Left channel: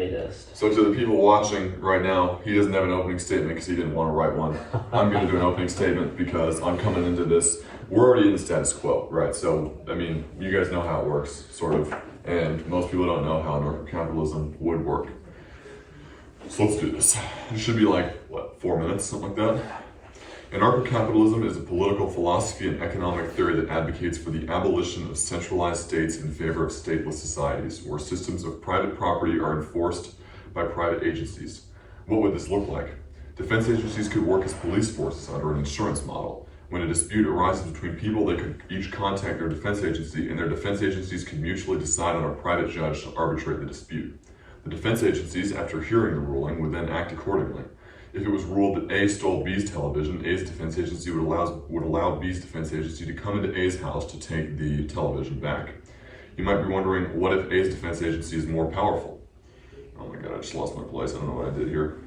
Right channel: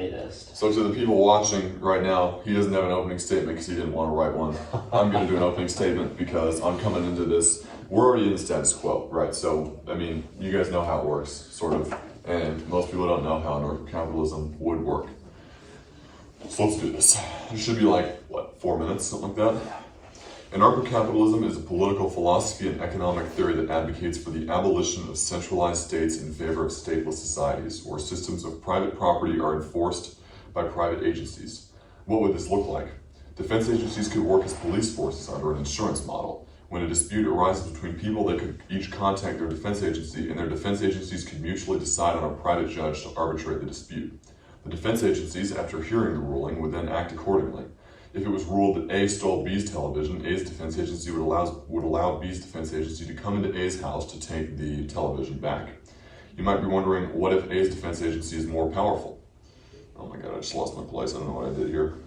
latest. So to the people watching right now, he doesn't have an opening statement because he didn't want to write one. I'm going to do an opening statement because I'm coming into this. We're already in the status quo, right? So, I mean, you guys know how it works, sort of. And most people don't know how anarcho-capitalism would work. So let's do this. It should be like, what, 4 minutes, something like that? Anarcho-capitalism is a political philosophy and economic theory that advocates for the abolition of centralized states in favor of stateless societies, where systems of private property are enforced by private agencies. What would this look like? Defense agencies could work as police forces under an insurance model. When a dispute arises between people, they could each contact their defense agency, and their defense agencies could mutually decide on a private judge to arbitrate the dispute. The defense agencies, after hearing the ruling, would then act accordingly. If it was ruled that A stole B's television, A's defense agency would allow B's defense agency to come into A's house to take the television back. You might be wondering, what if A's defense agency is more powerful? Oh my God, I just lost my place. I don't know what I did here.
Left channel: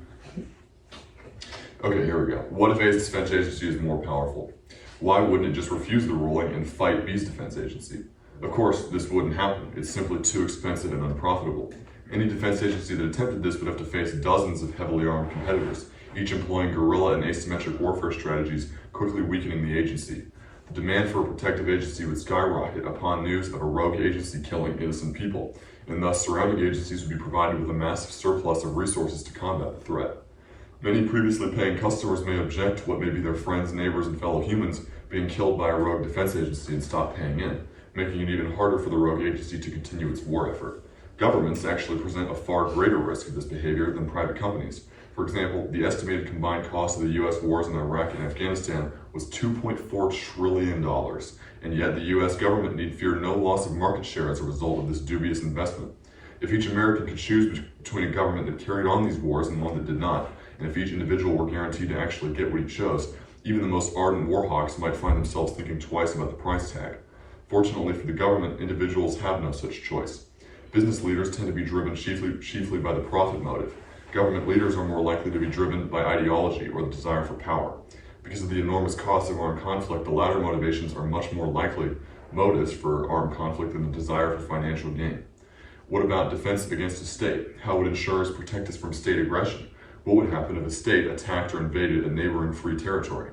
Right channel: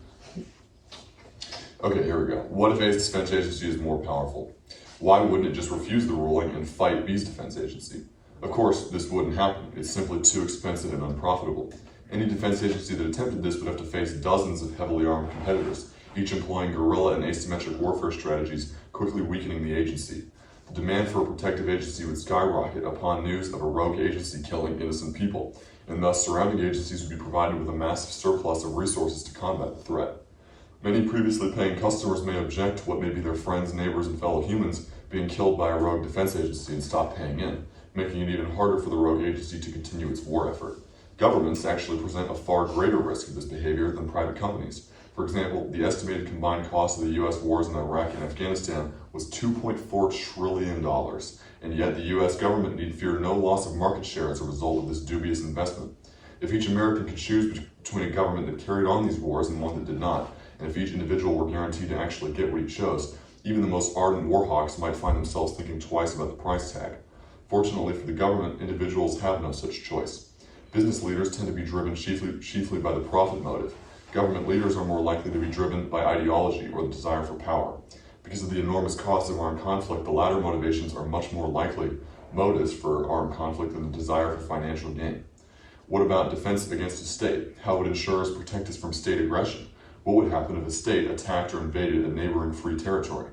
Okay, here we go. What if A's defense agency is more powerful? Why wouldn't it just refuse the ruling and fight B's defense agency? Of course, this wouldn't happen. It's simply too expensive and unprofitable. Any defense agency that attempted this would have to face dozens of heavily armed competitors, each employing guerrilla and asymmetric warfare strategies, quickly weakening the agency. The demand for a protective agency would skyrocket upon news of a rogue agency killing innocent people, and thus surrounding agencies would be provided with a massive surplus of resources to combat the threat. Many previously paying customers may object to what may be their friends, neighbors, and fellow humans being killed by a rogue defense agency and stop paying in, making it even harder for the rogue agency to continue its war effort. Governments actually present a far greater risk of this behavior than private companies. For example, the estimated combined cost of the US wars in Iraq and Afghanistan was $2.4 trillion, and yet the US government need fear no loss of market share as a result of this dubious investment. If each American could choose between a government that carried on these wars and one that did not, and if each individual were guaranteed to actually get what he chose, even the most ardent war hawks might find themselves thinking twice about the price tag. Fortunately for the government, individuals have no such choice. Business leaders tend to be driven chiefly by the profit motive. Government leaders are more likely to be driven by ideology or the desire for power. Because of the enormous cost of armed conflict, the latter motivations are much more likely motives for armed conflict than the desire for financial gain. What about defense against a state? How would insurers protect us from state aggression? What would happen if a state attacked or invaded a neighboring free territory?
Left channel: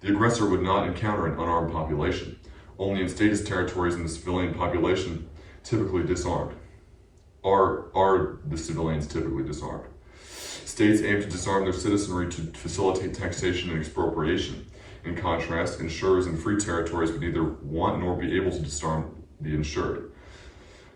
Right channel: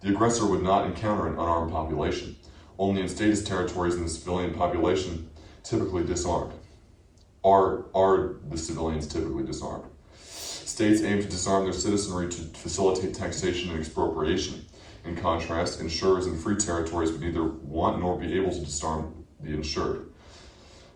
The aggressor would not encounter an unarmed population. Only in statist territories and the civilian population typically disarmed. Are the civilians typically disarmed? States aim to disarm their citizenry to facilitate taxation and expropriation. In contrast, insurers in free territories would neither want nor be able to disarm the insured.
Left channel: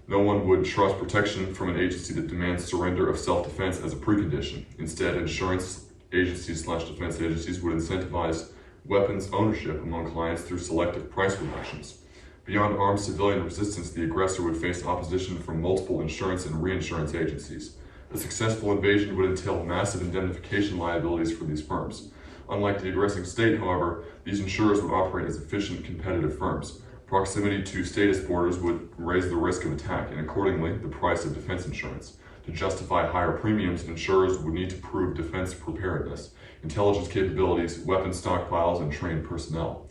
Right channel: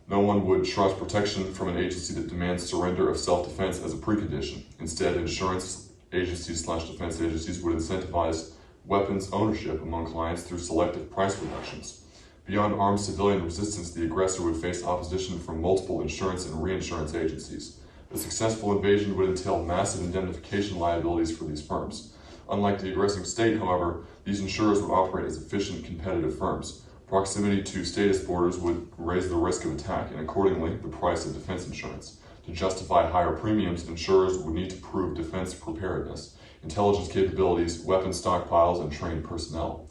No one would trust protection from an agency that demands surrender of self-defense as a precondition. Instead, insurance agencies/defense agencies would incentivize weapons ownership among clients through selective price reductions. Beyond armed civilian resistance, the aggressor would face opposition from multiple insurance and reinsurance agencies. A successful invasion would entail massive indemnification liabilities for these firms. Unlike the aggressing state, however, these insurers would operate as efficient, competitive firms. Proximity to statist borders would raise the risk of attack, and accordingly, the price of defense insurance. To justify higher premiums, insurers would need to prove defense preparedness, intelligence capabilities, weapon stockpiles, and trained personnel.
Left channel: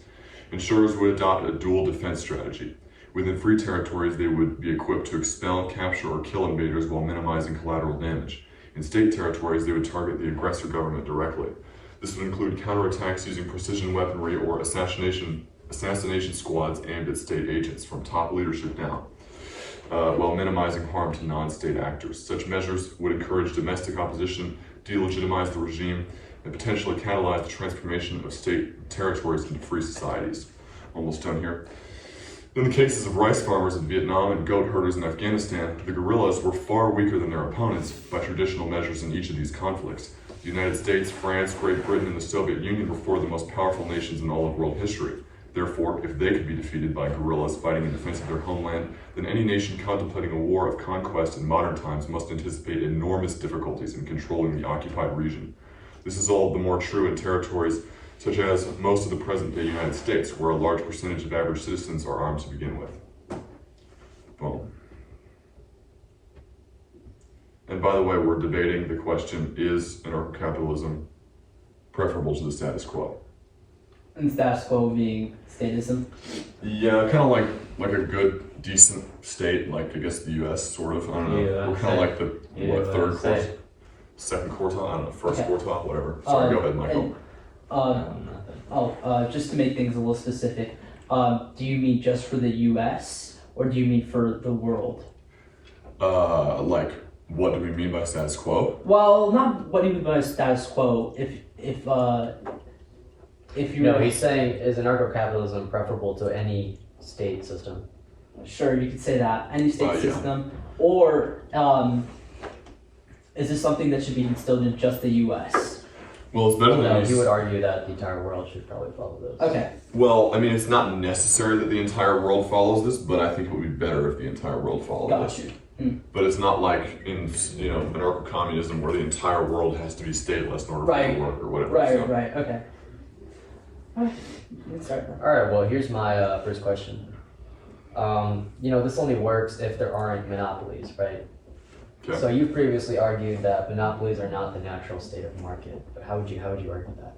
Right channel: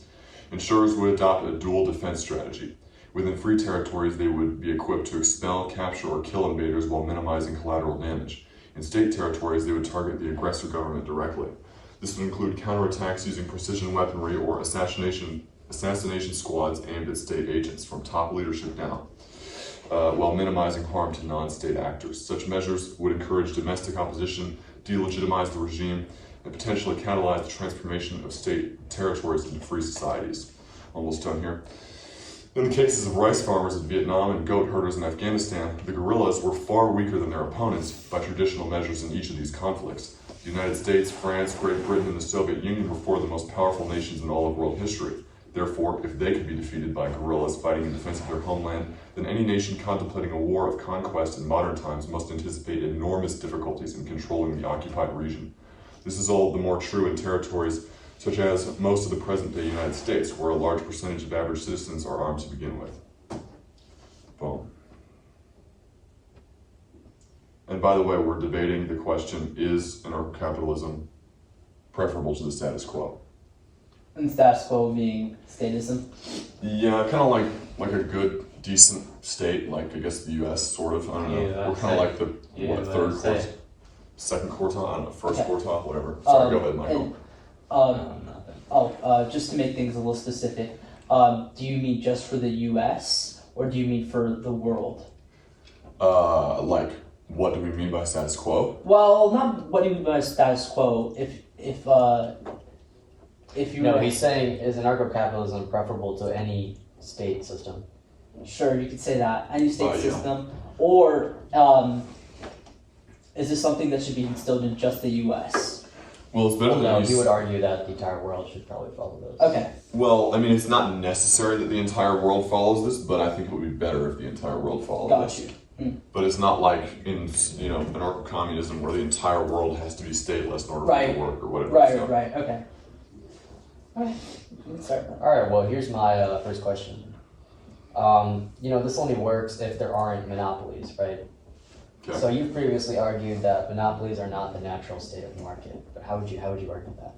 Insurers would adopt a dual defense strategy. Within free territories, they would be equipped to expel, capture, or kill invaders while minimizing collateral damage. In state territories, they would target the aggressor government directly. This would include counterattacks using precision weaponry or assassination squads aimed at state agents from top leadership down, while minimizing harm to non-state actors. Such measures would encourage domestic opposition, delegitimize the regime, and potentially catalyze the transformation of state territories into free societies. Almost done here. In the cases of rice farmers in Vietnam and goat herders in Afghanistan, the guerrillas were far weaker than their opponents by traditional measures in each of these conflicts. The United States, France, Great Britain, and the Soviet Union were four of the most powerful nations in all of world history. Therefore, if they could be defeated by guerrillas fighting in defense of their homeland, then any nation contemplating a war of conquest in modern times must anticipate enormous difficulties in controlling the occupied region. This is all the more true in territories such as most of the present-day United States, where a large percentage of average citizens are armed to begin with. Boom. And by the way, we're debating the question, is anarcho-capitalism preferable to the status quo? And status quo being statism? Yeah, kind of like a good decent state, like I guess the U.S. sort of. I don't know. USA. We're kind of like the third USA. quartile, second quartile. I don't know, first Okay. quartile, whatever. Sorry, go ahead, Michael. Just to make things a little specific, do you mean just for the U.S. or do you mean for the world? Like, what do we mean by status quo? Well, not what do you mean by status quo. If you No, were he's saying, is anarcho-capitalism preferable to any state system? sure, you could say that any state Yeah. system, or is this something that should be instilled in just the U.S.? Well, it's better than No, any he would argue that the entire world should probably follow this. Okay. Well, I mean, it's not necessary that the entire world follows this, but I think it would be better if the entire world followed Got this. you. But it's not like in anarcho-communism where the entire world has to be stateless in order for it Right. to work or whatever. Right. so. Right. Okay. Alright. Sorry. Alright, well, here's my first question. This only works if there aren't monopolies, right? Okay. So you previously argued that monopolies are not the natural state of the market, but how would you argue that?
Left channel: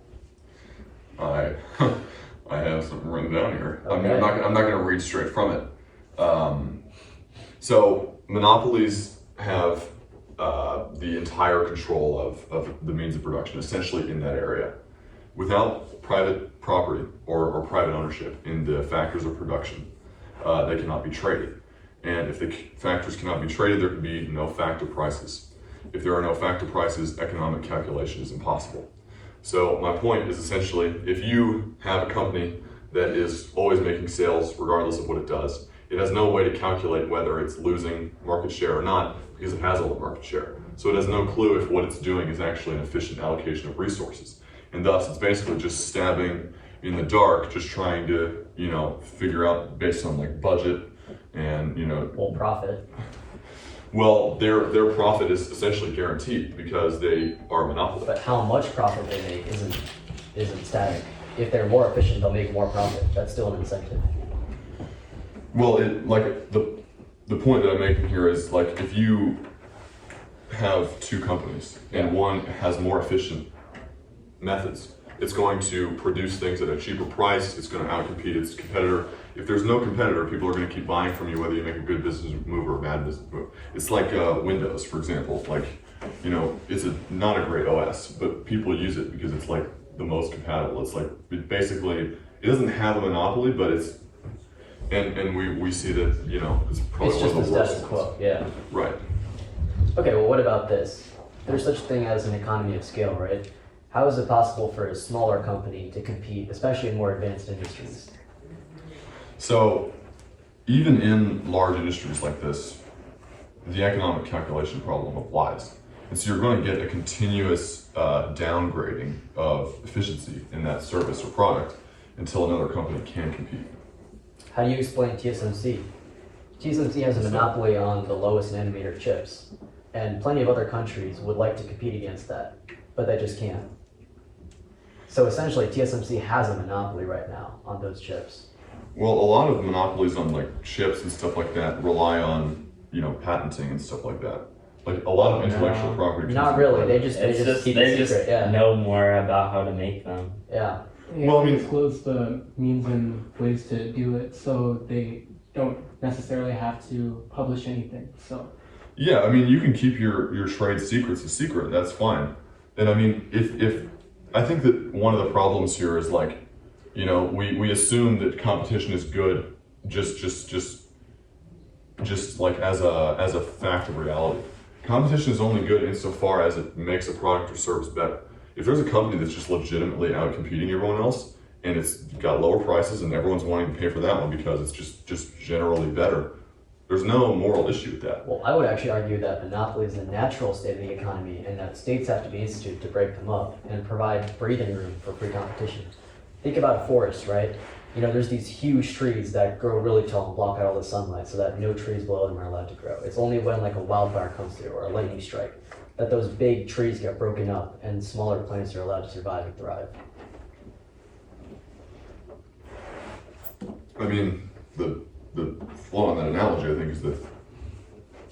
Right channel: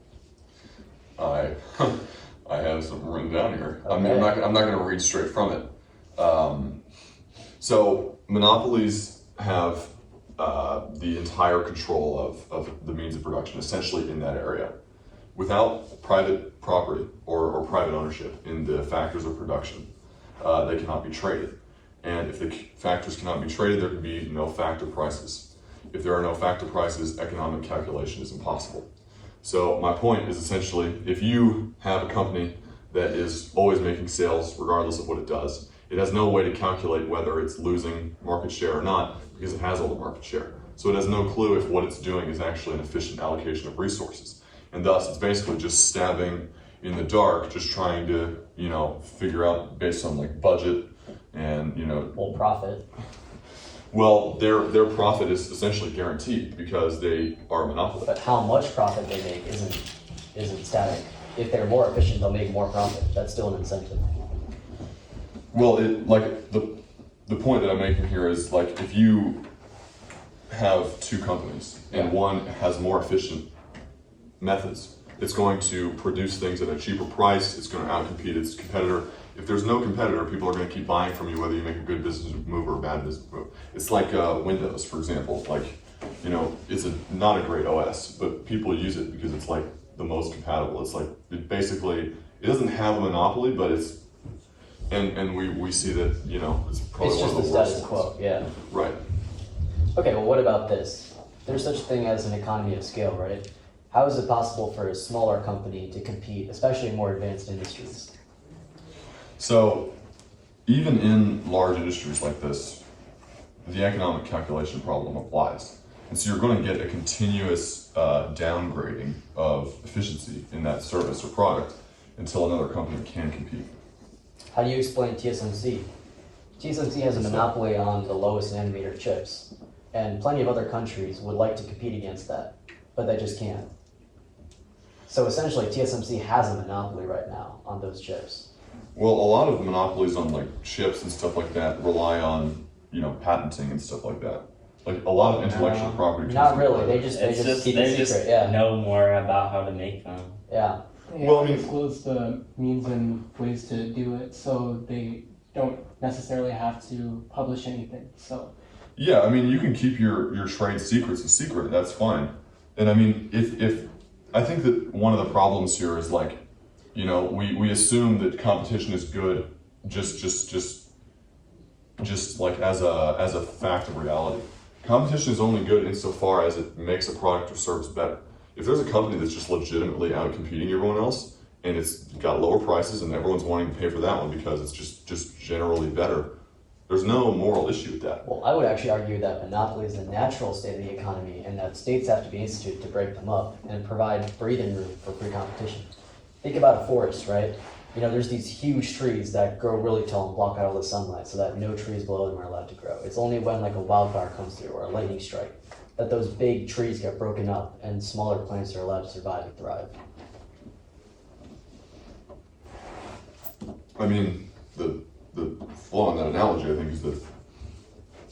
I have something written down here. I mean, Okay. I'm not going to read straight from it. So monopolies have the entire control of the means of production, essentially in that area. Without private property or private ownership in the factors of production, they cannot be traded. And if the factors cannot be traded, there can be no factor prices. If there are no factor prices, economic calculation is impossible. So my point is essentially, if you have a company that is always making sales regardless of what it does, it has no way to calculate whether it's losing market share or not because it has all the market share. So it has no clue if what it's doing is actually an efficient allocation of resources. And thus, it's basically just stabbing in the dark, just trying to, figure out based on like budget and, Well, profit. well, their profit is essentially guaranteed because they are a monopoly. But how much profit they make isn't static. If they're more efficient, they'll make more profit. That's still an incentive. Well, the point that I'm making here is like if you have two companies and one has more efficient methods, it's going to produce things at a cheaper price. It's going to outcompete its competitor. If there's no competitor, people are going to keep buying from you whether you make a good business move or a bad business move. It's like Windows, for example. Like, it's not a great OS, but people use it because it's like the most compatible. It's like it doesn't have a monopoly, but it's and we see that it's probably It's one just of the the worst status ones. quo, yeah. Right. Okay, well, what about this? There's such a thing as an economy of scale, right? How is it possible for a smaller company to compete, especially in more advanced industries? So, even in large industries like this, the economic calculation problem applies. And so you're going to get a continuous downgrading of efficiency in that service or product until another company can compete. How do you explain TSMC? TSMC has a monopoly on the lowest nanometer chips, and plenty of other countries would like to compete against that, but they just can't. So essentially, TSMC has a monopoly right now on those chips. Well, a lot of monopolies on like chips and stuff like that rely on, patenting and stuff like that. Like a lot of intellectual property. comes Not from really. patent. They just keep it secret. Yeah. know more about how to make them. Yeah. They Well, I mean- disclose the means and ways to do it, so they don't necessarily have to publish anything. So Yeah, I mean, you can keep your trade secrets a secret. That's fine. And I mean, if I think that one of the problems here is like, we assume that competition is good, just like as a fact of reality. Competition is only good insofar as it makes a product or service better. If there's a company that's just legitimately out competing everyone else, and it's got lower prices, and everyone's wanting to pay for that one because it's just generally better, there's no moral issue with that. Well, I would actually argue that monopoly is the natural state of the economy, and that states have to be instituted to break them up and provide breathing room for free competition. Think about a forest, right? There's these huge trees that grow really tall and block out all the sunlight so that no trees below them are allowed to grow. It's only when like a wildfire comes through or a lightning strike that those big trees get broken up and smaller plants are allowed to survive and thrive. I mean, the flaw in that analogy, I think, is that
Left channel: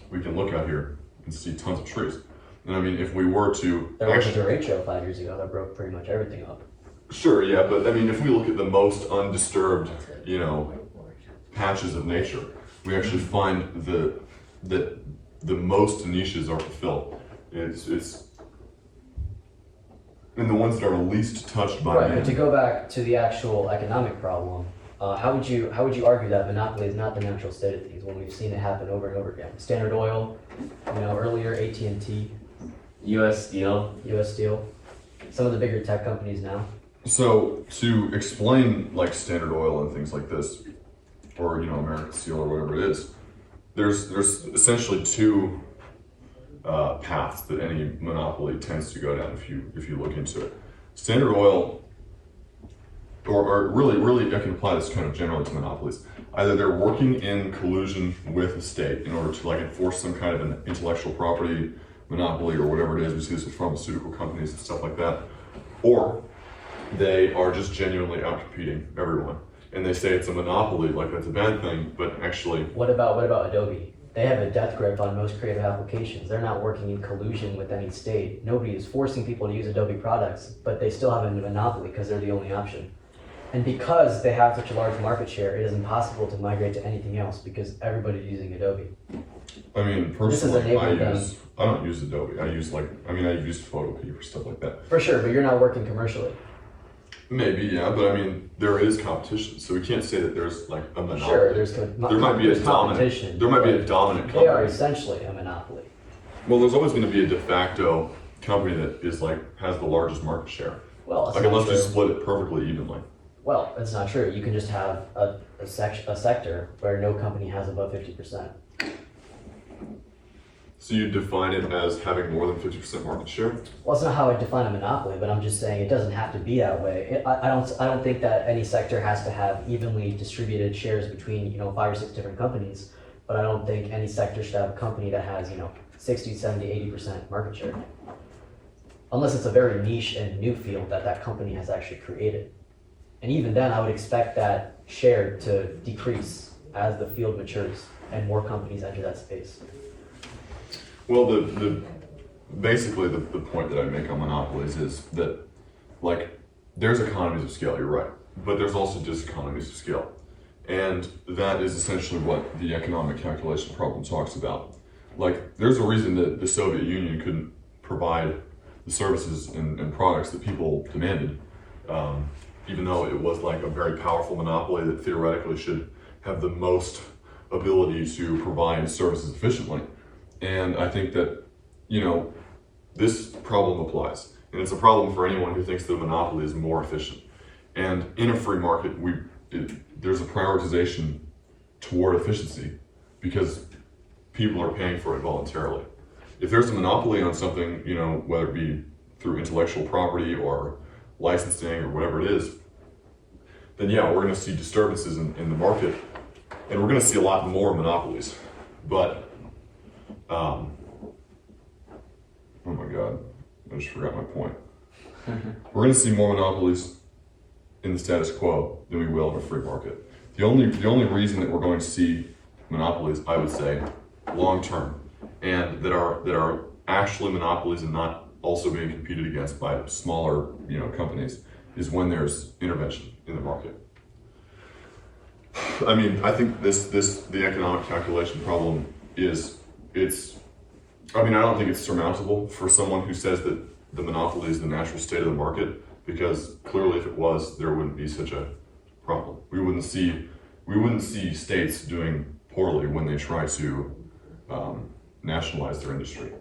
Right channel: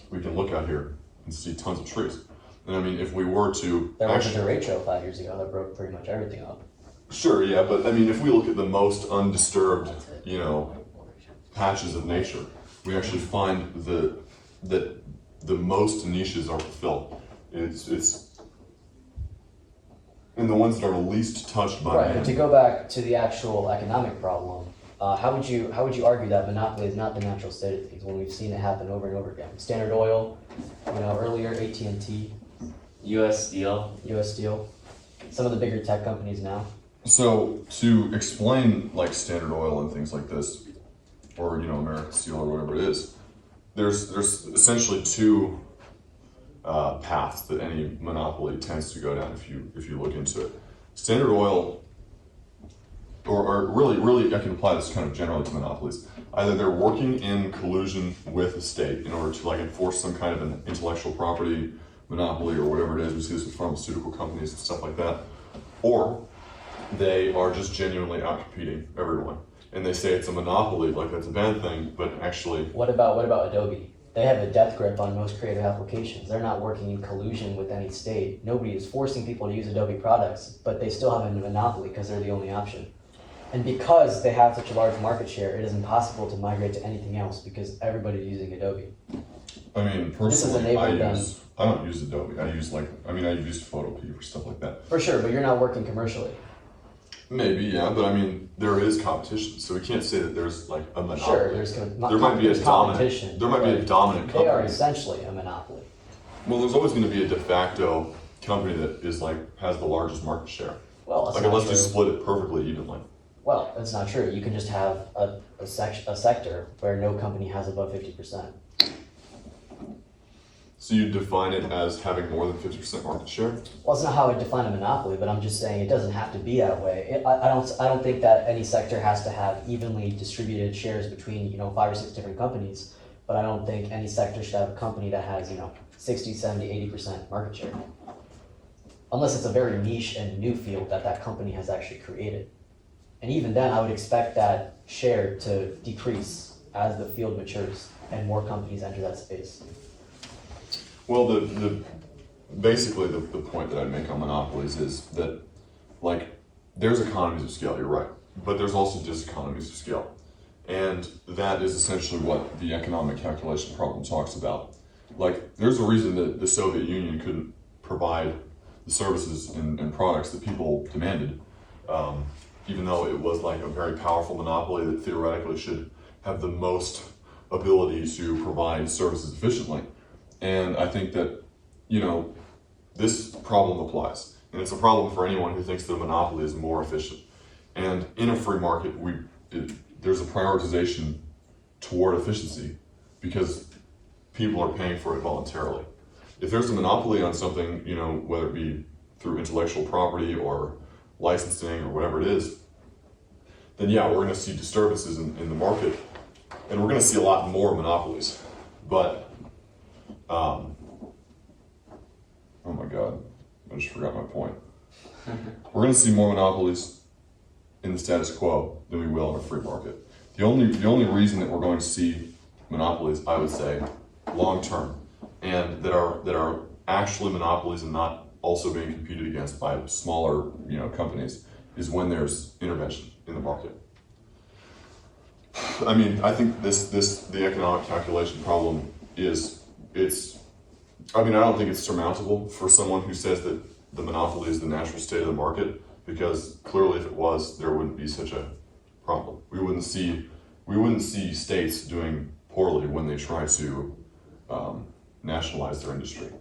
we can look out here and see tons of trees. And I mean, if we were to There was a derecho 5 years ago that broke pretty much everything up. Sure, yeah, but I mean, if we look at the most undisturbed, patches of nature, we actually find that the most niches are fulfilled. It's and the ones that are the least touched by Right, man. but to go back to the actual economic problem, how would you argue that monopoly is not the natural state of things when we've seen it happen over and over again? Standard Oil, earlier AT&T, U.S. Steel. U.S. Steel, some of the bigger tech companies now. So to explain like Standard Oil and things like this, or American Steel or whatever it is, there's essentially two paths that any monopoly tends to go down if you look into it. Standard Oil, or really I can apply this kind of generally to monopolies. Either they're working in collusion with the state in order to like enforce some kind of an intellectual property monopoly or whatever it is. We see this with pharmaceutical companies and stuff like that, or they are just genuinely outcompeting everyone. And they say it's a monopoly, like that's a bad thing, but actually... What about Adobe? They have a death grip on most creative applications. They're not working in collusion with any state. Nobody is forcing people to use Adobe products, but they still have a monopoly because they're the only option. And because they have such a large market share, it is impossible to migrate to anything else because everybody's using Adobe. I mean, personally, I enabling don't use Adobe. I use I've used Photopea for stuff like that. For sure, but you're not working commercially. Maybe, yeah, but I mean, there is competition, so we can't say that there's like a monopoly. Sure, there might be a dominant. competition. There might be a dominant company. They are essentially a monopoly. Well, there's always going to be a de facto company that is like has the largest market share. Well, that's Like not unless you true. split it perfectly evenly. Well, that's not true. You can just have a sector where no company has above 50%. So you define it as having more than 50% market share? Well, that's not how I define a monopoly, but I'm just saying it doesn't have to be that way. I don't think that any sector has to have evenly distributed shares between 5 or 6 different companies, but I don't think any sector should have a company that has 60, 70, 80% market share, unless it's a very niche and new field that company has actually created. And even then, I would expect that share to decrease as the field matures and more companies enter that space. Well, basically the point that I make on monopolies is that, like, there's economies of scale, you're right, but there's also diseconomies of scale. And that is essentially what the economic calculation problem talks about. Like, there's a reason that the Soviet Union couldn't provide the services and products that people demanded, even though it was like a very powerful monopoly that theoretically should have the most ability to provide services efficiently. And I think that, this problem applies. And it's a problem for anyone who thinks that a monopoly is more efficient. And in a free market, there's a prioritization toward efficiency because people are paying for it voluntarily. If there's a monopoly on something, whether it be through intellectual property or licensing or whatever it is, then yeah, we're going to see disturbances in the market, and we're going to see a lot more monopolies. But oh my God, I just forgot my point. We're going to see more monopolies in the status quo than we will in a free market. The only reason that we're going to see monopolies, I would say, long term, and that are actually monopolies and not also being competed against by smaller companies, is when there's intervention in the market. I mean, I think the economic calculation problem I don't think it's surmountable for someone who says that the monopoly is the natural state of the market, because clearly if it was, there wouldn't be such a problem. We wouldn't see states doing poorly when they try to nationalize their industry.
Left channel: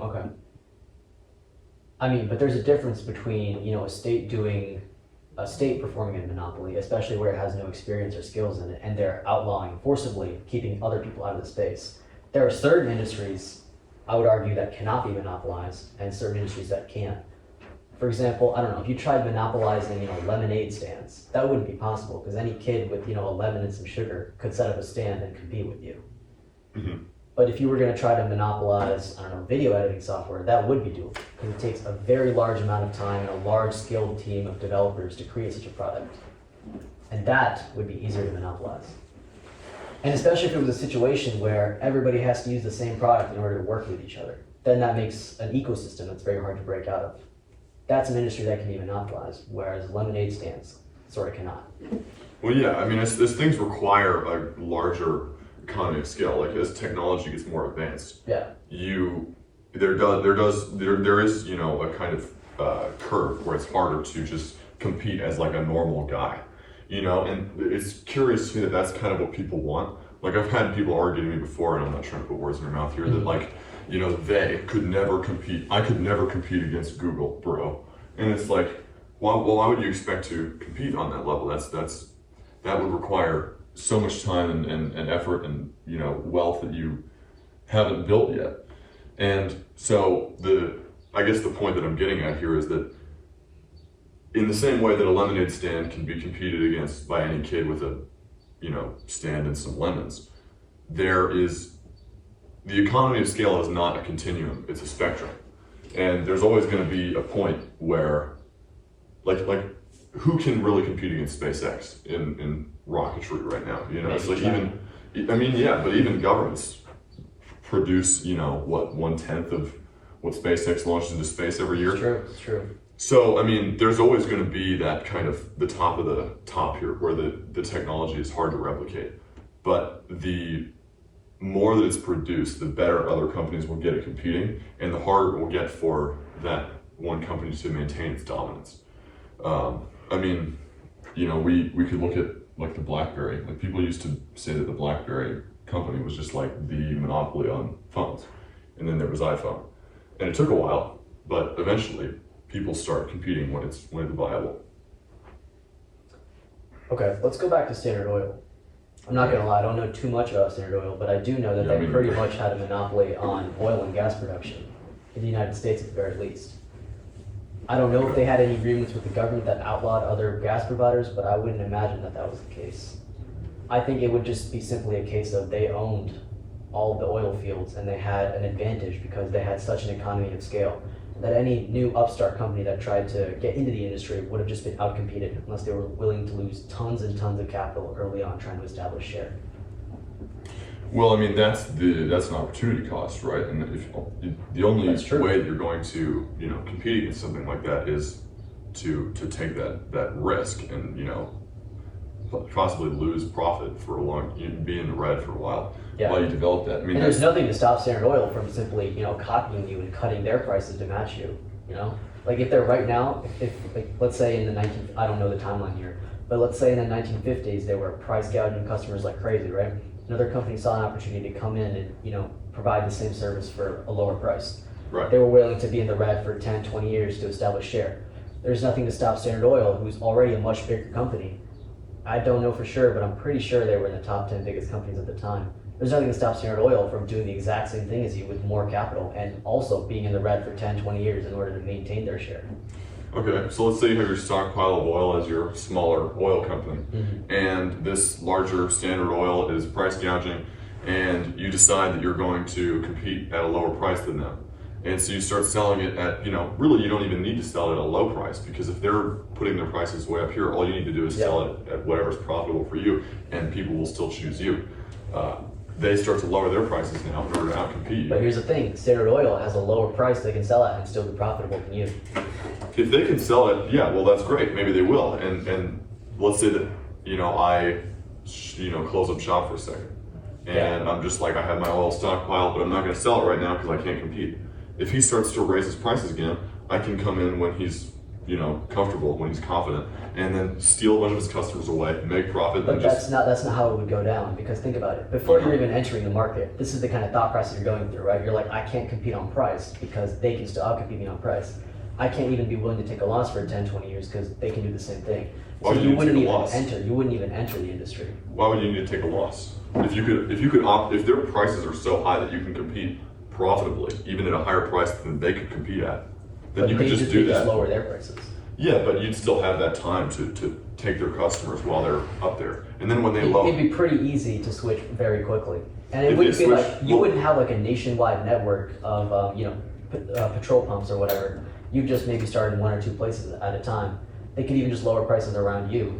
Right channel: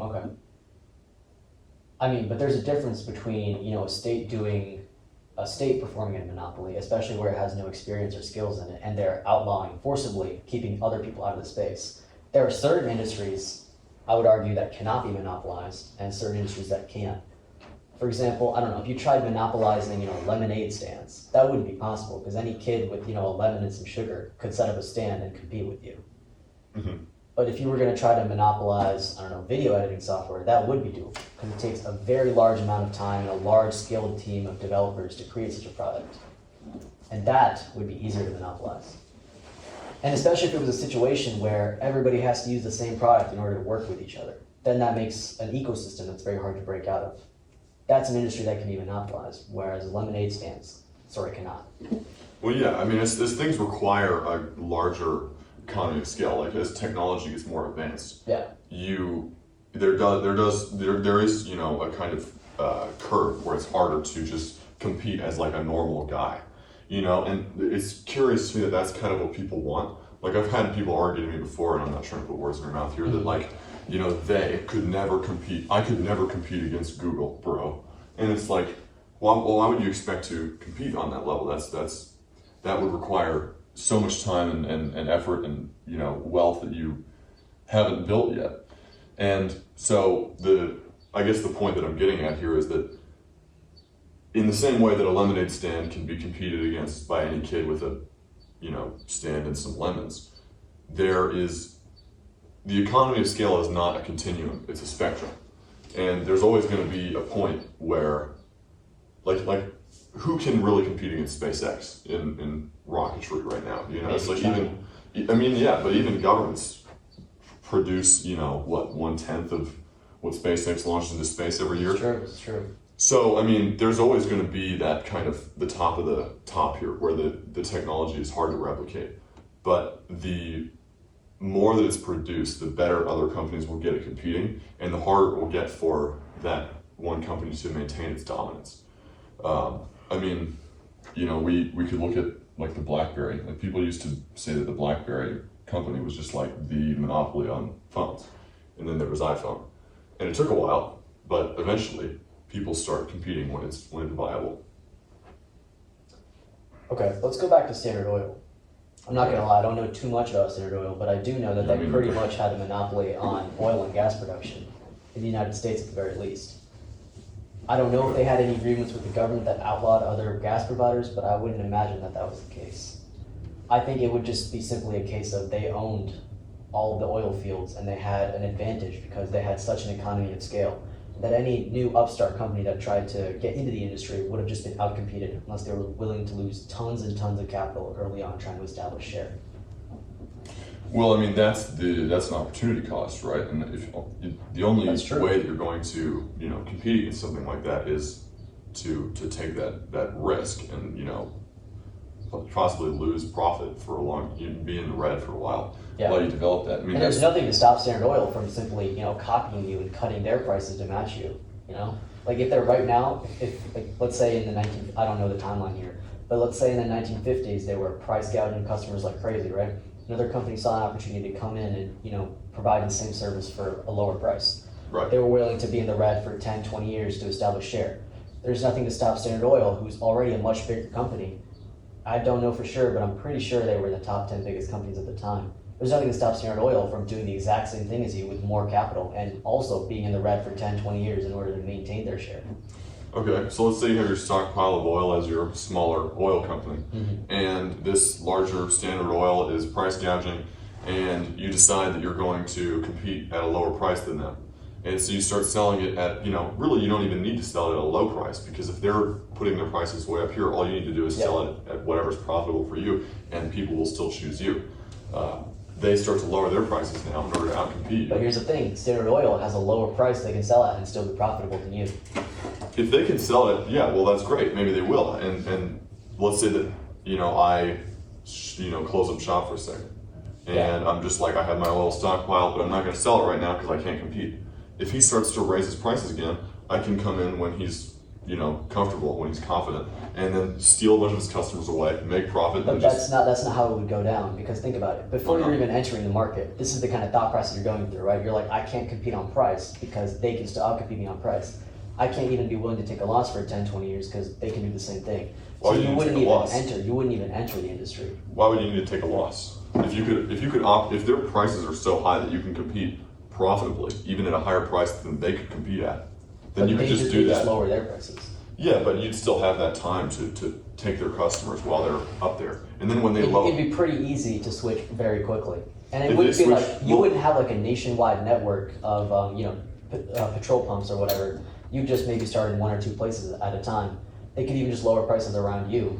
Okay. I mean, but there's a difference between, a state performing a monopoly, especially where it has no experience or skills in it, and they're outlawing, forcibly keeping other people out of the space. There are certain industries, I would argue, that cannot be monopolized, and certain industries that can. For example, I don't know, if you tried monopolizing, lemonade stands, that wouldn't be possible, because any kid with, a lemon and some sugar could set up a stand and compete with you. Mm-hmm. But if you were going to try to monopolize, video editing software, that would be doable, because it takes a very large amount of time and a large skilled team of developers to create such a product. And that would be easier to monopolize. And especially if it was a situation where everybody has to use the same product in order to work with each other, then that makes an ecosystem that's very hard to break out of. That's an industry that can be monopolized, whereas lemonade stands, sort of cannot. Well, yeah, I mean, as things require a larger economy of scale, like as technology gets more advanced, Yeah. there is, you know, a kind of curve where it's harder to just compete as like a normal guy, you know, and it's curious to me that that's kind of what people want. Like I've had people argue to me before, and I'm not trying to put words in their mouth here, that like, you know, they could never compete. I could never compete against Google, bro. And it's like, why would you expect to compete on that level? That would require so much time and effort and, you know, wealth that you haven't built yet. And so I guess the point that I'm getting at here is that in the same way that a lemonade stand can be competed against by any kid with a, you know, stand and some lemons, the economy of scale is not a continuum, it's a spectrum. And there's always going to be a point where, like who can really compete against SpaceX in rocketry right now? You know, so but even governments produce, you know, what, 1/10 of what SpaceX launches into space every year? It's true. So, I mean, there's always going to be that kind of the top of the top here where the technology is hard to replicate. But the more that it's produced, the better other companies will get at competing, and the harder it will get for that one company to maintain its dominance. I mean, you know, we could look at like the BlackBerry. Like people used to say that the BlackBerry company was just like the monopoly on phones. And then there was iPhone. And it took a while, but eventually people start competing when it's viable. Okay, let's go back to Standard Oil. I'm not gonna lie, I don't know too much about Standard Oil, but I do know that they pretty much had a monopoly on oil and gas production in the United States at the very least. I don't know if they had any agreements with the government that outlawed other gas providers, but I wouldn't imagine that that was the case. I think it would just be simply a case of they owned all of the oil fields and they had an advantage because they had such an economy of scale that any new upstart company that tried to get into the industry would have just been outcompeted unless they were willing to lose tons and tons of capital early on trying to establish share. Well, I mean, that's an opportunity cost, right? And the only way that you're going to, you know, compete against something like that is to take that risk and, you know, possibly lose profit for a long, be in the red for a while while you develop that. I mean, and there's nothing to stop Standard Oil from simply, you know, copying you and cutting their prices to match you. You know, like if they're right now, if like, let's say in the I don't know the timeline here, but let's say in the 1950s they were price gouging customers like crazy, right? Another company saw an opportunity to come in and, you know, provide the same service for a lower price. Right. They were willing to be in the red for 10, 20 years to establish share. There's nothing to stop Standard Oil, who's already a much bigger company. I don't know for sure, but I'm pretty sure they were in the top 10 biggest companies at the time. There's nothing to stop Standard Oil from doing the exact same thing as you with more capital and also being in the red for 10, 20 years in order to maintain their share. Okay, so let's say you have your stockpile of oil as your smaller oil company, and this larger Standard Oil is price gouging, and you decide that you're going to compete at a lower price than them. And so you start selling it at, you know, really you don't even need to sell it at a low price, because if they're putting their prices way up here, all you need to do is sell it at whatever's profitable for you, and people will still choose you. They start to lower their prices now in order to outcompete you. But here's the thing, Standard Oil has a lower price they can sell at and still be profitable than you. If they can sell it, yeah, well, that's great. Maybe they will. And let's say that, you know, I close up shop for a second. And I'm just like, I have my oil stockpile, but I'm not going to sell it right now because I can't compete. If he starts to raise his prices again, I can come in when he's, you know, comfortable, when he's confident, and then steal a bunch of his customers away, make profit. But that's not how it would go down, because think about it. Before you're even entering the market, this is the kind of thought process you're going through, right? You're like, I can't compete on price because they can still outcompete me on price. I can't even be willing to take a loss for 10, 20 years because they can do the same thing. So you wouldn't even enter the industry. Why would you need to take a loss? If their prices are so high that you can compete profitably, even at a higher price than they could compete at, then you could just do that. Just lower their prices. Yeah, but you'd still have that time to take their customers while they're up there, and then when they lower, it'd be pretty easy to switch very quickly, and it wouldn't be like you wouldn't have like a nationwide network of petrol pumps or whatever. You just maybe start in one or two places at a time. They could even just lower prices around you.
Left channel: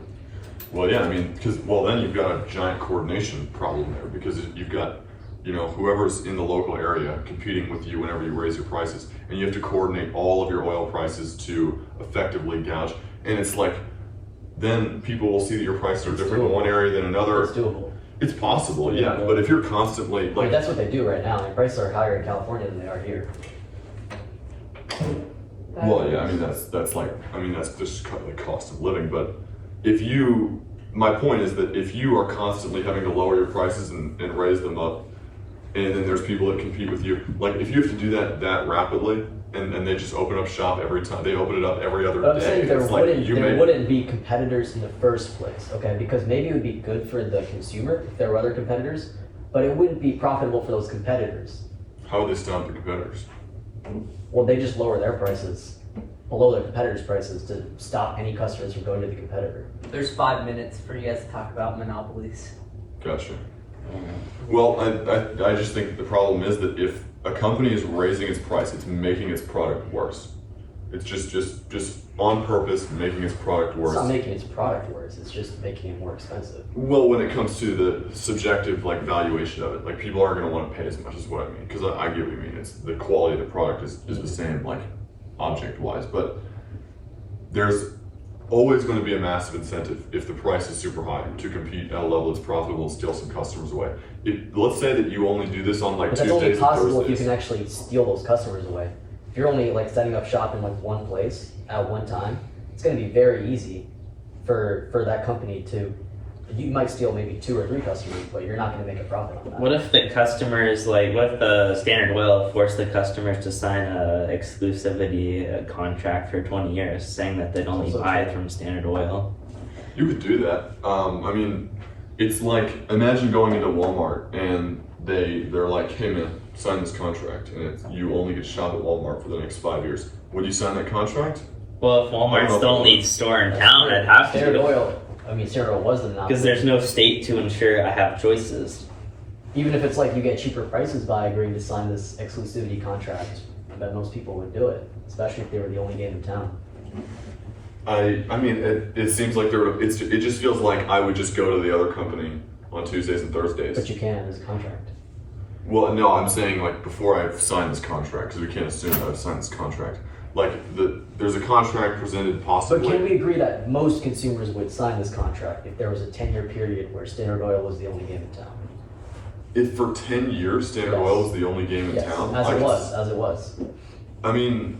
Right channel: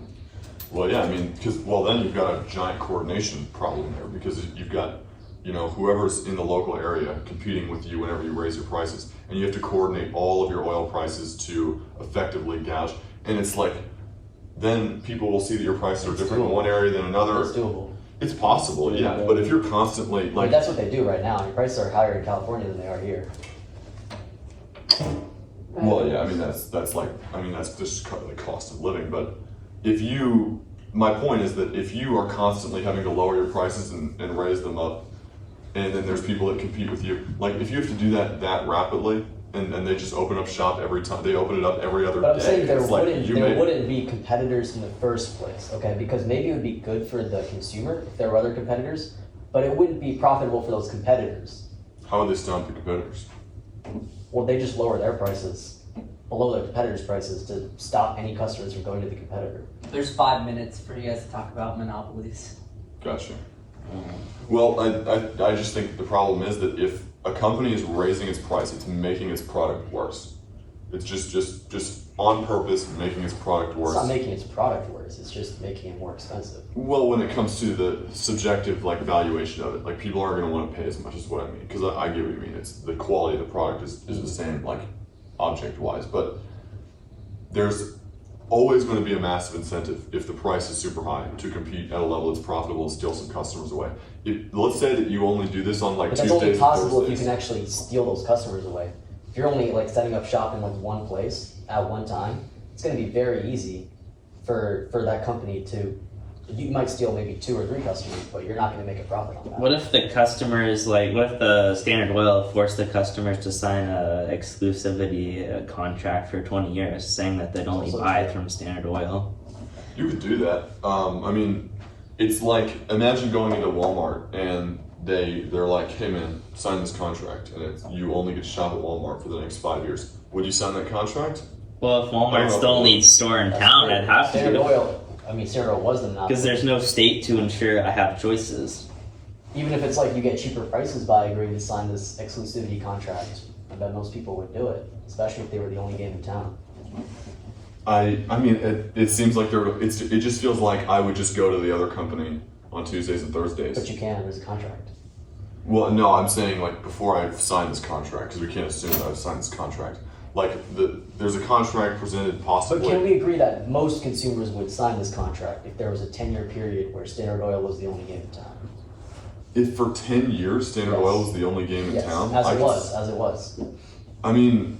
Well, yeah, I mean, then you've got a giant coordination problem there, because you've got, you know, whoever's in the local area competing with you whenever you raise your prices, and you have to coordinate all of your oil prices to effectively gouge. And it's like, then people will see that your prices are It's different in doable. one area than another. It's doable. It's possible, yeah, but if you're constantly I mean, like, that's what they do right now. I mean, prices are higher in California than they are here. well, yeah, I mean that's just the cost of living. But my point is that if you are constantly having to lower your prices and raise them up, and then there's people that compete with you, like if you have to do that rapidly, and they just open up shop every time, they open it up every other But I'm day. saying there it's like wouldn't be competitors in the first place, okay? Because maybe it would be good for the consumer if there were other competitors, but it wouldn't be profitable for those competitors. How are they stop the competitors? Well, they just lower their prices below their competitors' prices to stop any customers from going to the competitor. There's 5 minutes for you guys to talk about monopolies. Gotcha. Well, I just think the problem is that if a company is raising its price, it's making its product worse. It's just on purpose making its product worse. It's not making its product worse, it's just making it more expensive. Well, when it comes to the subjective like valuation of it, like people aren't going to want to pay as much as what I mean, because I get what you mean. It's the quality of the product is the same, like object-wise, but there's always going to be a massive incentive if the price is super high to compete at a level that's profitable and steal some customers away. Let's say that you only do this on like But that's Tuesdays only and possible if you Thursdays. can actually steal those customers away. If you're only like setting up shop in like one place at one time, it's going to be very easy for that company to. You might steal maybe 2 or 3 customers, but you're not going to make a profit on that. What if the customers, like, what if the Standard Oil forced the customers to sign a exclusivity contract for 20 years, saying that they'd only Also buy true. from Standard Oil? You could do that. I mean, it's like imagine going into Walmart and they're like, "Hey man, sign this contract, and you only get to shop at Walmart for the next 5 years." Would you sign that contract? Well, if Walmart's the only store in town, I'd have Standard to. Oil. I mean, Standard Oil was the monopoly. Because there's no state to ensure I have choices. Even if it's like you get cheaper prices by agreeing to sign this exclusivity contract, I bet most people would do it, especially if they were the only game in town. I mean, it seems like it just feels like I would just go to the other company on Tuesdays and Thursdays. But you can, there's a contract. Well, no, I'm saying like before I've signed this contract, because we can't assume that I've signed this contract. Like there's a contract presented But possibly. can we agree that most consumers would sign this contract if there was a 10-year period where Standard Oil was the only game in town? If for 10 years Standard Yes. Oil was the only game in Yes, town, as I it could was. I mean,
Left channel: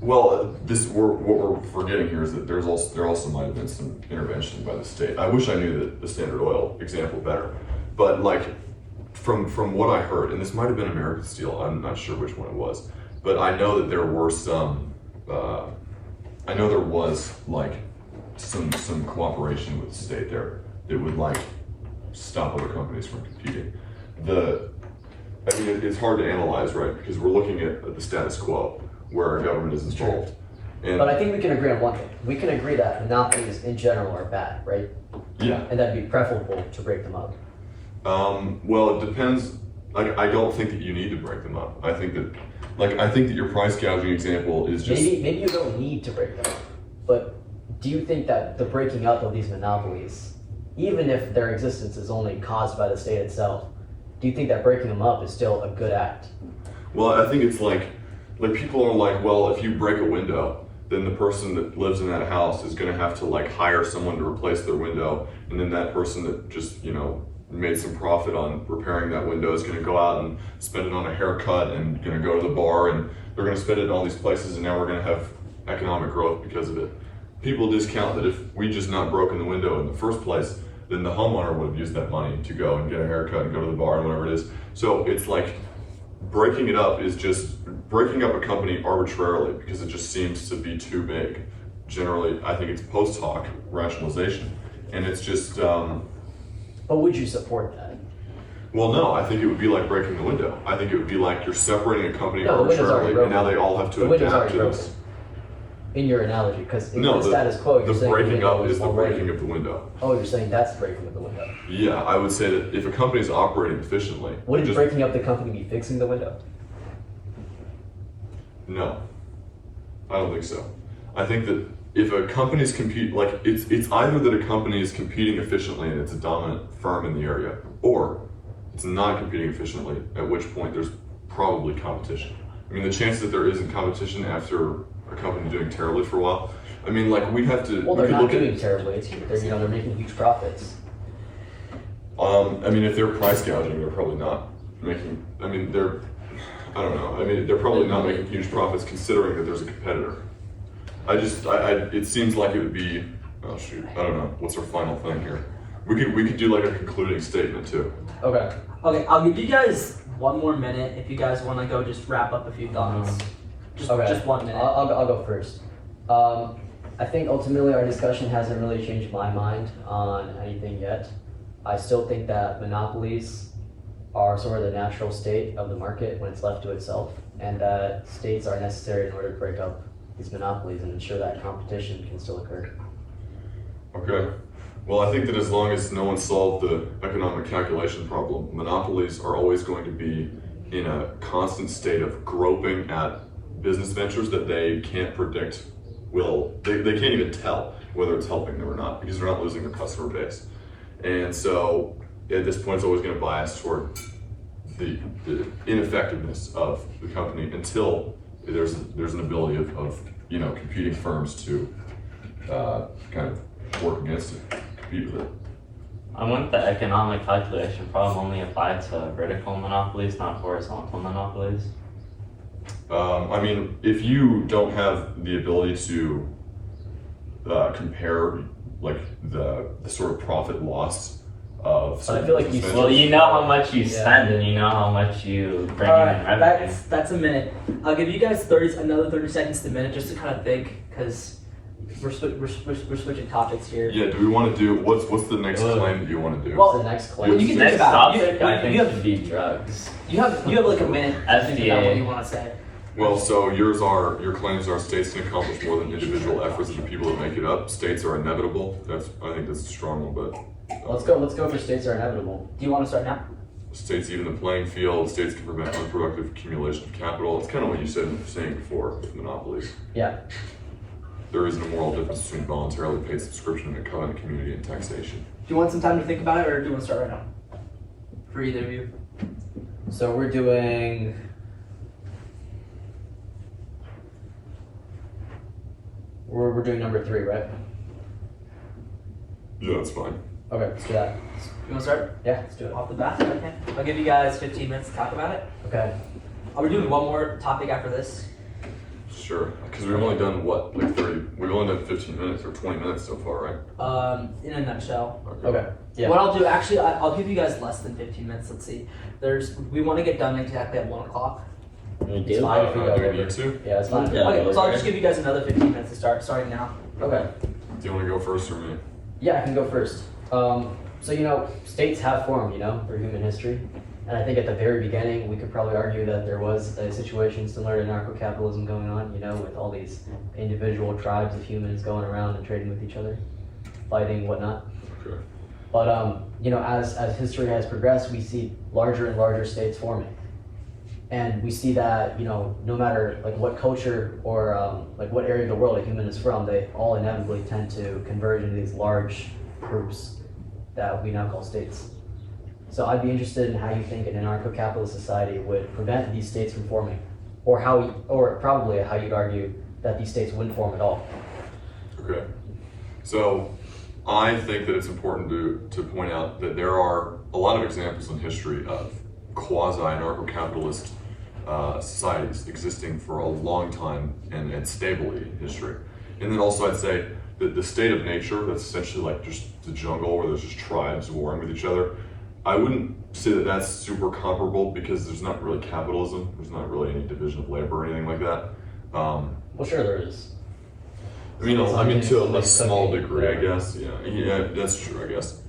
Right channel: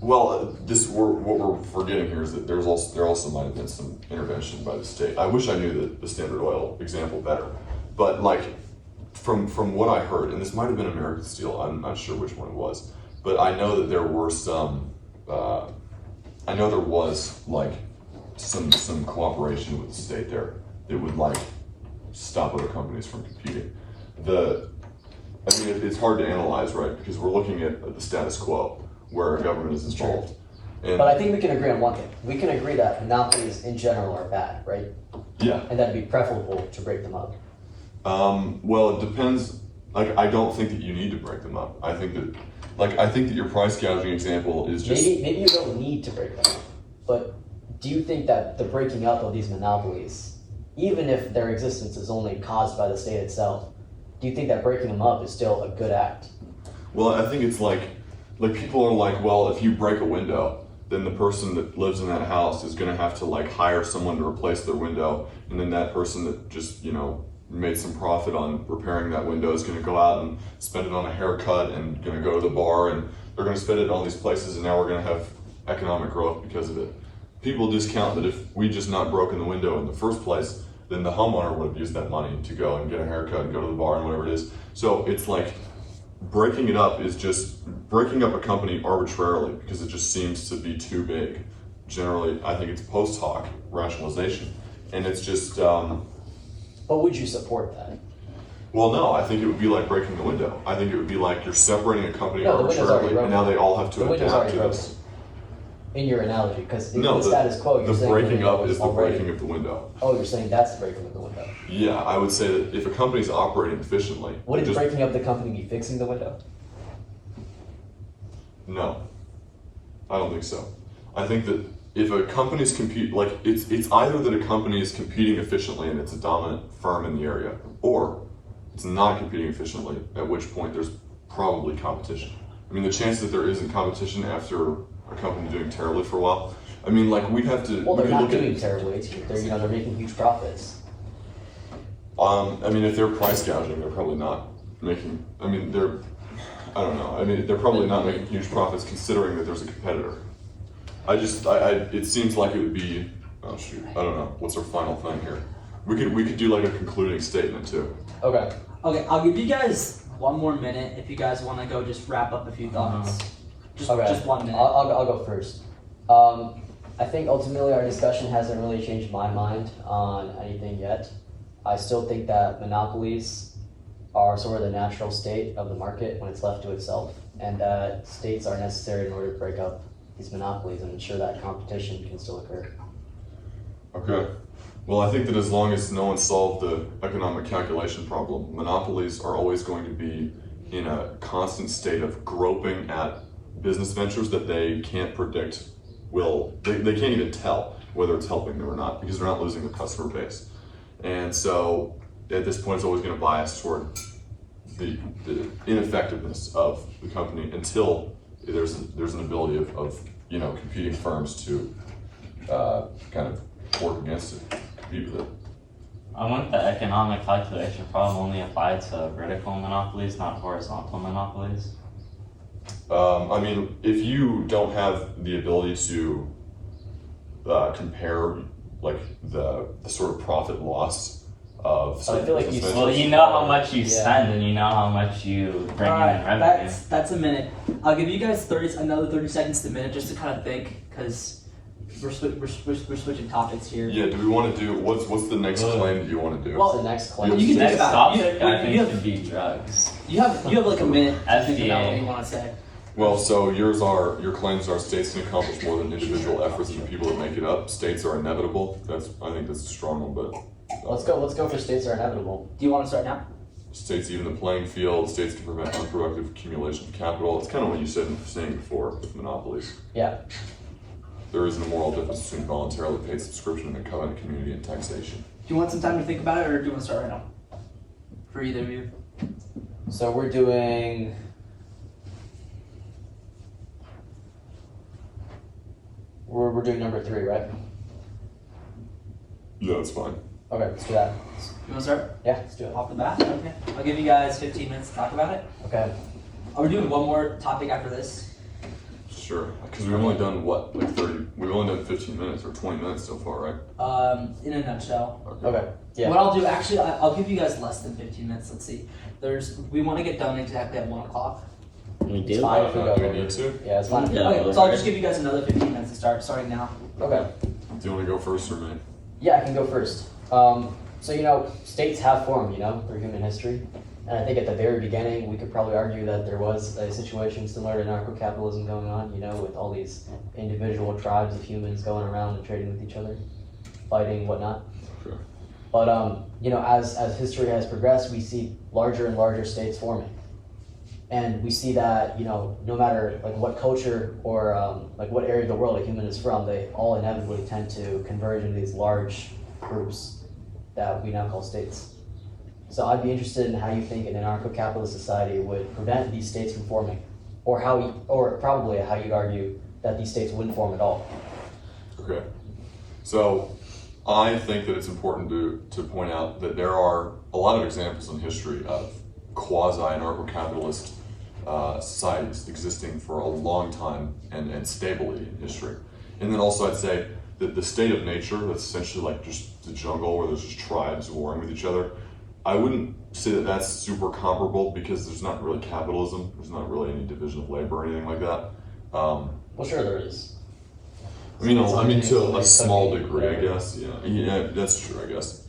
well, what we're forgetting here is that there also might have been some intervention by the state. I wish I knew the Standard Oil example better, but like from what I heard, and this might have been American Steel, I'm not sure which one it was, but I know that there were some. I know there was like some cooperation with the state there that would like stop other companies from competing. I mean, it's hard to analyze, right? Because we're looking at the status quo where our government is involved. And But I think we can agree on one thing. We can agree that monopolies in general are bad, right? yeah, And that'd be preferable to break them up. well, it depends. Like, I don't think that you need to break them up. I think that your price gouging example is just. Maybe you don't need to break them up. But do you think that the breaking up of these monopolies, even if their existence is only caused by the state itself, do you think that breaking them up is still a good act? Well, I think it's like people are like, well, if you break a window, then the person that lives in that house is going to have to like hire someone to replace their window, and then that person that just made some profit on repairing that window is going to go out and spend it on a haircut and going to go to the bar, and they're going to spend it in all these places, and now we're going to have economic growth because of it. People discount that if we just not broken the window in the first place, then the homeowner would have used that money to go and get a haircut and go to the bar and whatever it is. So it's like breaking it up is just breaking up a company arbitrarily because it just seems to be too big. Generally, I think it's post hoc rationalization, and it's just. But would you support that? Well, no, I think it would be like breaking the window. I think it would be like you're separating a company No, the window's already arbitrarily, and now broken. they all have The to window's adapt already to broken. this. In your analogy, because in No, the status quo, the you're saying breaking window up was is the already- breaking of the window. Oh, you're saying that's the breaking of the window. Yeah, I would say that if a company's operating efficiently, Wouldn't just breaking up the company be fixing the window? no, I don't think so. I think that if a company's it's either that a company is competing efficiently and it's a dominant firm in the area, or it's not competing efficiently, at which point there's probably competition. I mean, the chance that there isn't competition after a company doing terribly for a while, I mean, like we have to. Well, we they're could not look at- doing terribly. They're making huge profits. I mean, if they're price gouging, they're probably not making. I mean, I don't know. I mean, they're probably not making huge profits considering that there's a competitor. It seems like it would be. Oh shoot, I don't know. What's our final thing here? We could do like a concluding statement too. Okay. Okay, I'll give you guys one more minute if you guys want to go just wrap up a few thoughts. Just 1 minute. I'll go first. I think ultimately our discussion hasn't really changed my mind on anything yet. I still think that monopolies are sort of the natural state of the market when it's left to itself, and that states are necessary in order to break up these monopolies and ensure that competition can still occur. Okay. Well, I think that as long as no one solved the economic calculation problem, monopolies are always going to be in a constant state of groping at business ventures that they can't predict they can't even tell whether it's helping them or not because they're not losing their customer base. And so at this point, it's always going to bias toward the ineffectiveness of the company until there's an ability of competing firms to kind of work against it, compete with it. I want the economic calculation problem only applied to vertical monopolies, not horizontal monopolies. I mean, if you don't have the ability to compare like the sort of profit loss of I feel like you business still- Well, ventures- you know how much you spend and you know how much you bring All in right, revenue. that's a minute. I'll give you guys another 30 seconds to a minute just to kind of think, because we're switching topics here. Yeah, do we want to do what's the next claim that you want to do? Well, What's the next claim? Well, you can think Next about it. topic, I think, you have, should be drugs. you have like a minute to think about FDA. what you want to say. Well, so your claims are states can accomplish more than individual efforts of the people that make it up. States are inevitable. I think that's a strong one, but Let's go for states are inevitable. Do you want to start now? states even the playing field. States can prevent unproductive accumulation of capital. It's kind of what you said saying before with monopolies. Yeah. There isn't a moral difference between voluntarily paid subscription and a covenant community and taxation. Do you want some time to think about it, or do you want to start right now? For either of you. So we're doing. We're doing number 3, right? Yeah, that's fine. Okay, let's do that. You want to start Yeah, let's do it. off the bat? Okay. I'll give you guys 15 minutes to talk about it. Okay. Are we doing one more topic after this? Sure. Because we've only done what, like 30? We've only done 15 minutes or 20 minutes so far, right? In a nutshell. Okay. Yeah. What I'll do, actually, I'll give you guys less than 15 minutes. Let's see. We want to get done exactly at 1 o'clock. We It's do. fine if we go Do we over. need to? Yeah, it's fine. Yeah. Okay, so I'll just give you guys another 15 minutes to start, starting now. Okay. Do you want to go first or me? Yeah, I can go first. So states have formed, through human history. And I think at the very beginning, we could probably argue that there was a situation similar to anarcho-capitalism going on, with all these individual tribes of humans going around and trading with each other, fighting, whatnot. Okay. But, as history has progressed, we see larger and larger states forming. And we see that, no matter like what culture or like what area of the world a human is from, they all inevitably tend to converge into these large groups that we now call states. So I'd be interested in how you think an anarcho-capitalist society would prevent these states from forming, or probably how you'd argue that these states wouldn't form at all. Okay. So I think that it's important to point out that there are a lot of examples in history of quasi-anarcho-capitalist societies existing for a long time and stably in history. And then also I'd say that the state of nature, that's essentially like just the jungle where there's just tribes warring with each other, I wouldn't say that that's super comparable because there's not really capitalism, there's not really any division of labor or anything like that. Well, sure there is. I mean It's to a like small something- degree, I guess. Yeah, that's true, I guess.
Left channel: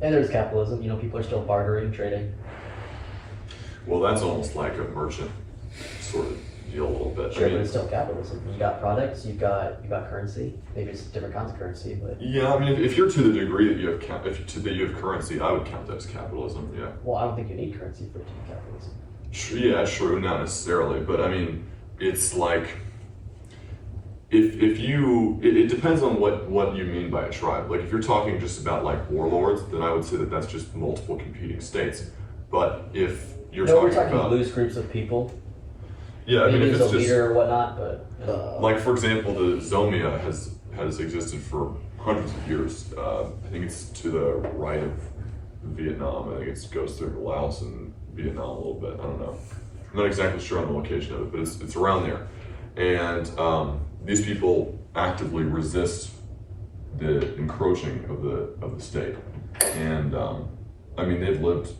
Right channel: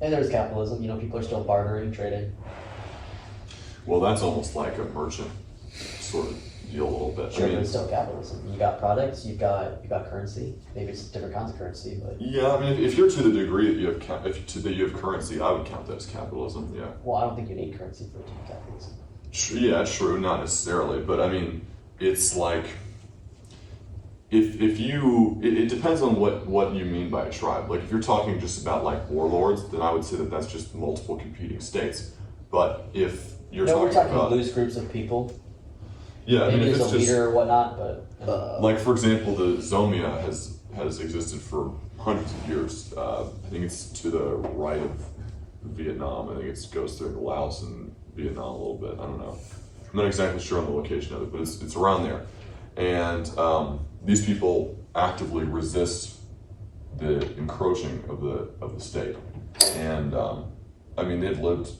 And there's capitalism, people are still bartering, trading. Well, that's almost like a merchant sort of deal a little bit. Sure, I but mean, it's still capitalism. You got products, you've got currency. Maybe it's different kinds of currency, but yeah, I mean, if you're to the degree that you have that you have currency, I would count that as capitalism. Yeah. well, I don't think you need currency for it to be capitalism. Yeah, true, not necessarily, but I mean, it's like if you, it depends on what you mean by a tribe. Like if you're talking just about like warlords, then I would say that that's just multiple competing states. But if you're No, we're talking talking about loose groups of people. Yeah, I mean, maybe if as a it's just leader or whatnot, but like, for example, the Zomia has existed for hundreds of years. I think it's to the right of Vietnam. I think it goes through Laos and Vietnam a little bit. I don't know. I'm not exactly sure on the location of it, but it's around there. And these people actively resist the encroaching of the state. And I mean, they've lived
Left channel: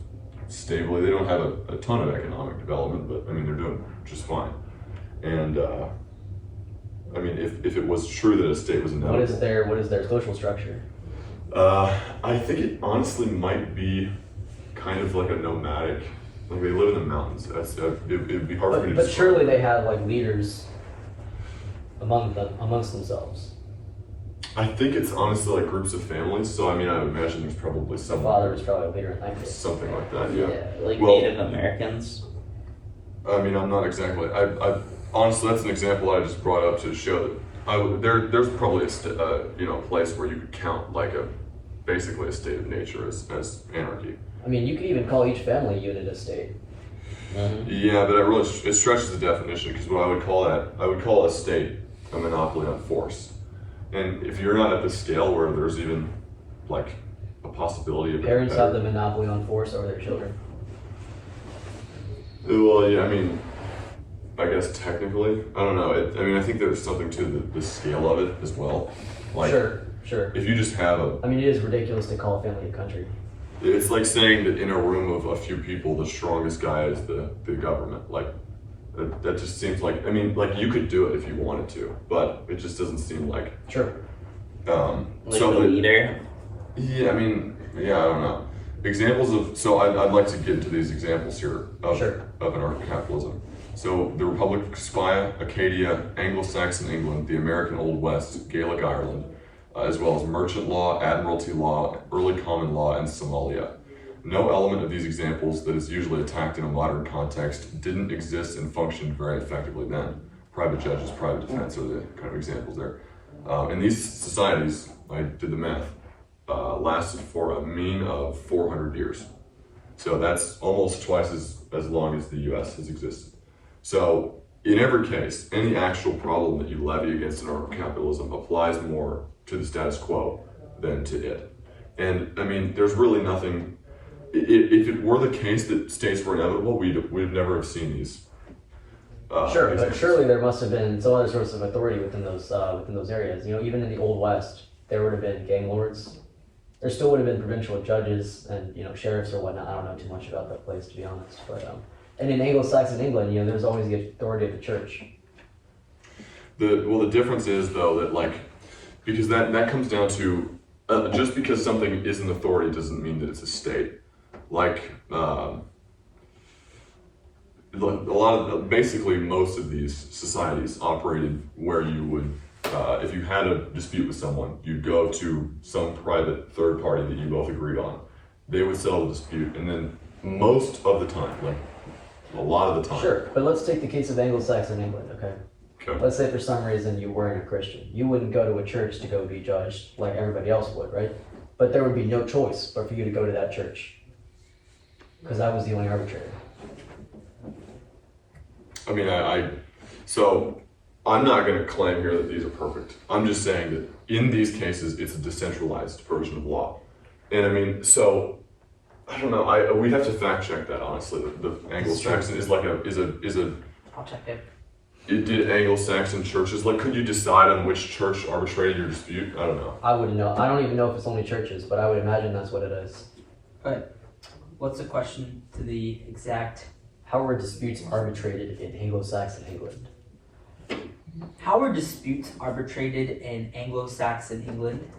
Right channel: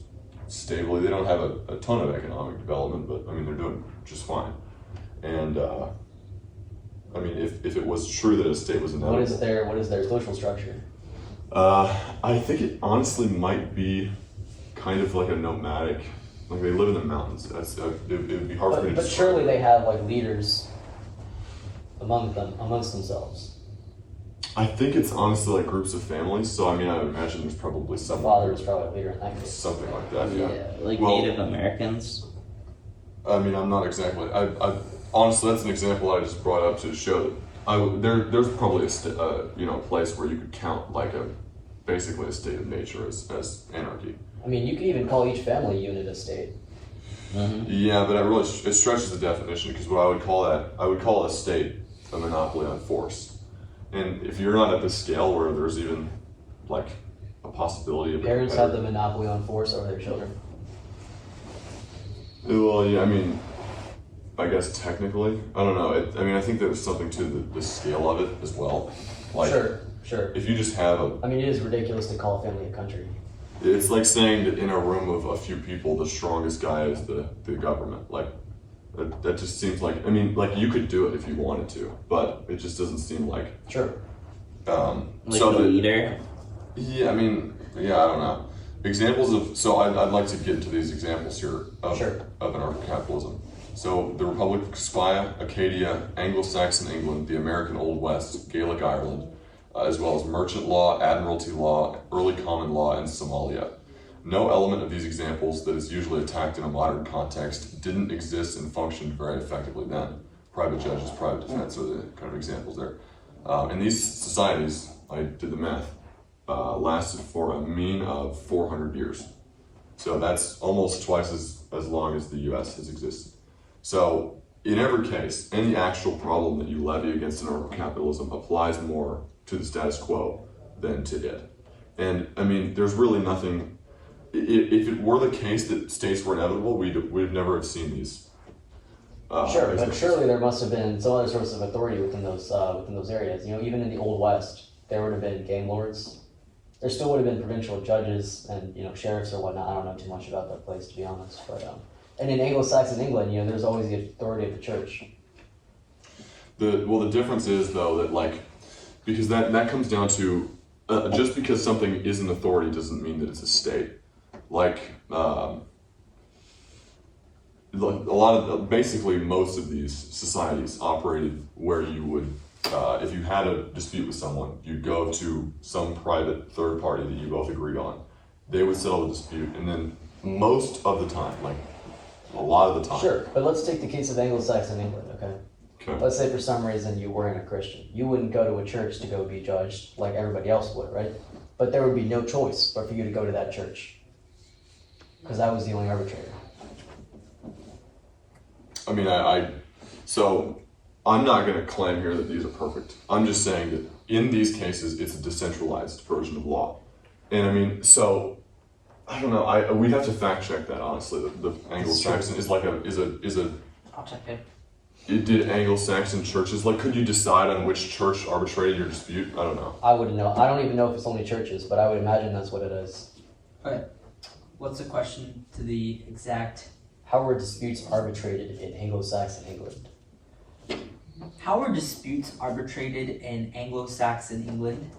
stably. They don't have a ton of economic development, but I mean, they're doing just fine. And I mean, if it was true that a state was inevitable, what is their social structure? I think it honestly might be kind of like a nomadic. Like they live in the mountains. It'd be hard for me to But describe. surely they have like leaders amongst themselves. I think it's honestly like groups of families. So I mean, I would imagine there's probably The some father is probably a leader in that case. something like that. Yeah. like Well- Native Americans. I mean, I'm not exactly. I honestly, that's an example I just brought up to show that there's probably a place where you could count like basically a state of nature as anarchy. I mean, you could even call each family unit a state. Yeah, but it stretches the definition because what I would call a state a monopoly on force. And if you're not at the scale where there's even like a possibility of Parents have the monopoly on force over their children. Well, yeah, I mean, I guess technically, I don't know. I mean, I think there's something to the scale of it as well. Like, Sure. if you just have I mean, it is ridiculous to call a family a country. it's like saying that in a room of a few people, the strongest guy is the government. Like, that just seems like, I mean, like you could do it if you wanted to, but it just doesn't seem like, Sure. Like so the that- leader. Yeah, I mean, yeah, I don't know. Examples of, so I'd like to get into these examples here of anarcho-capitalism. So the Republic of Castile, Acadia, Anglo-Saxon England, the American Old West, Gaelic Ireland, as well as merchant law, admiralty law, early common law, and Somalia. No element of these examples that is usually attacked in a modern context didn't exist and functioned very effectively then. Private judges, private defense are the kind of examples there. And these societies, I did the math, lasted for a mean of 400 years. So that's almost twice as long as the US has existed. So in every case, any actual problem that you levy against anarcho-capitalism applies more to the status quo than to it. And I mean, there's really nothing, if it were the case that states were inevitable, we'd never have seen these. Sure, but examples. surely there must have been some other source of authority within those areas. You know, even in the Old West, there would have been gang lords. There still would have been provincial judges and sheriffs or whatnot. I don't know too much about that place, to be honest. But and in Anglo-Saxon England, there's always the authority of the church. The difference is though that because that comes down to just because something is an authority doesn't mean that it's a state. Basically most of these societies operated where you would, if you had a dispute with someone, you'd go to some private third party that you both agreed on. They would settle the dispute, and then most of the time, a lot of the time. Sure, but let's take the case of Anglo-Saxon England, okay? Okay. Let's say for some reason you weren't a Christian. You wouldn't go to a church to go be judged like everybody else would, right? But there would be no choice but for you to go to that church. Because I was the only arbitrator. I mean, so I'm not going to claim here that these are perfect. I'm just saying that in these cases, it's a decentralized version of law. And I mean, so I don't know. We'd have to fact check that honestly. The Anglo-Saxon is a. I'll check it. Did Anglo-Saxon churches could you decide on which church arbitrated your dispute? I don't know. I wouldn't know. I don't even know if it's only churches, but I would imagine that's what it is. But what's the question to the exact? How were disputes arbitrated in Anglo-Saxon England? How were disputes arbitrated in Anglo-Saxon England?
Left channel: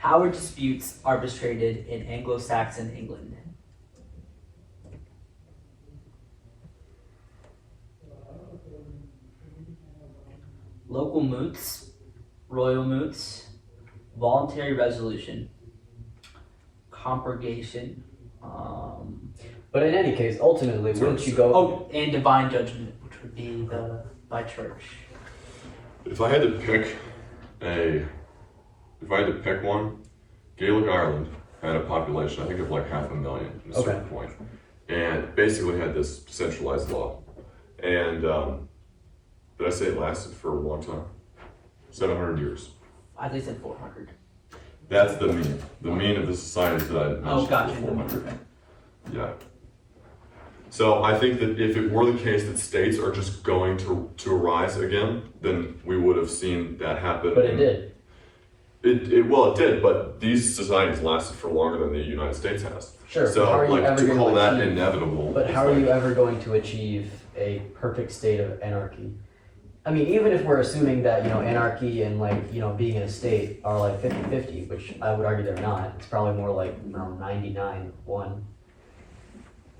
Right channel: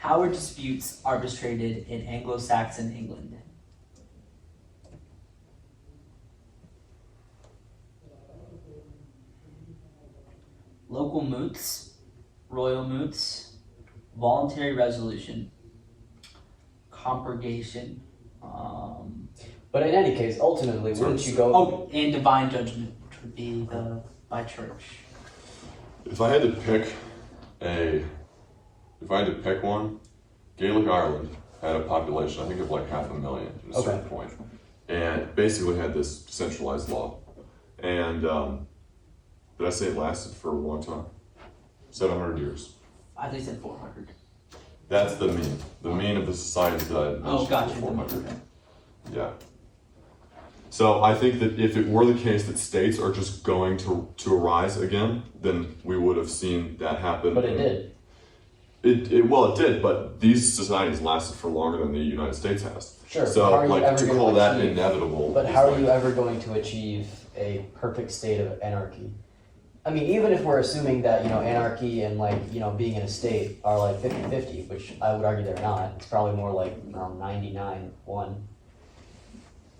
How were disputes arbitrated in Anglo-Saxon England? Local moots, royal moots, voluntary resolution, compurgation, But in any case, ultimately, wouldn't you go... and divine judgment, which would be by church. If I had to pick one, Gaelic Ireland had a population, I think, of 500,000 at a certain point. and basically had this centralized law. And did I say it lasted for a long time? 700 years. I think said 400. That's the mean. The mean of the societies that I mentioned Oh, gotcha. were 400. Yeah. So I think that if it were the case that states are just going to arise again, then we would have seen that happen. But it did. It did, but these societies lasted for longer than the United States has. Sure. So but how are you like ever to going call that achieve, inevitable. But is how are like- you ever going to achieve a perfect state of anarchy? I mean, even if we're assuming that, anarchy and being in a state are like 50-50, which I would argue they're not. It's probably more like around 99-1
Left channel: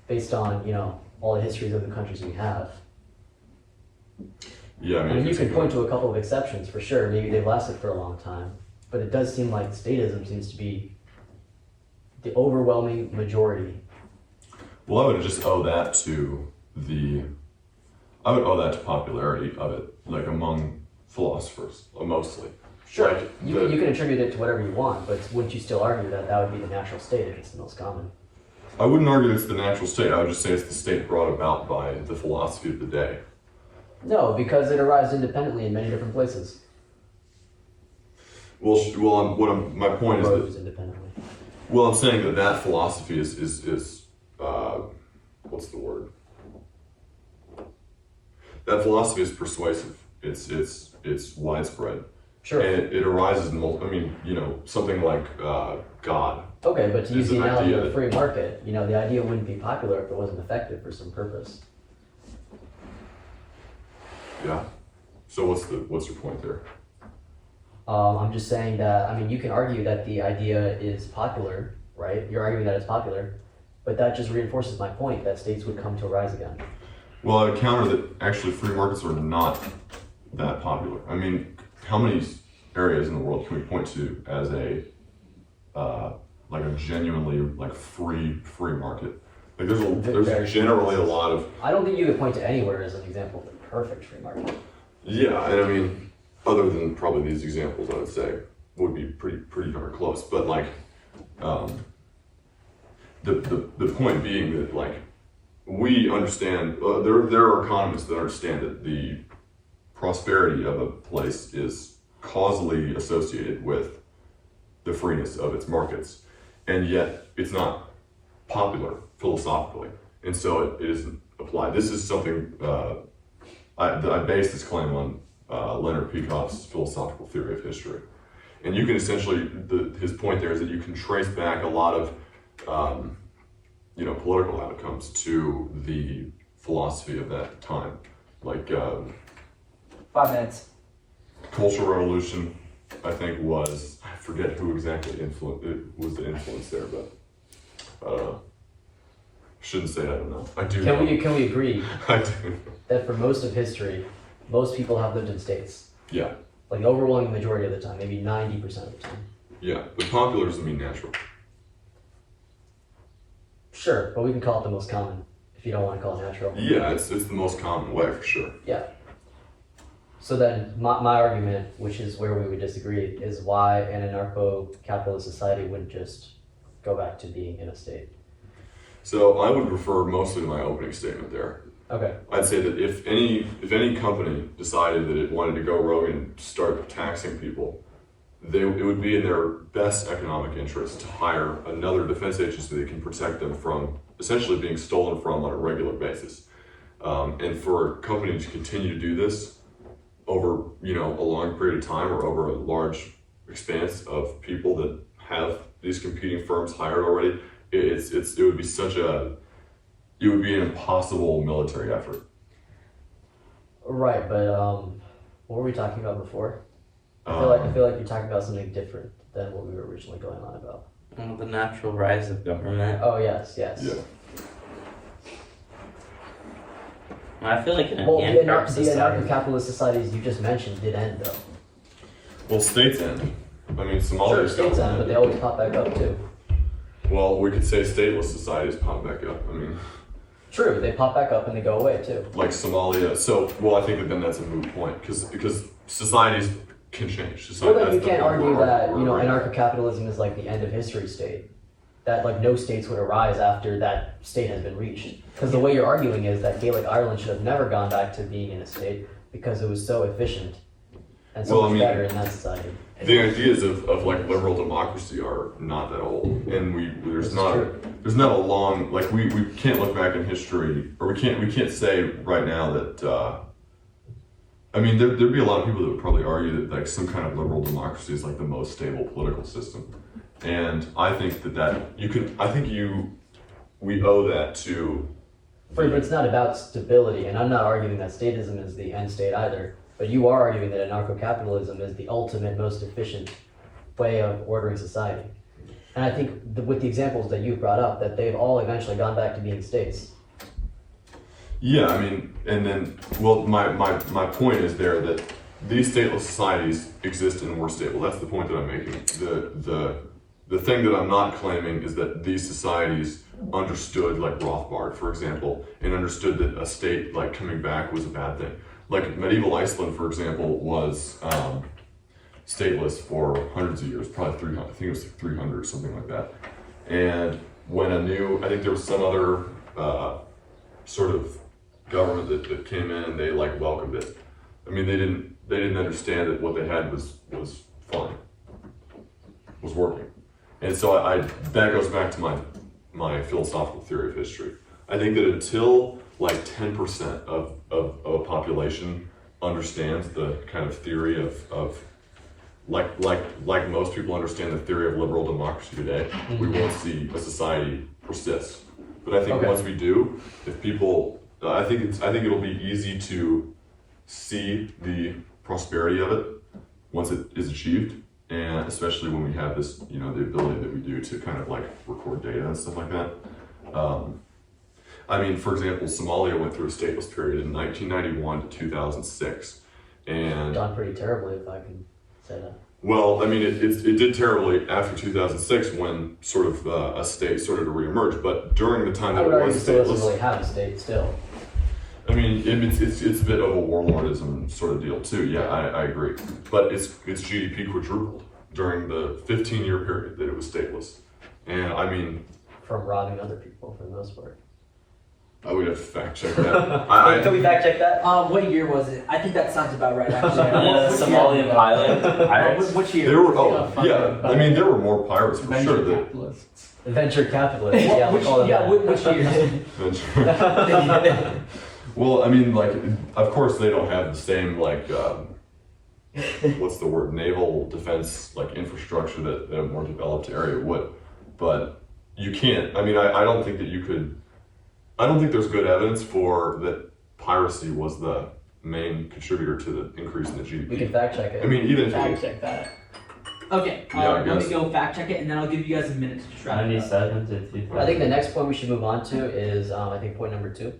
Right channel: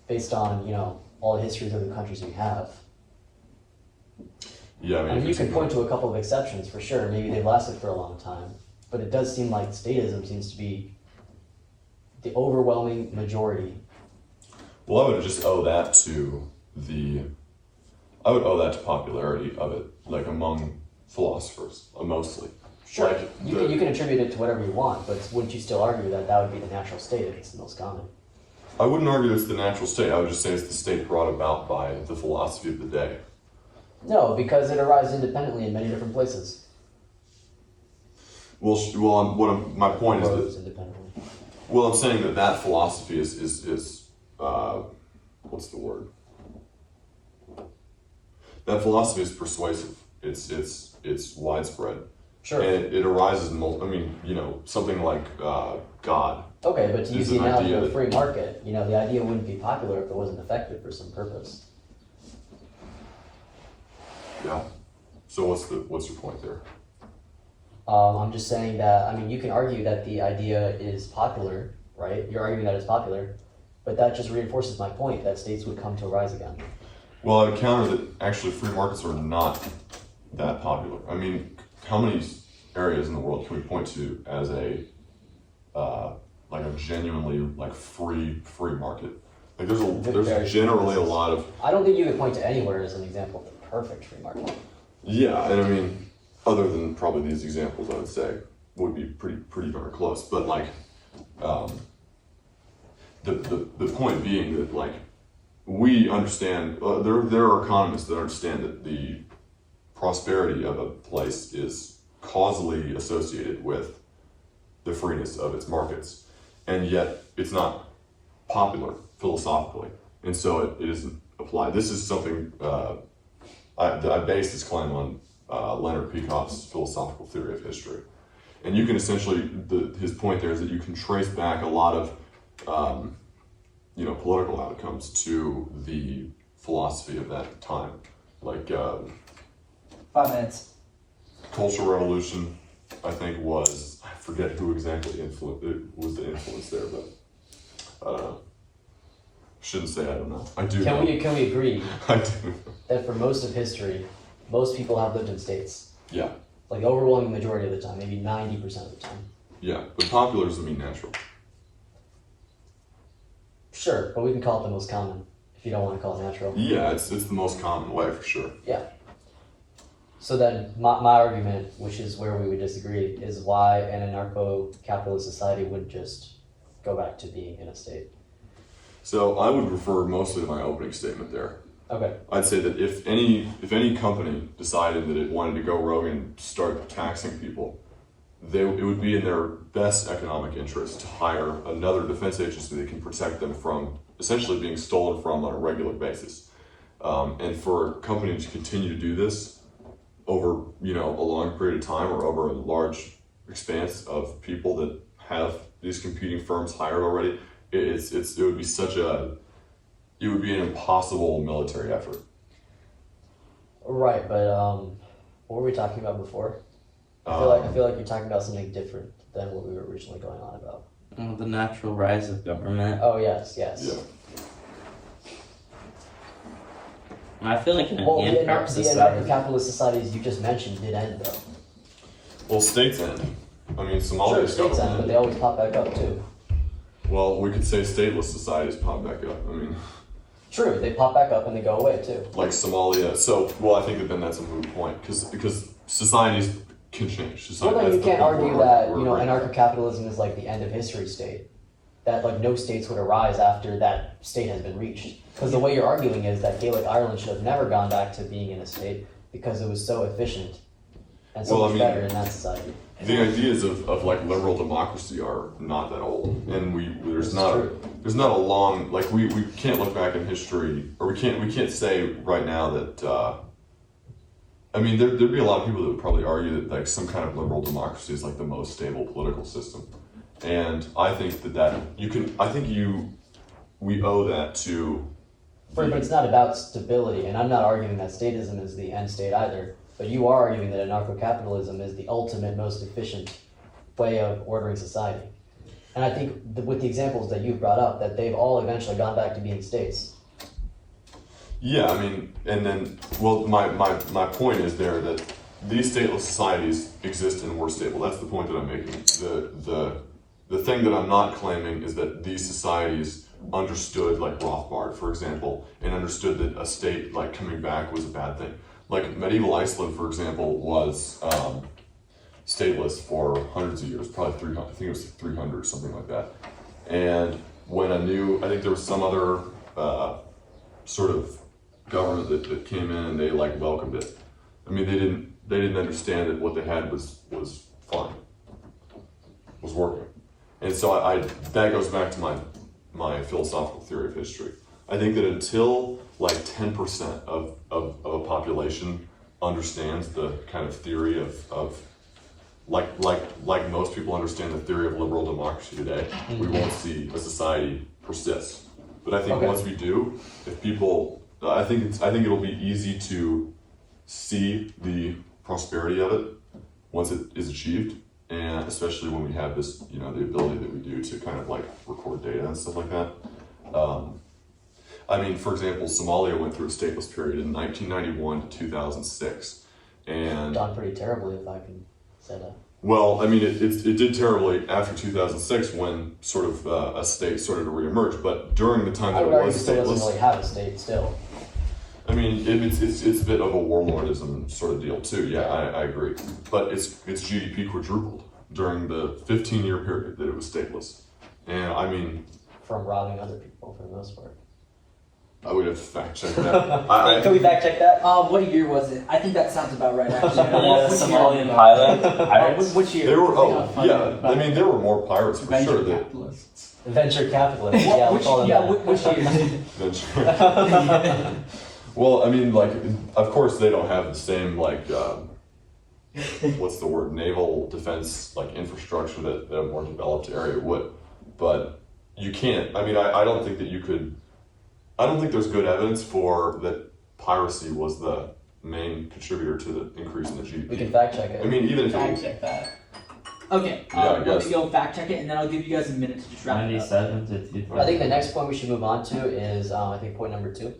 based on, all the histories of the countries we have. Yeah, I I mean, mean, you if can it's- point to a couple of exceptions for sure. Maybe they've lasted for a long time, but it does seem like statism seems to be the overwhelming majority. Well, I would just owe that to popularity of it, like among philosophers, mostly. Sure, Like you can attribute it to whatever you want, but wouldn't you still argue that that would be the natural state if it's the most common? I wouldn't argue it's the natural state. I would just say it's the state brought about by the philosophy of the day. No, because it arises independently in many different places. Well, my point is that Grows independently. well, I'm saying that philosophy is what's the word? That philosophy is persuasive. It's widespread. Sure. And it arises in something like God. Okay, but to There's use the an analogy idea of the that- free market, the idea wouldn't be popular if it wasn't effective for some purpose. Yeah. So what's your point there? I'm just saying that, you can argue that the idea is popular, right? You're arguing that it's popular, but that just reinforces my point that states would come to arise again. Well, I would counter that actually free markets are not that popular. I mean, how many areas in the world can we point to as a genuinely free market? Like Very there's generally a few lot of I don't think you could point to anywhere as an example of the perfect free market. yeah, and I mean, other than probably these examples, I would say would be pretty darn close. But the point being that we understand there are economists that understand that the prosperity of a place is causally associated with the freeness of its markets, and yet it's not popular philosophically, and so it isn't applied. This is something I based this claim on Leonard Peikoff's philosophical theory of history, and you can essentially his point there is that you can trace back a lot of political outcomes to the philosophy of that time, 5 minutes. Cultural Revolution. I think I forget who exactly was the influence there, but I don't know. Shouldn't say I don't know. I do know. Can we agree I do. that for most of history, most people have lived in states? Yeah, Like the overwhelming majority of the time, maybe 90% of the time. yeah. But popular doesn't mean natural. Sure, but we can call it the most common if you don't want to call it natural. Yeah, it's the most common way for sure. Yeah. So then my argument, which is where we would disagree, is why an anarcho-capitalist society wouldn't just go back to being in a state. So I would refer mostly to my opening statement there. Okay. I'd say that if any company decided that it wanted to go rogue and start taxing people, it would be in their best economic interest to hire another defense agency that can protect them from essentially being stolen from on a regular basis. And for a company to continue to do this over a long period of time or over a large expanse of people that have these competing firms hired already, it would be an impossible military effort. Right, but what were we talking about before? I feel like you're talking about something different than what we were originally going on about. The natural rise of government. Oh yes. Yeah. I feel like in an Well, the anarch society. anarcho-capitalist societies you just mentioned did end though. Well, states end. I mean, Somalia Sure, is states end, but government. they always pop back up too. Well, we could say stateless societies pop back up. I mean, True, they pop back up and they go away too. like Somalia. So, well, I think that then that's a moot point because societies can change. Well, then That's you the can't point argue we're- that we're right. anarcho-capitalism is like the end of history state. that like no states would arise after that state has been reached. Because the way you're arguing is that Gaelic Ireland should have never gone back to being in a state because it was so efficient and so Well, I much mean, better in that society. The ideas of like liberal democracy are not that old, and there's That's not true. there's not a long like we can't look back in history, or we can't say right now that I mean there'd be a lot of people that would probably argue that like some kind of liberal democracy is like the most stable political system, and I think we owe that to. But it's not about stability, and I'm not arguing that statism is the end state either. But you are arguing that anarcho-capitalism is the ultimate, most efficient way of ordering society. And I think with the examples that you've brought up, that they've all eventually gone back to being states. Yeah, I mean, and then, well, my point is there that these stateless societies exist and were stable. That's the point that I'm making. The thing that I'm not claiming is that these societies understood, like Rothbard, for example, and understood that a state like coming back was a bad thing. Like medieval Iceland, for example, was stateless for hundreds of years, probably 300. I think it was 300 or something like that. And when I think there was some other sort of government that came in, they like welcomed it. I mean, they didn't understand that what they had was fun, was working. And so that goes back to my philosophical theory of history. I think that until like 10% of a population understands the kind of theory of like most people understand the theory of liberal democracy today, we won't see a society persist. But I think once we do, if people, I think it'll be easy to see the prosperity of it once it is achieved, and especially when we have this, the ability that we do to kind of like record data and stuff like that. I mean, for example, Somalia went through a stateless period in 1991 to 2006, and Done pretty terribly, if I can say that. well, I mean, it did terribly after 2006 when sort of a state started to reemerge. But during the time I that would it argue was still doesn't stateless, really have a state still. I mean, it's a bit of a warlordism sort of deal too. Yeah, I agree. But its GDP quadrupled during the 15-year period that it was stateless, and I mean, From robbing other people for the most part. I would have to fact check that. Can we fact check that? What year was it? I think that sounds about right, actually. Yeah, Which Somalian year? pilot. Which year? There were funded yeah. by I mean, there were more pirates for venture sure. That capitalists. Venture capitalists. Yeah, we'll call it that. which year? venture. Well, I mean, like, of course, they don't have the same like, what's the word, naval defense like infrastructure that a more developed area would. But you can't. I mean, I don't think that you could. I don't think there's good evidence for that piracy was the main contributor to the increase in the GDP. We can fact check it. I mean, even if Fact you, check that. Okay, Yeah, I let me guess. go fact check it, and then I'll give you guys a minute to just wrap it up. 97 to 2000. I think the next point we should move on to is, I think point number 2.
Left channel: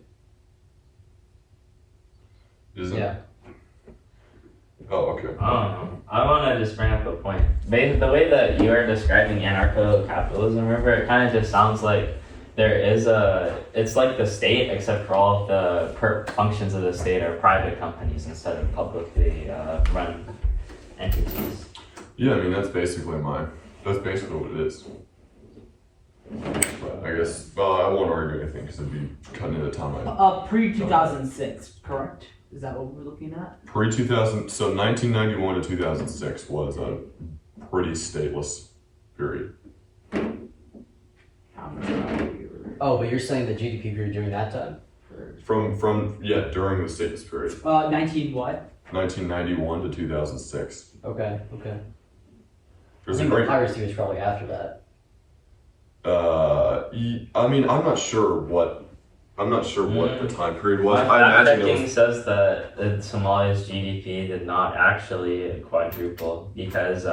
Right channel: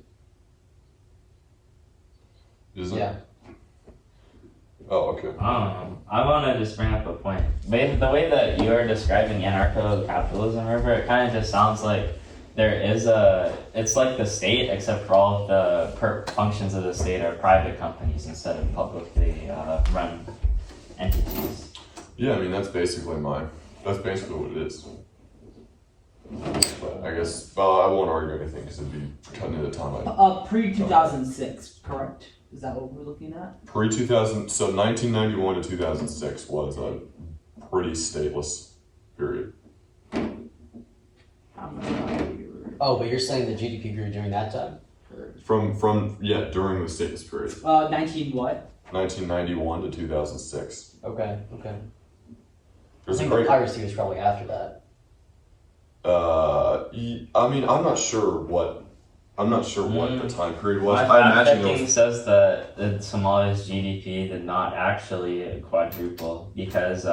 isn't Yeah. Oh, okay. I don't know. I want to just bring up a point. The way that you are describing anarcho-capitalism, remember, it kind of just sounds like it's like the state, except for all of the functions of the state are private companies instead of publicly run entities. Yeah, I mean that's basically what it is. But I guess I won't argue anything because it'd be cutting into the time. Pre-2006, correct? Is that what we're looking at? Pre-2000, so 1991 to 2006 was a pretty stateless period. How much are you? Oh, but you're saying the GDP grew during that time? Or- From during the stateless period, 19 what? 1991 to 2006. Okay. I There's a think great. the piracy was probably after that. I mean, I'm not sure what the time period was. My I imagine fact it checking was. says that Somalia's GDP did not actually quadruple because,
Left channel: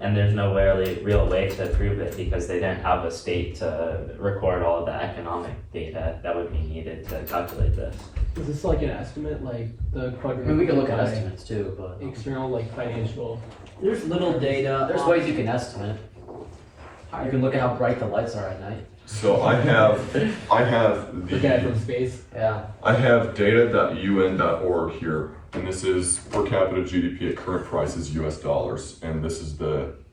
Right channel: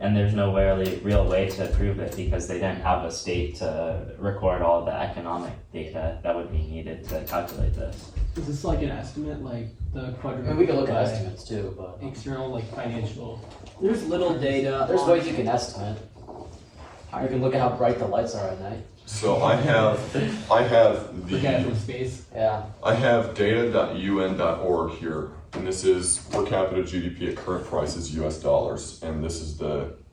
and there's no real way to prove it because they didn't have a state to record all the economic data that would be needed to calculate this. Is this like an estimate, like the I quadruple? mean, we can look at by estimates too, but external, like financial. There's little data. there's ways you can estimate. You can look at how bright the lights are at night. So I have Look at it from space. Yeah. I have data.un.org here, and this is per capita GDP at current prices US dollars, and this is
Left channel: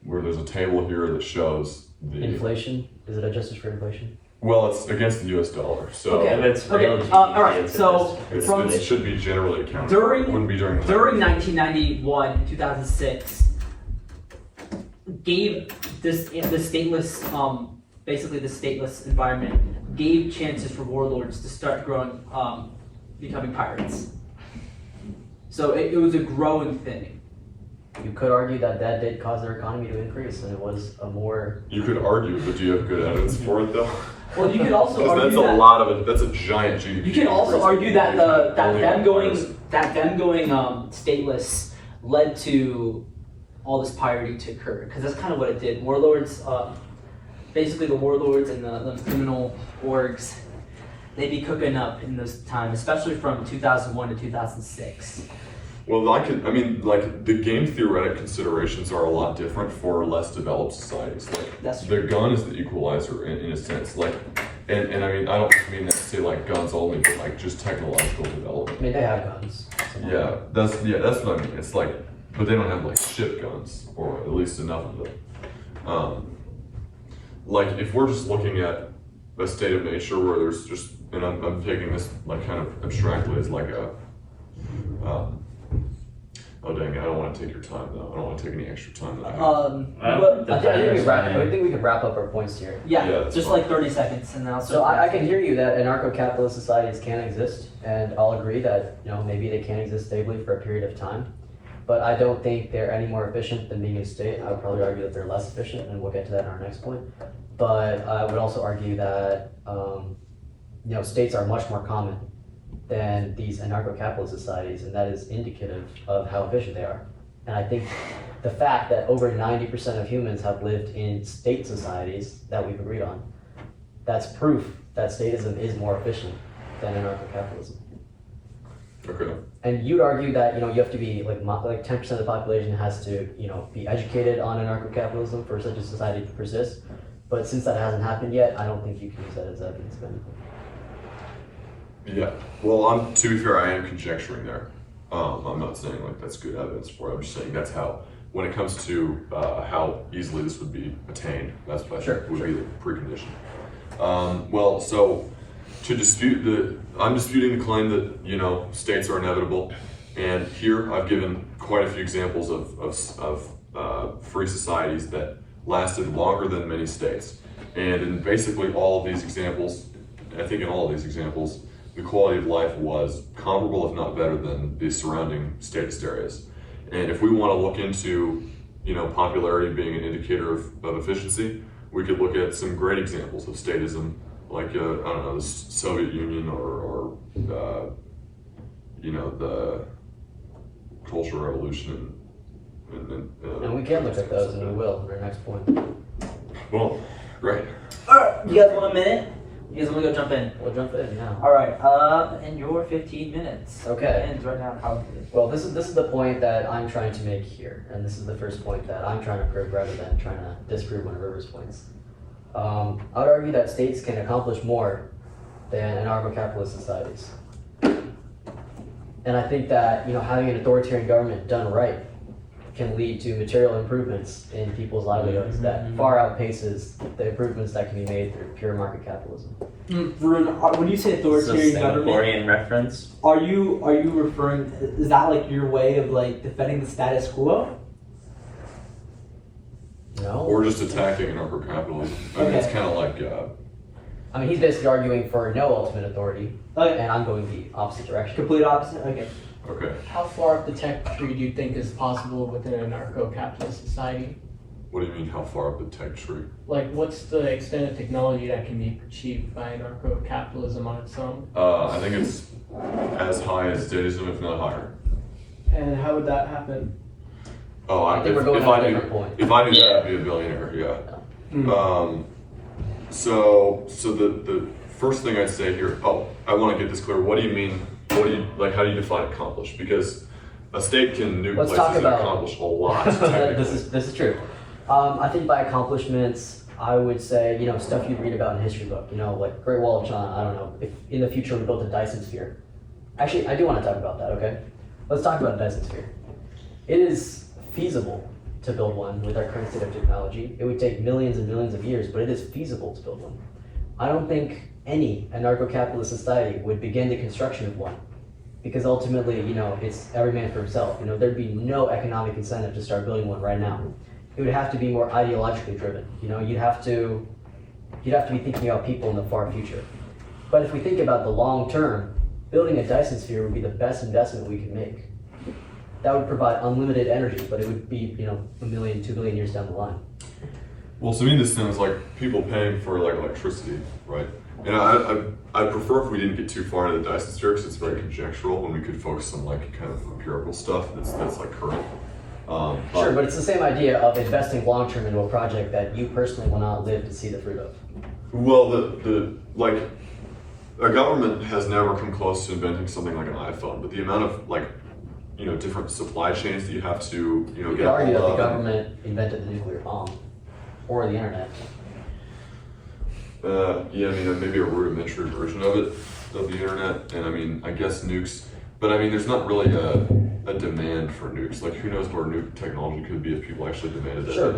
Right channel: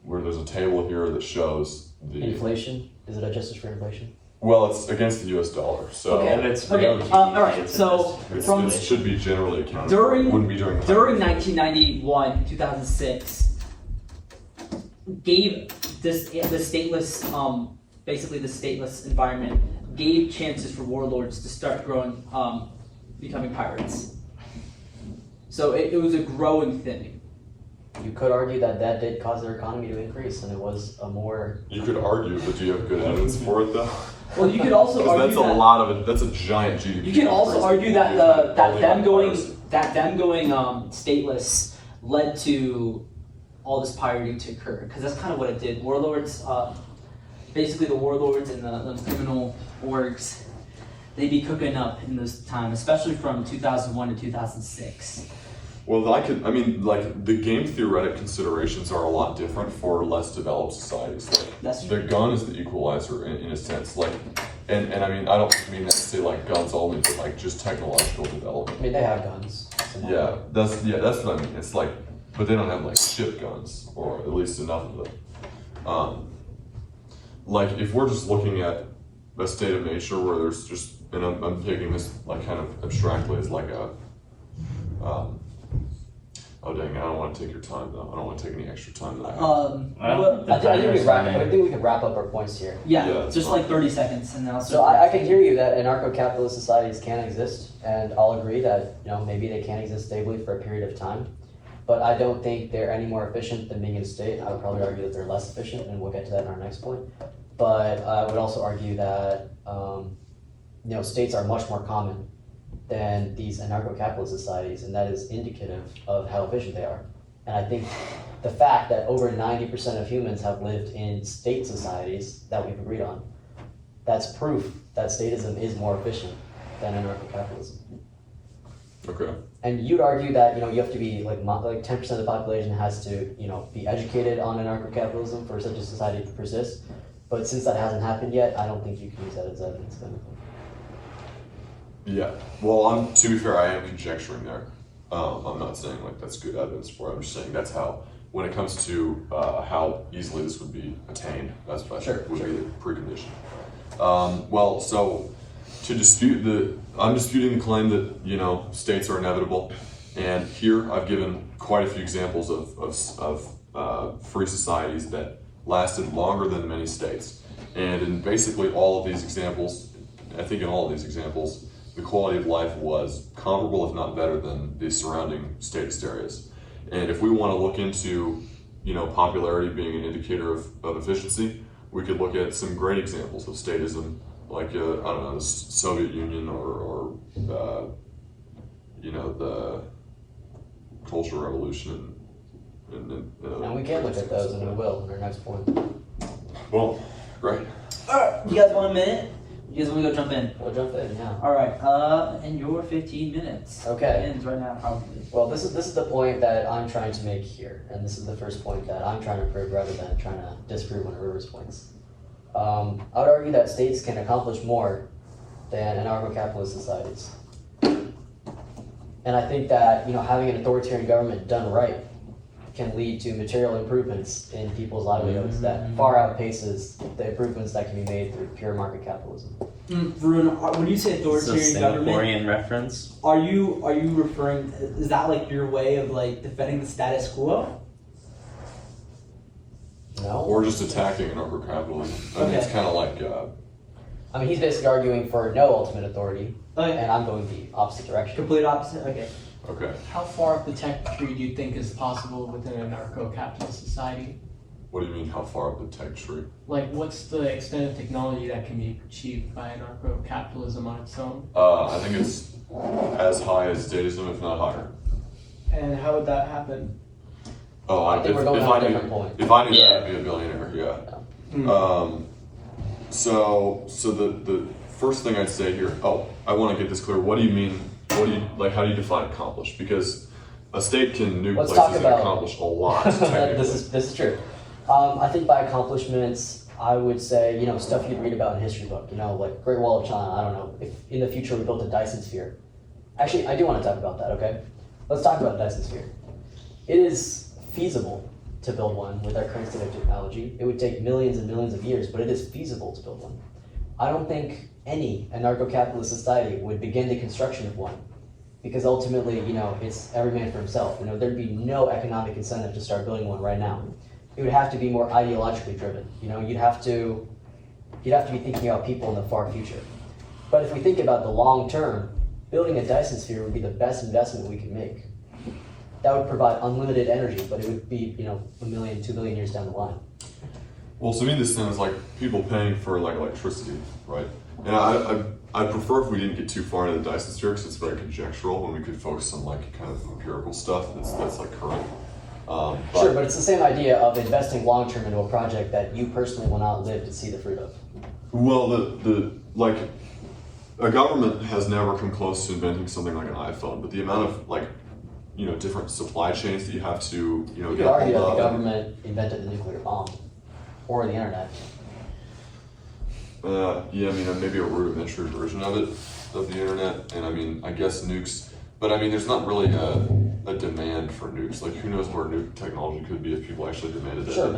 where there's a table here that shows Inflation? Is it adjusted for inflation? Well, it's against the U.S. dollar, so Okay. If it's Okay, real GDP, all right, it's so adjusted. it should be generally accounted During- for. It wouldn't be during during 1991, 2006, gave this the stateless, basically the stateless environment gave chances for warlords to start growing, becoming pirates. So it was a growing thing. You could argue that that did cause their economy to increase, and it was a more. You could argue, but do you have good evidence for it though? Well, you could also Because argue that's a that lot of it. That's a giant GDP. you can also increase. argue that Only on piracy. them going stateless led to all this pirating to occur, because that's kind of what it did. Warlords, basically the warlords and the criminal orgs, they be cooking up in this time, especially from 2001 to 2006. Well, like the game theoretic considerations are a lot different for less developed societies. Like That's the gun is the equalizer in a sense. Like, and I mean I don't mean that to say like guns only, but like just technological I development. mean, they have guns. Yeah, that's what I mean. It's like, but they don't have like ship guns, or at least enough of them. Like if we're just looking at a state of nature where there's just, and I'm taking this like kind of abstractly as like a, oh dang, I don't want to take your time though. I don't want to take any extra time that I have. I don't Well, think the I think timer's we wrap. running. I think we can wrap up our points here. yeah, Yeah, that's just fine. like 30 seconds, and then I'll So I can hear you that anarcho-capitalist societies can exist, and I'll agree that maybe they can exist stably for a period of time. But I don't think they're any more efficient than being a state. I would probably argue that they're less efficient, and we'll get to that in our next point. But I would also argue that states are much more common than these anarcho-capitalist societies, and that is indicative of how efficient they are. And I think the fact that over 90% of humans have lived in state societies that we've agreed on, that's proof that statism is more efficient than anarcho-capitalism. Okay. And you'd argue that you have to be like 10% of the population has to be educated on anarcho-capitalism for such a society to persist. But since that hasn't happened yet, I don't think you can use that as evidence of anything. Yeah. Well, to be fair, I am conjecturing there. I'm not saying like that's good evidence for it. I'm just saying that's how, when it comes to how easily this would be attained, that's what I think would be the precondition. Well, so to I'm disputing the claim that states are inevitable, and here I've given quite a few examples of free societies that lasted longer than many states, and in basically all of these examples, I think in all of these examples, the quality of life was comparable, if not better, than the surrounding statist areas. And if we want to look into, popularity being an indicator of efficiency, we could look at some great examples of statism, like I don't know, the Soviet Union or the Cultural Revolution. And we can look at those, and we will in our next point. Well, great. Alright, you guys want a minute? You guys want to go jump in? We'll jump in, yeah. Alright, and your 15 minutes. Okay. It ends right now, probably. Well, this is the point that I'm trying to make here, and this is the first point that I'm trying to prove rather than trying to disprove one of River's points. I would argue that states can accomplish more than anarcho-capitalist societies. And I think that having an authoritarian government done right can lead to material improvements in people's livelihoods that far outpaces the improvements that can be made through pure market capitalism. Varun, when you say It's a authoritarian government, Singaporean reference. are you referring? Is that like your way of like defending the status quo? No? Or just attacking anarcho-capitalism. I mean, it's Okay. kind of like, I mean, he's basically arguing for no ultimate authority, Okay. and I'm going the opposite direction. Complete opposite. Okay. okay, How far up the tech tree do you think is possible within an anarcho-capitalist society? what do you mean, how far up the tech tree? Like, what's the extent of technology that can be achieved by anarcho-capitalism on its own? I think it's as high as statism, if not higher. And how would that happen? Oh, I think we're going if on I a knew, different point. if I knew that, I'd be a billionaire. Yeah. So the first thing I'd say here. Oh, I want to get this clear. What do you mean? How do you define accomplish? Because a state can nuke Let's places talk and about- accomplish a lot. Technically. this is true. I think by accomplishments, I would say stuff you'd read about in a history book. Like Great Wall of China. I don't know if in the future we built a Dyson sphere. Actually, I do want to talk about that. Okay, let's talk about a Dyson sphere. It is feasible to build one with our current state of technology. It would take millions and millions of years, but it is feasible to build one. I don't think any anarcho-capitalist society would begin the construction of one, because ultimately, it's every man for himself. There'd be no economic incentive to start building one right now. It would have to be more ideologically driven. You'd have to be thinking about people in the far future. But if we think about the long term, building a Dyson sphere would be the best investment we could make. That would provide unlimited energy, but it would be, 1 million, 2 million years down the line. Well, to me, this sounds like people paying for like electricity, right? And I'd prefer if we didn't get too far into the Dyson sphere because it's very conjectural when we could focus on like kind of empirical stuff that's like current. Sure, but it's the same idea of investing long term into a project that you personally will not live to see the fruit of. Well, a government has never come close to inventing something like an iPhone, but the amount of different supply chains that you have to You could argue that the government invented the nuclear bomb or the internet. Maybe a rudimentary version of the internet, and I guess nukes. But there's not really a demand for nukes. Like, who knows where nuke technology could be if people actually demanded that. Sure,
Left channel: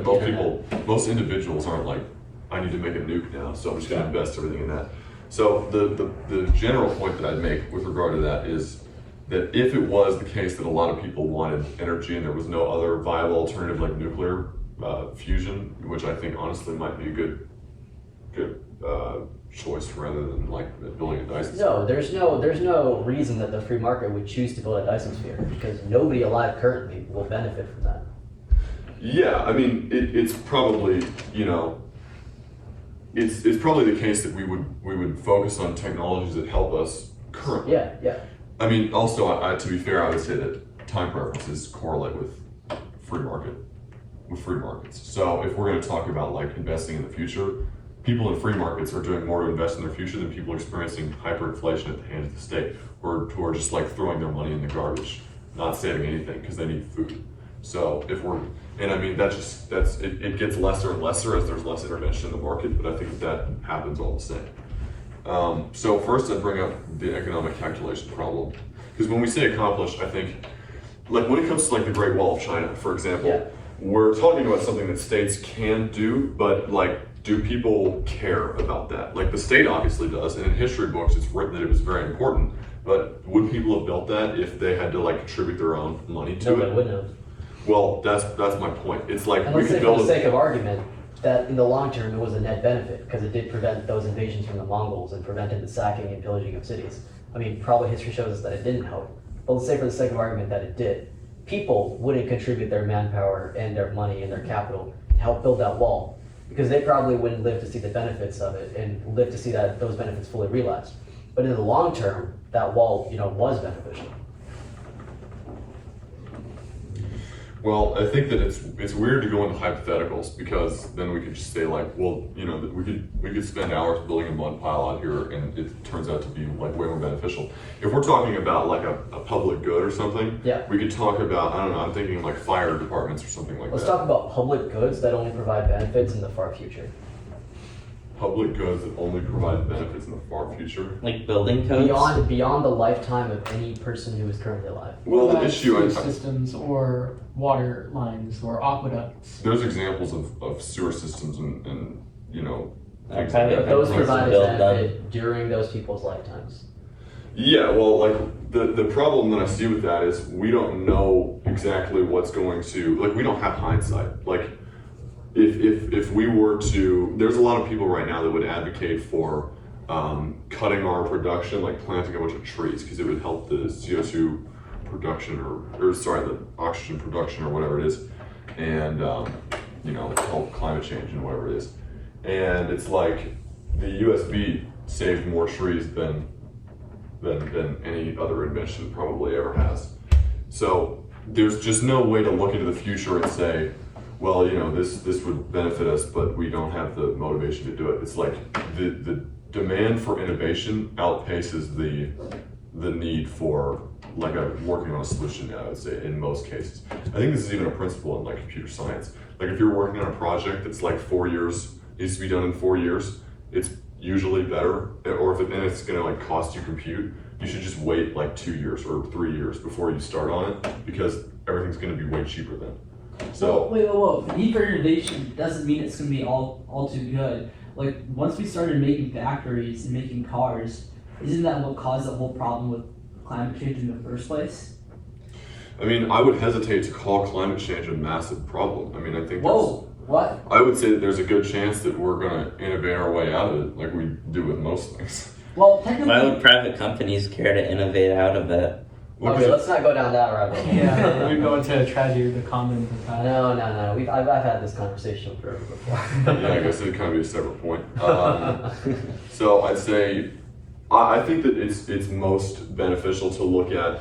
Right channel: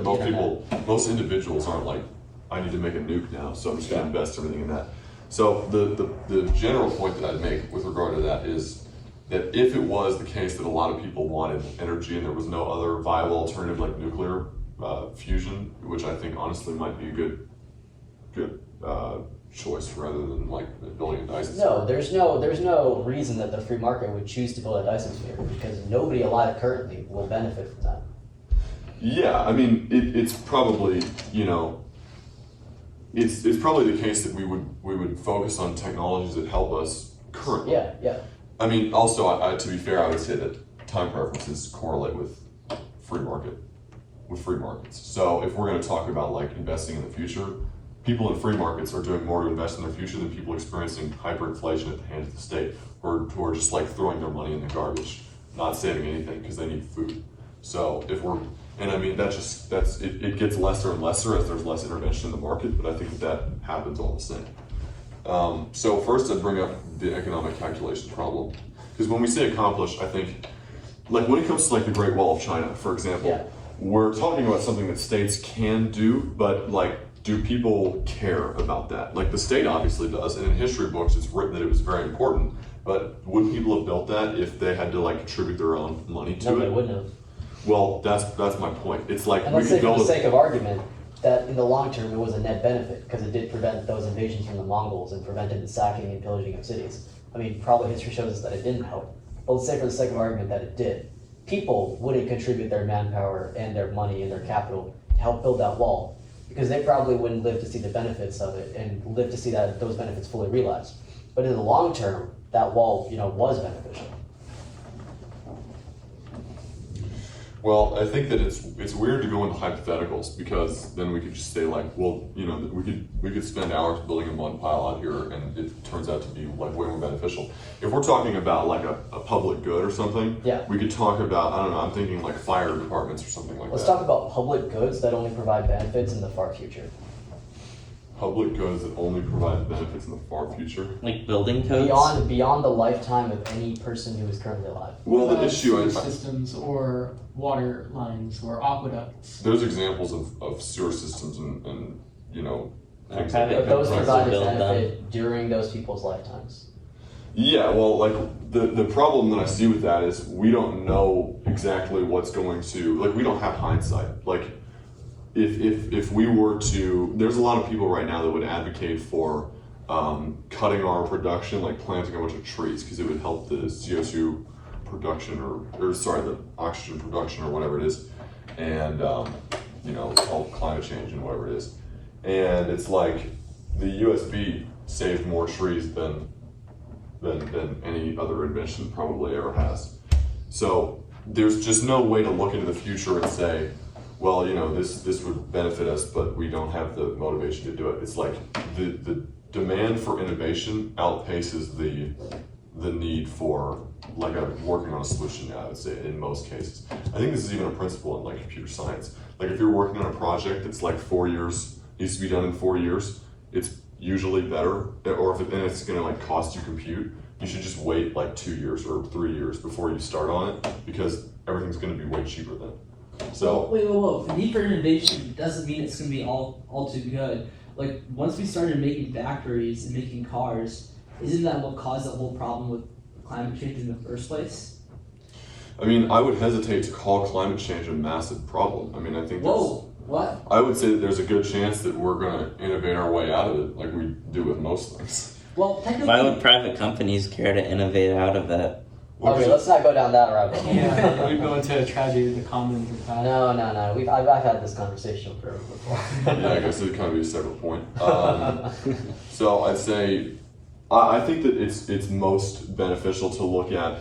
Most individuals aren't like, I need to make a nuke now, so I'm just going to invest everything in that. So the general point that I'd make with regard to that is that if it was the case that a lot of people wanted energy and there was no other viable alternative like nuclear fusion, which I think honestly might be a good choice rather than like building a Dyson sphere. No, there's no reason that the free market would choose to build a Dyson sphere, because nobody alive currently will benefit from that. Yeah, it's probably it's probably the case that we would focus on technologies that help us currently. Yeah. Also, to be fair, I would say that time preferences correlate with free markets. So if we're going to talk about like investing in the future, people in free markets are doing more to invest in their future than people experiencing hyperinflation at the hands of the state, or who are just like throwing their money in the garbage, not saving anything because they need food. So it gets lesser and lesser as there's less intervention in the market, but I think that happens all the same. So first I'd bring up the economic calculation problem, because when we say accomplish, I think, like when it comes to like the Great Wall of China, for example, we're talking about something that states can do, but like, do people care about that? Like the state obviously does, and in history books it's written that it was very important, but would people have built that if they had to like contribute their own money to it? No, they wouldn't have. Well, that's my point. It's like And we let's could say for build the sake of argument, that in the long term it was a net benefit, because it did prevent those invasions from the Mongols and prevented the sacking and pillaging of cities. Probably history shows us that it didn't help, but let's say for the sake of argument that it did. People wouldn't contribute their manpower and their money and their capital to help build that wall, because they probably wouldn't live to see the benefits of it and live to see that those benefits fully realized. But in the long term, that wall, was beneficial. Well, I think that it's weird to go into hypotheticals, because then we could just say like, well, we could spend hours building a mud pile out here, and it turns out to be like way more beneficial. If we're talking about like a public good or something, we could talk about, I don't know, I'm thinking like fire departments or something like Let's that. talk about public goods that only provide benefits in the far future. Public goods that only provide benefits in the far future. Like building codes? Beyond the lifetime of any person who is currently alive. Well, the Like issue sewer systems or water lines or aqueducts. there's examples of sewer systems and things Okay. like But that. those Right. provide a Build them. benefit during those people's lifetimes. Yeah, well, like the problem that I see with that is we don't know exactly what's going to, like, we don't have hindsight. Like, if we were to, there's a lot of people right now that would advocate for cutting our production, like planting a bunch of trees, because it would help the CO2 production or the oxygen production or whatever it is, and help climate change and whatever it is. And it's like the USB saved more trees than any other invention probably ever has. So there's just no way to look into the future and say, well, this would benefit us, but we don't have the motivation to do it. It's like the demand for innovation outpaces the need for like working on a solution now, I would say, in most cases. I think this is even a principle in like computer science. Like if you're working on a project that's like 4 years, needs to be done in 4 years, it's usually better, or if it's gonna like cost you compute, you should just wait like 2 years or 3 years before you start on it, because everything's gonna be way cheaper then. So Whoa. The need for innovation doesn't mean it's going to be all too good. Like, once we started making factories and making cars, isn't that what caused the whole problem with climate change in the first place? I mean, I would hesitate to call climate change a massive problem. I mean, I think What? I would say that there's a good chance that we're going to innovate our way out of it, like we do with most things. Well, technically, Why would private companies care to innovate out of it? Well, Okay, let's not go down that rabbit hole. Yeah, we go into a tragedy of the commons with that. No. I've had this conversation forever before. yeah, I guess it'd kind of be a separate point. So I'd say I think that it's most beneficial to look at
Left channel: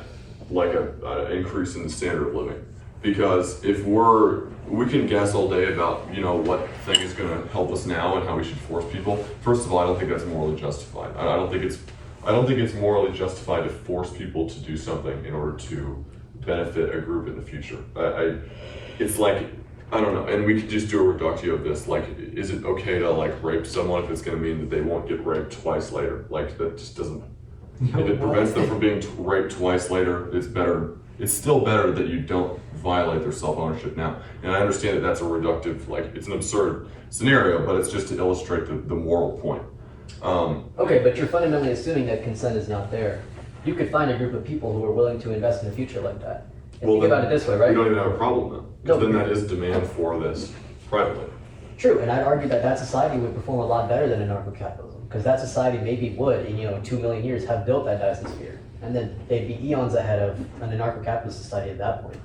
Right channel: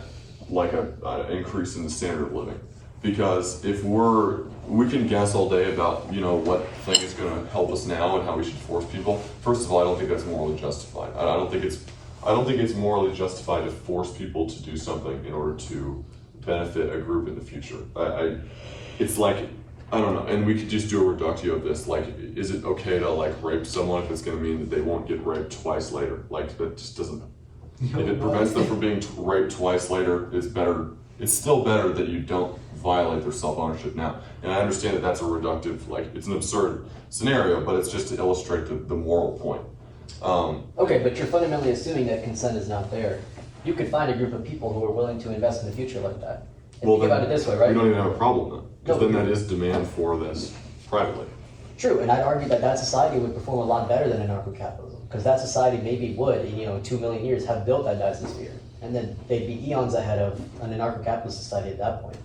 like a increase in the standard of living, because if we can guess all day about what thing is going to help us now and how we should force people. First of all, I don't think that's morally justified. I don't think it's morally justified to force people to do something in order to benefit a group in the future. It's like, I don't know, and we could just do a reductio of this. Like, is it okay to like rape someone if it's going to mean that they won't get raped twice later? Like, that just doesn't. If it prevents them from being raped twice later, it's better. It's still better that you don't violate their self-ownership now. And I understand that that's a reductive, like, it's an absurd scenario, but it's just to illustrate the moral point. Okay, but you're fundamentally assuming that consent is not there. You could find a group of people who are willing to invest in the future like that. And think about it this way, right? We don't even have a problem then, because No. then that is demand for this privately. True, and I'd argue that society would perform a lot better than anarcho-capitalism, because that society maybe would, in 2 million years, have built that disosphere, and then they'd be eons ahead of an anarcho-capitalist society at that point.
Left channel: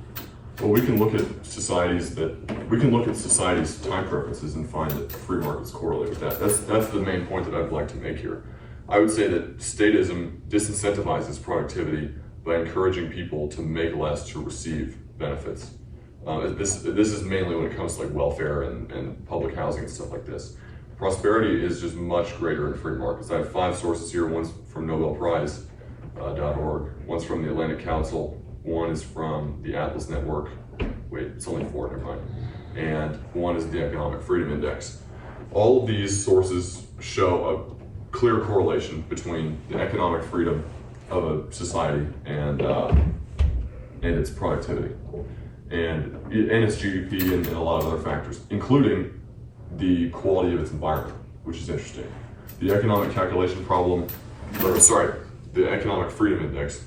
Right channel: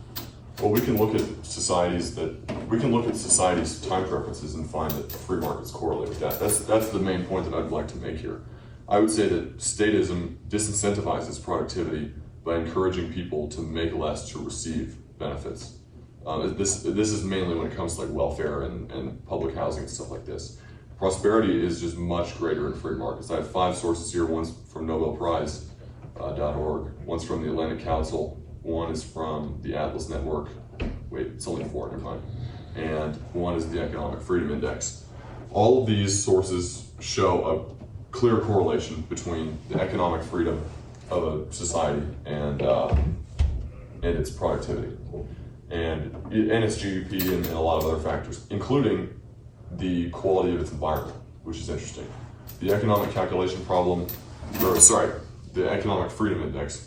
Well, we can look at societies' time preferences and find that free markets correlate with that. That's the main point that I'd like to make here. I would say that statism disincentivizes productivity by encouraging people to make less to receive benefits. This is mainly when it comes to like welfare and public housing and stuff like this. Prosperity is just much greater in free markets. I have 5 sources here. One's from NobelPrize.org, one's from the Atlantic Council, one is from the Atlas Network. Wait, it's only 4, never mind. And one is the Economic Freedom Index. All of these sources show a clear correlation between the economic freedom of a society and its productivity, and its GDP and a lot of other factors, including the quality of its environment, which is interesting. The economic calculation problem, the Economic Freedom Index,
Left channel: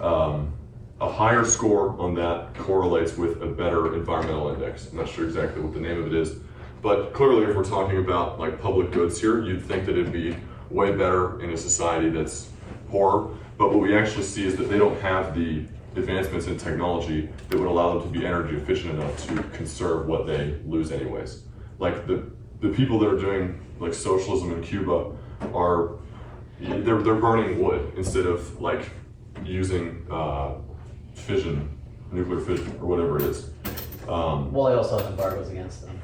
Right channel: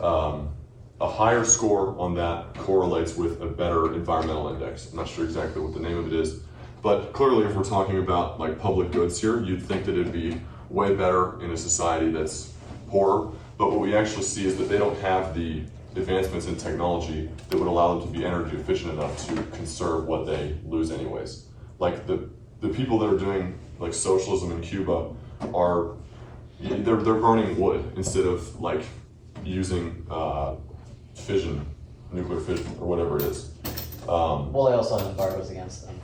a higher score on that correlates with a better environmental index. I'm not sure exactly what the name of it is, but clearly if we're talking about like public goods here, you'd think that it'd be way better in a society that's poorer, but what we actually see is that they don't have the advancements in technology that would allow them to be energy efficient enough to conserve what they lose anyways. Like the people that are doing like socialism in Cuba they're burning wood instead of like using nuclear fission or whatever it is. Well, they also have embargoes against them.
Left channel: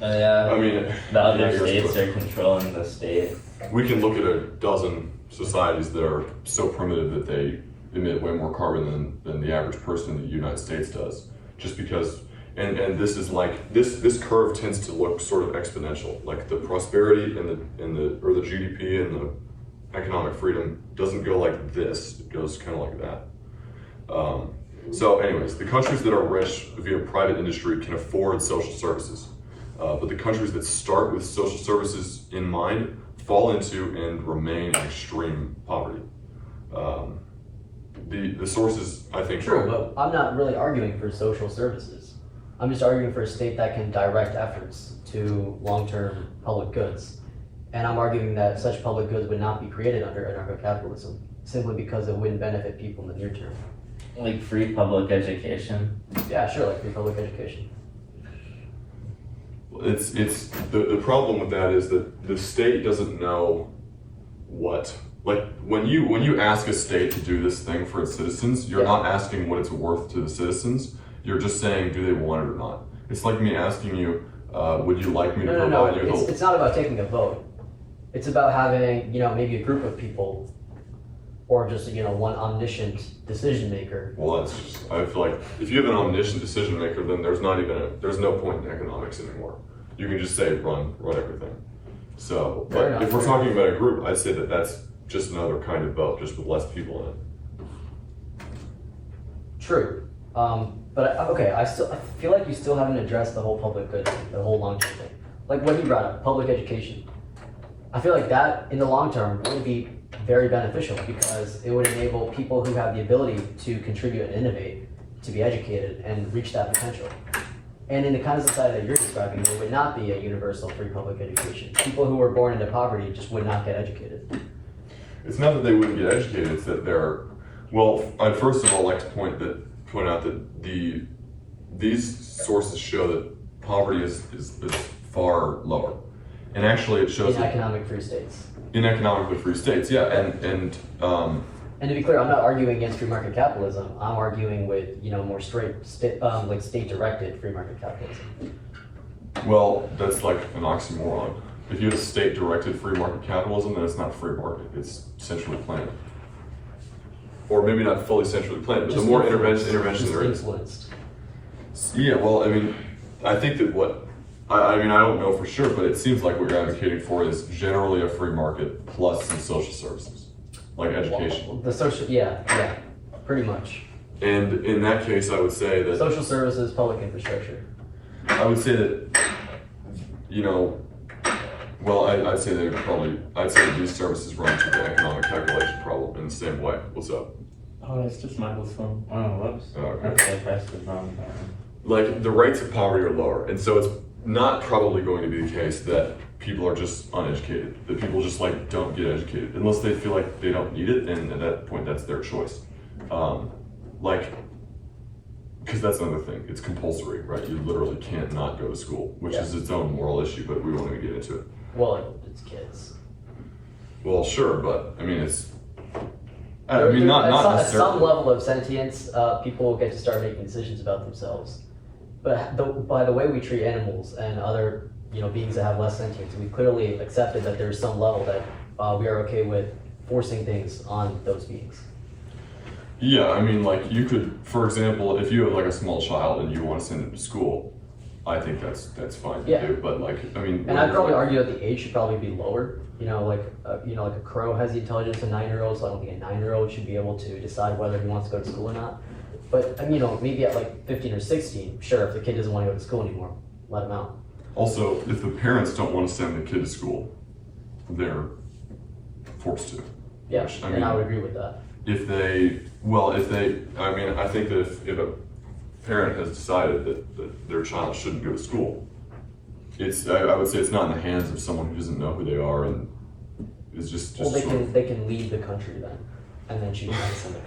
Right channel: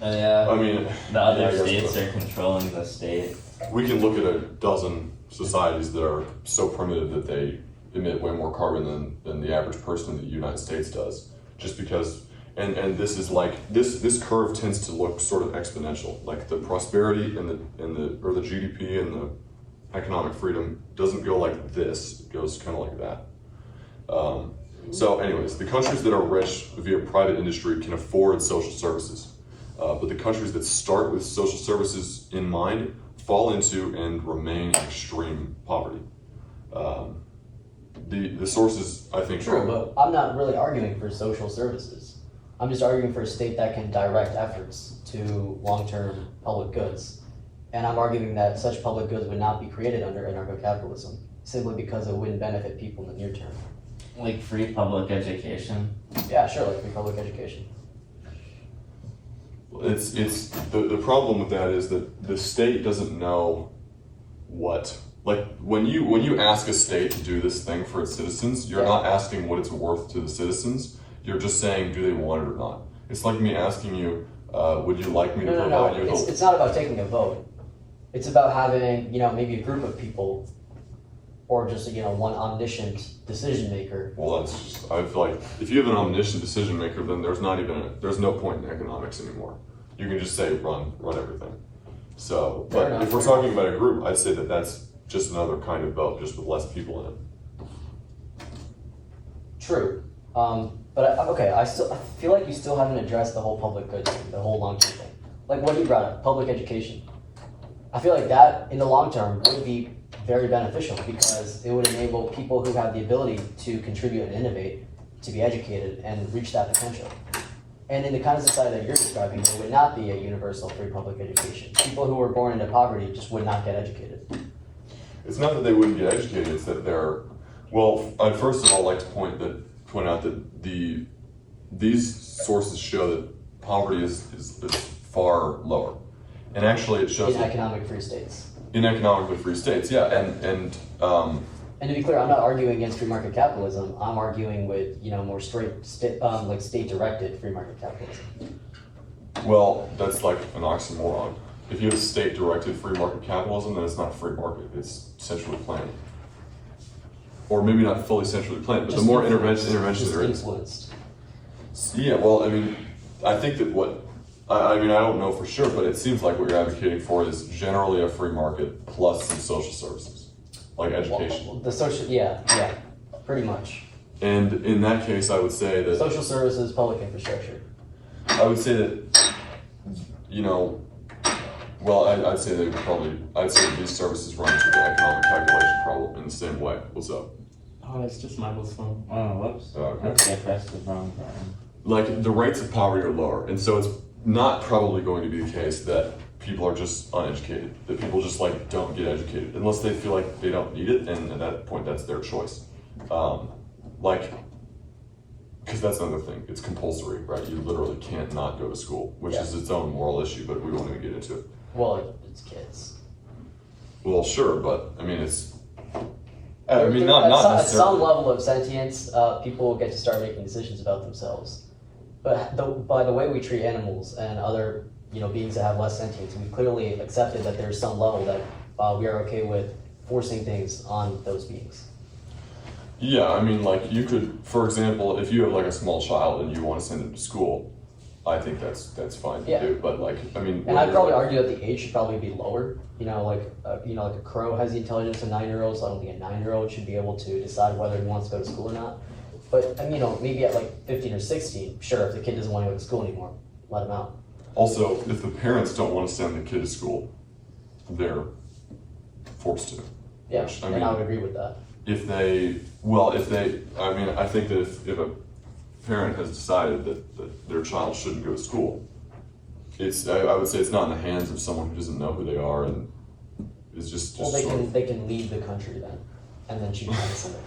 Yeah, I mean, the other I guess, states are controlling the state. we can look at a dozen societies that are so primitive that they emit way more carbon than the average person in the United States does. Just because, and this is like this curve tends to look sort of exponential. Like the prosperity and the GDP and the economic freedom doesn't go like this. It goes kind of like that. So, anyways, the countries that are rich via private industry can afford social services, but the countries that start with social services in mind fall into and remain in extreme poverty. The sources, I think, True, but I'm not really arguing for social services. I'm just arguing for a state that can direct efforts to long-term public goods. And I'm arguing that such public goods would not be created under anarcho-capitalism, simply because it wouldn't benefit people in the near term. Like free public education. Yeah, sure, like free public education. it's the problem with that is that the state doesn't know what. Like when you ask a state to do this thing for its citizens, you're not asking what it's worth to the citizens. You're just saying, do they want it or not? It's like me asking you, would you like me to provide you? It's not about taking a vote. It's about having, maybe a group of people, or just, one omniscient decision maker. Well, I feel like if you have an omniscient decision maker, then there's no point in economics anymore. You can just say run everything. So, but if we're talking about a group, I'd say that that's just another kind of vote, just with less people in it. True, I feel like you still haven't addressed the whole public good thing, the whole long-term thing. Like what you brought up, public education. I feel like that, in the long term, would be very beneficial because it would enable people who have the ability to contribute and innovate to be educated and reach that potential. And in the kind of society that you're describing, there would not be a universal free public education. People who were born into poverty just would not get educated. It's not that they wouldn't get educated, it's that they're, well, I'd first of all like to point out that these sources show that poverty is far lower. And actually it shows in economic free states. In economically free states, yeah, and to be clear, I'm not arguing against free market capitalism. I'm arguing with more straight state-directed free market capitalism. Well, that's like an oxymoron. If you have state-directed free market capitalism, then it's not free market. It's centrally planned, or maybe not fully centrally planned, but Just the more influenced. intervention Just there is. influenced. Yeah, well, I mean, I think that I don't know for sure, but it seems like what you're advocating for is generally a free market plus some social services, like education. The social, yeah, pretty much. And in that case, I would say that Social services, public infrastructure. I would say that, I'd say that these services run into the economic calculation problem in the same way. What's up? Oh, it's just Michael's phone. Oh, whoops. Oh, okay. Okay, I pressed the wrong button. Like, the rates of poverty are lower, and so it's not probably going to be the case that people are just uneducated, that people just don't get educated, unless they feel like they don't need it, and at that point that's their choice. Because that's another thing, it's compulsory, right? You literally can't not go to school, which is its own moral issue, but we won't even get into it. Well, it's kids. Well, sure, but I mean, not At necessarily. some level of sentience, people get to start making decisions about themselves. But by the way we treat animals and other beings that have less sentience, we've clearly accepted that there's some level that we are okay with forcing things on those beings. Yeah, I mean, you could, for example, if you have a small child and you want to send them to school, I think that's fine to do. But and I'd probably argue that the age should probably be lower. Like a crow has the intelligence of a 9-year-old, so I don't think a 9-year-old should be able to decide whether he wants to go to school or not. But maybe at 15 or 16, sure, if the kid doesn't want to go to school anymore, let him out. Also, if the parents don't want to send the kid to school, they're forced to. Yeah, and I would agree with that. I think that if a parent has decided that their child shouldn't go to school, I would say it's not in the hands of someone who doesn't know who they are and is just. Well, they can leave the country then, and then choose not to send it.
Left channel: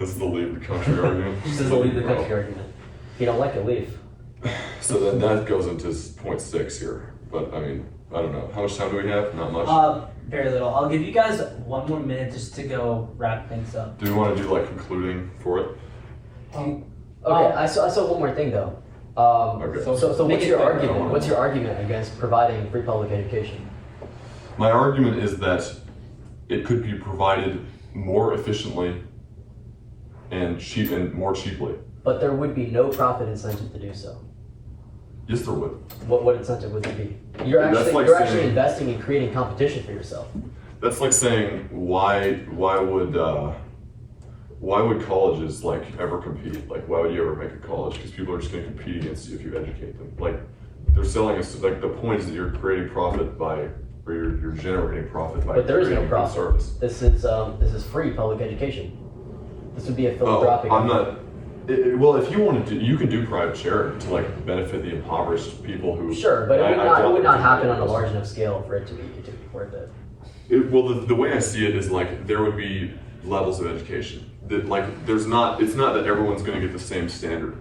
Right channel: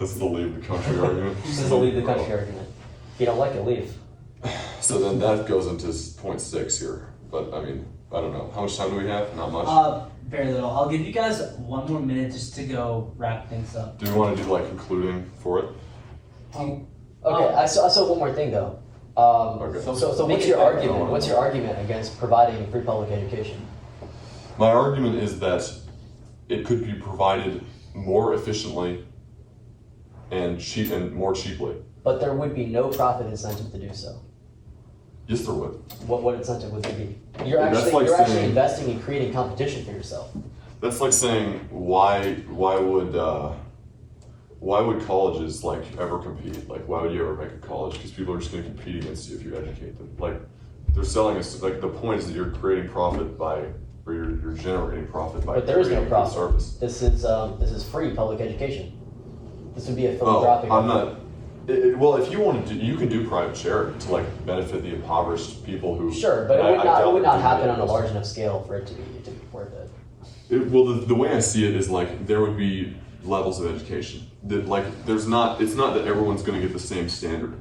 That's the leave the country argument. This is the leave the country argument. If you don't like it, leave. So then that goes into point 6 here. But I don't know. How much time do we have? Not much. Very little. I'll give you guys 1 more minute just to go wrap things up. Do we want to do concluding for it? Okay, I saw one more thing though. Okay. So Make what's it your fair. argument? What's your argument against providing free public education? My argument is that it could be provided more efficiently and more cheaply. But there would be no profit incentive to do so. Yes, there would. What incentive would there be? You're actually investing in creating competition for yourself. That's like saying why would colleges ever compete? Why would you ever make a college? Because people are just going to compete against you if you educate them. They're selling us. The point is that you're creating profit you're generating profit by. But there is no creating good profit. Service. This is free public education. This would be a philanthropic. I'm not. Well, if you want to you can do private charity to benefit the impoverished people who. Sure, but it would not happen on a large enough scale for it to be worth it. The way I see it is there would be levels of education that there's not. It's not that everyone's going to get the same standard.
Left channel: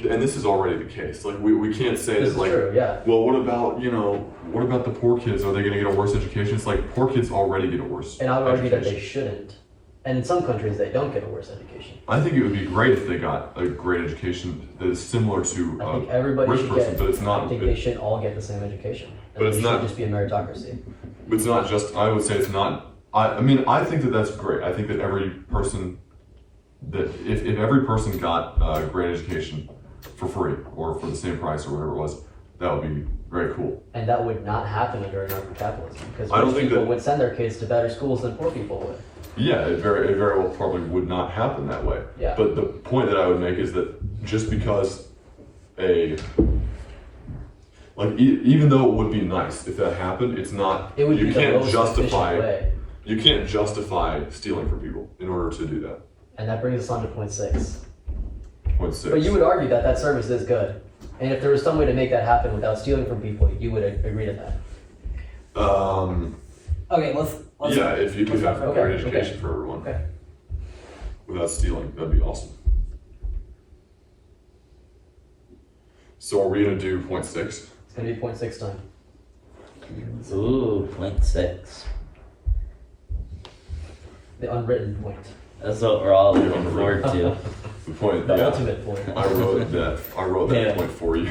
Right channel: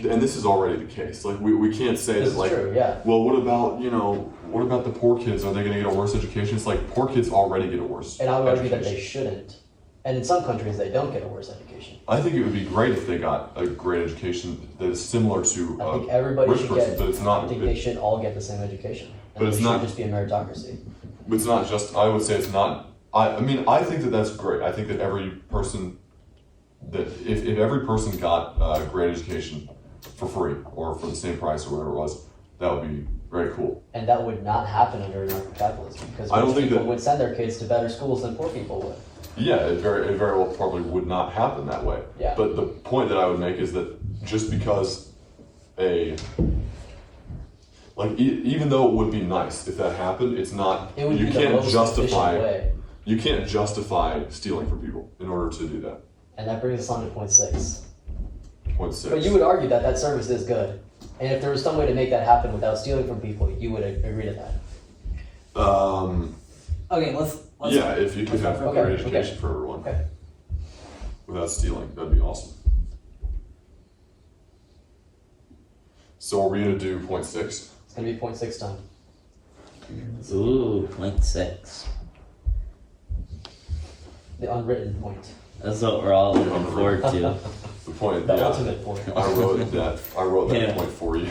And this is already the case. We can't say This that is true, yeah. Well, what about the poor kids? Are they going to get a worse education? It's poor kids already get a worse. And I would argue that they education. shouldn't. And in some countries, they don't get a worse education. I think it would be great if they got a great education that is similar to I think everybody rich should person, get. but it's not. I think they should all get the same education. But it's it not- should just be a meritocracy. It's not just. I would say it's not. I think that that's great. I think that every person, if every person got a great education for free or for the same price or whatever it was, that would be Very cool. And that would not happen under anarcho-capitalism because I don't rich think people that- would send their kids to better schools than poor people would. Yeah, it very well probably would not happen that way. Yeah. But the point that I would make is that just because even though it would be nice if that happened, it's not. It would you be the can't most justify. efficient way. You can't justify stealing from people in order to do that. And that brings us on to point 6. Point 6. But you would argue that that service is good. And if there was some way to make that happen without stealing from people, you would agree to that. Okay, let's Yeah, if you could have Okay, great okay. education for everyone Okay. without stealing, that'd be awesome. So are we gonna do point 6? It's going to be point 6 time. Ooh, point 6. The unwritten point. That's what we're all looking forward to. The point. The yeah. ultimate point. I wrote that Yeah. point for you.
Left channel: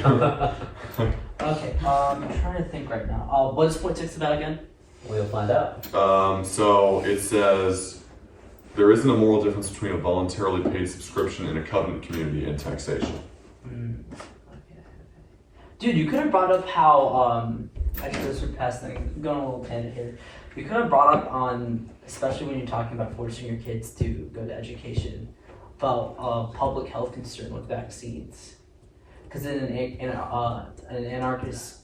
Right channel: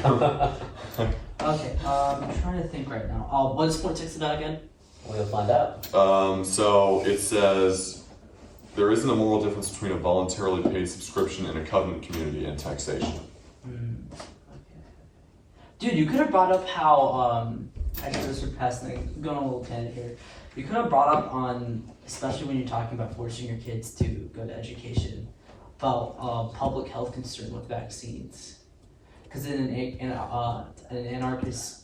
Okay, I'm trying to think right now. What's point 6 about again? We'll find out. So it says there isn't a moral difference between a voluntarily paid subscription in a covenant community and taxation. Okay. Dude, you could have brought up how I just was surpassing, going on a little tangent here. You could have brought up on, especially when you're talking about forcing your kids to go to education, about public health concern with vaccines. Because in an anarchist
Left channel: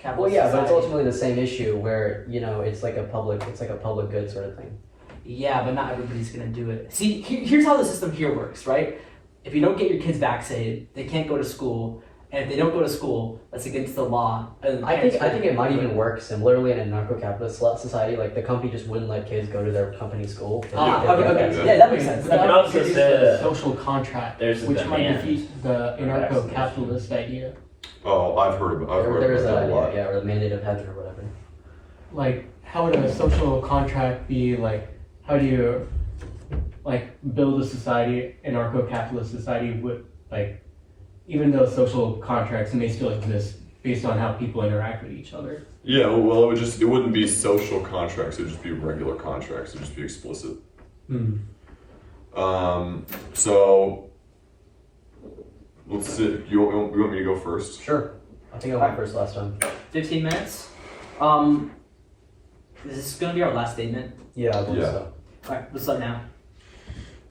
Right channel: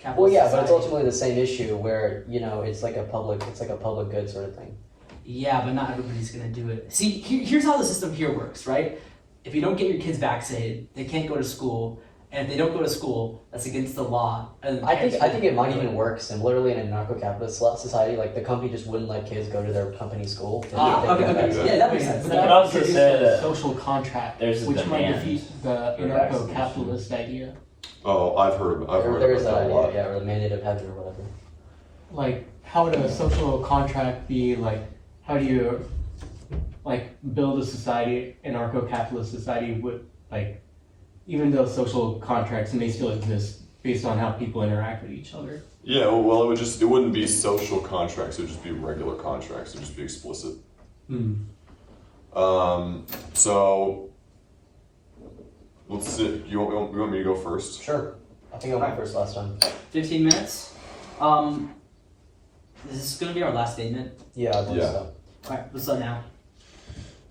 capitalist Well, yeah, but society, it's ultimately the same issue where, it's like a public good sort of thing. yeah, but not everybody's gonna do it. See, here's how the system here works, right? If you don't get your kids vaccinated, they can't go to school, and if they don't go to school, that's against the law. And I think it might even work similarly in a narco-capitalist society. Like the company just wouldn't let kids go to their company school. Okay. Yeah, that makes sense. But That that could also also say the that social contract, there's a which might demand defeat the for anarcho-capitalist idea. Oh, I've heard There is about that that a lot. idea, yeah, or the mandate of heaven or whatever. Like, how would a social contract be like? How do you build a society, anarcho-capitalist society would even though social contracts may still exist based on how people interact with each other. Yeah, well, it wouldn't be social contracts. It would just be regular contracts. It would just be explicit. So let's see. You want me to go first? Sure. I think I went first last time. 15 minutes. Is this gonna be our last statement? Yeah, I believe Yeah. so. Alright, let's start now.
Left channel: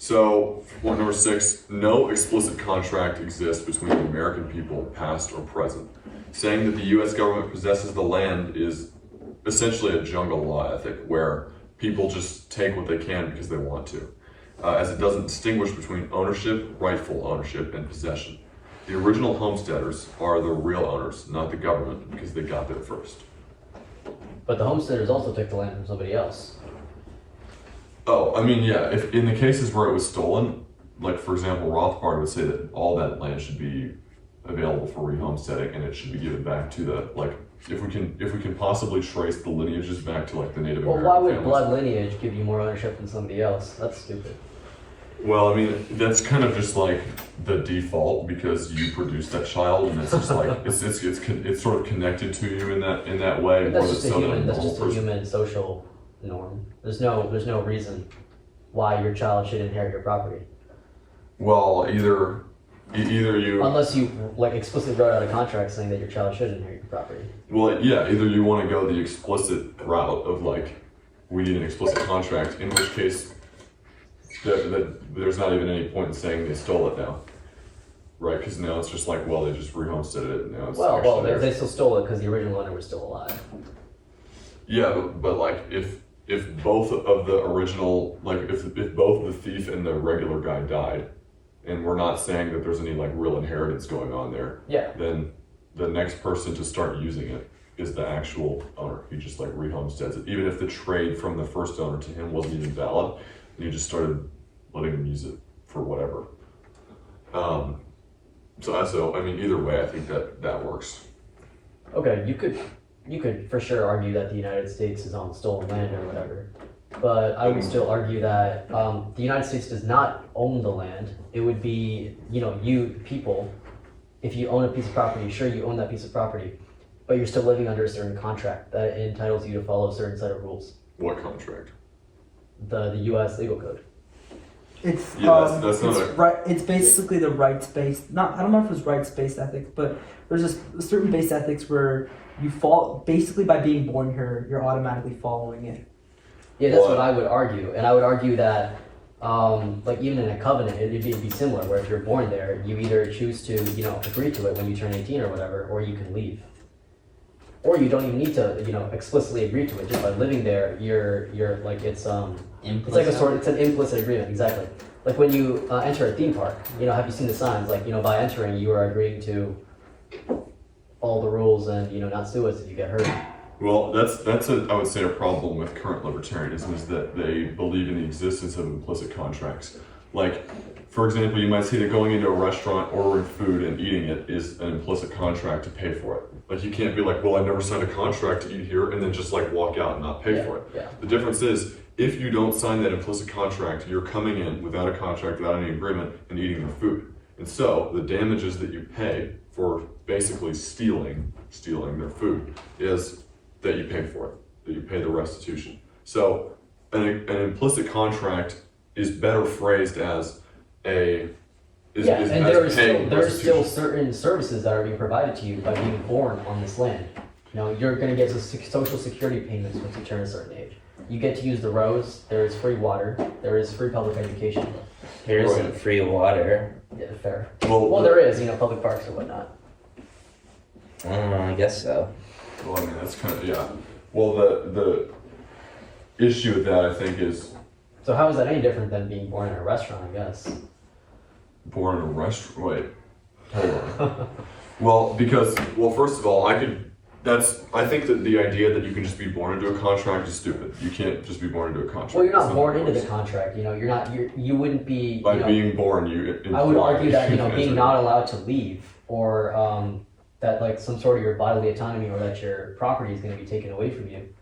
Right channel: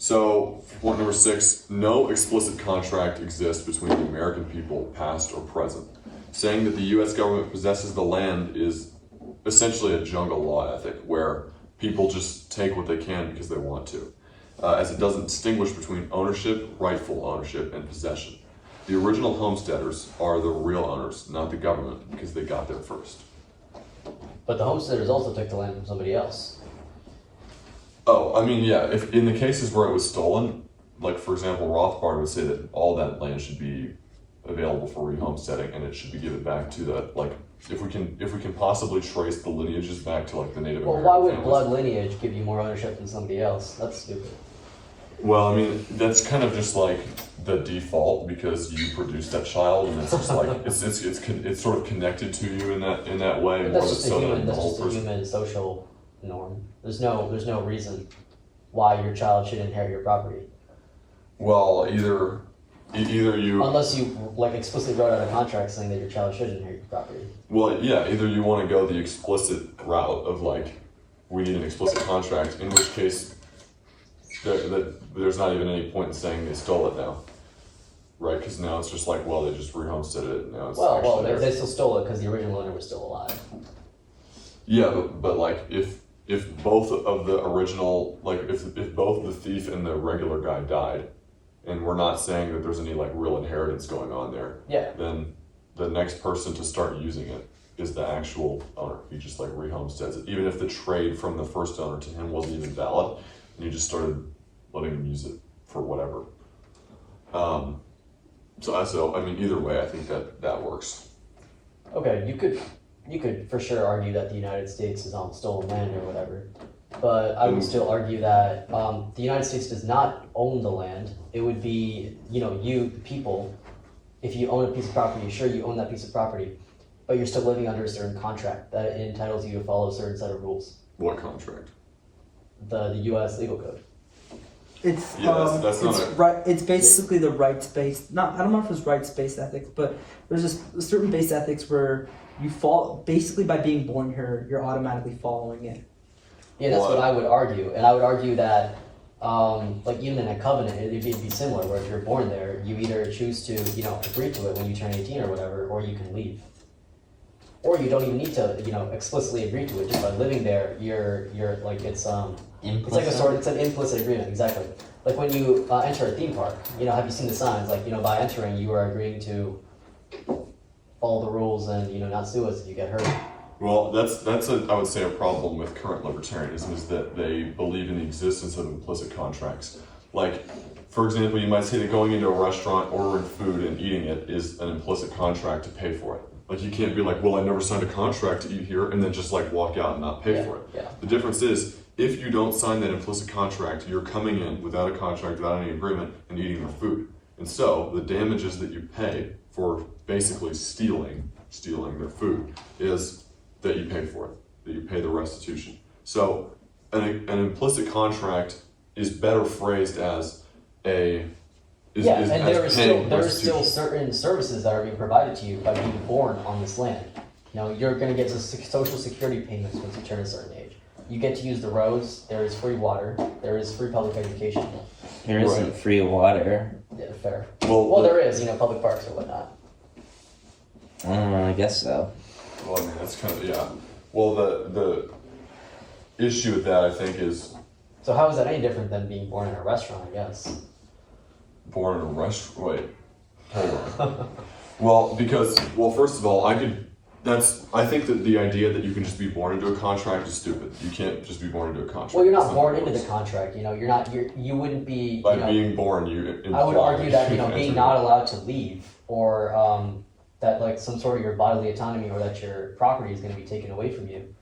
So, point number 6, no explicit contract exists between the American people, past or present. Saying that the US government possesses the land is essentially a jungle law ethic where people just take what they can because they want to, as it doesn't distinguish between ownership, rightful ownership, and possession. The original homesteaders are the real owners, not the government, because they got there first. But the homesteaders also took the land from somebody else. Oh, I mean, yeah, if in the cases where it was stolen, like for example, Rothbard would say that all that land should be available for rehomesteading and it should be given back to the, if we can possibly trace the lineages back to the Native Well, American why would families. blood lineage give you more ownership than somebody else? That's stupid. Well, I mean, that's kind of just like the default because you produced that child, and it's just like it's sort of connected to you in that way. But more that's just so a than human. That's the whole just a person. human social norm. There's no reason why your child should inherit your property. Well, either you. Unless you explicitly wrote out a contract saying that your child should inherit your property. Well, yeah, either you want to go the explicit route of we need an explicit contract, in which case there's not even any point in saying they stole it now, right? Because now it's just they just rehomesteaded it, and now it's Well, actually theirs. they still stole it because the original owner was still alive. Yeah, but if both of the original, if both the thief and the regular guy died, and we're not saying that there's any real inheritance going on there, Yeah. then the next person to start using it is the actual owner. He just rehomesteads it, even if the trade from the first owner to him wasn't even valid, and you just started letting him use it for whatever. So I mean, either way, I think that works. Okay, you could for sure argue that the United States is on stolen land or whatever, but I would still argue that the United States does not own the land. It would be, you, the people, if you own a piece of property, sure, you own that piece of property, but you're still living under a certain contract that entitles you to follow a certain set of rules. What contract? The U.S. legal code. It's that's not it's a- right. It's basically the rights-based. Not I don't know if it's rights-based ethics, but there's a certain base ethics where you fall basically by being born here, you're automatically following it. Yeah, that's Well, what I would argue, and I would argue that, like even in a covenant, it'd be similar. Where if you're born there, you either choose to, agree to it when you turn 18 or whatever, or you can leave, or you don't even need to, explicitly agree to it. Just by living there, you're like it's like it's an implicit agreement, exactly. Like when you enter a theme park, have you seen the signs? Like by entering, you are agreeing to follow the rules and not sue us if you get hurt. Well, that's I would say a problem with current libertarianism is that they believe in the existence of implicit contracts. Like, for example, you might say that going into a restaurant, ordering food, and eating it is an implicit contract to pay for it. Like, you can't be like, well, I never signed a contract to eat here, and then just like walk out and not pay for it. Yeah. The difference is, if you don't sign that implicit contract, you're coming in without a contract, without any agreement, and eating their food. And so, the damages that you pay for basically stealing their food is that you pay for it, that you pay the restitution. So, an implicit contract is better phrased as there are still certain services that are being provided to you by being born on this land. You're going to get social security payments once you turn a certain age. You get to use the roads. There is free water. There is free public education. There isn't free water. Yeah, fair. Well, There is, public parks and whatnot. I don't know, I guess so. Well, I mean, that's kind of, yeah. Well, the issue with that, I think, is So how is that any different than being born in a restaurant? I guess. born in a restaurant. Wait, hold on. Well, first of all, I think that the idea that you can just be born into a contract is stupid. You can't just be born into a contract. Well, you're not That's born how it into the works. contract. You wouldn't be. By being born, you. I would imply argue that you being enter. not allowed to leave, or that like some sort of your bodily autonomy, or that your property is going to be taken away from you.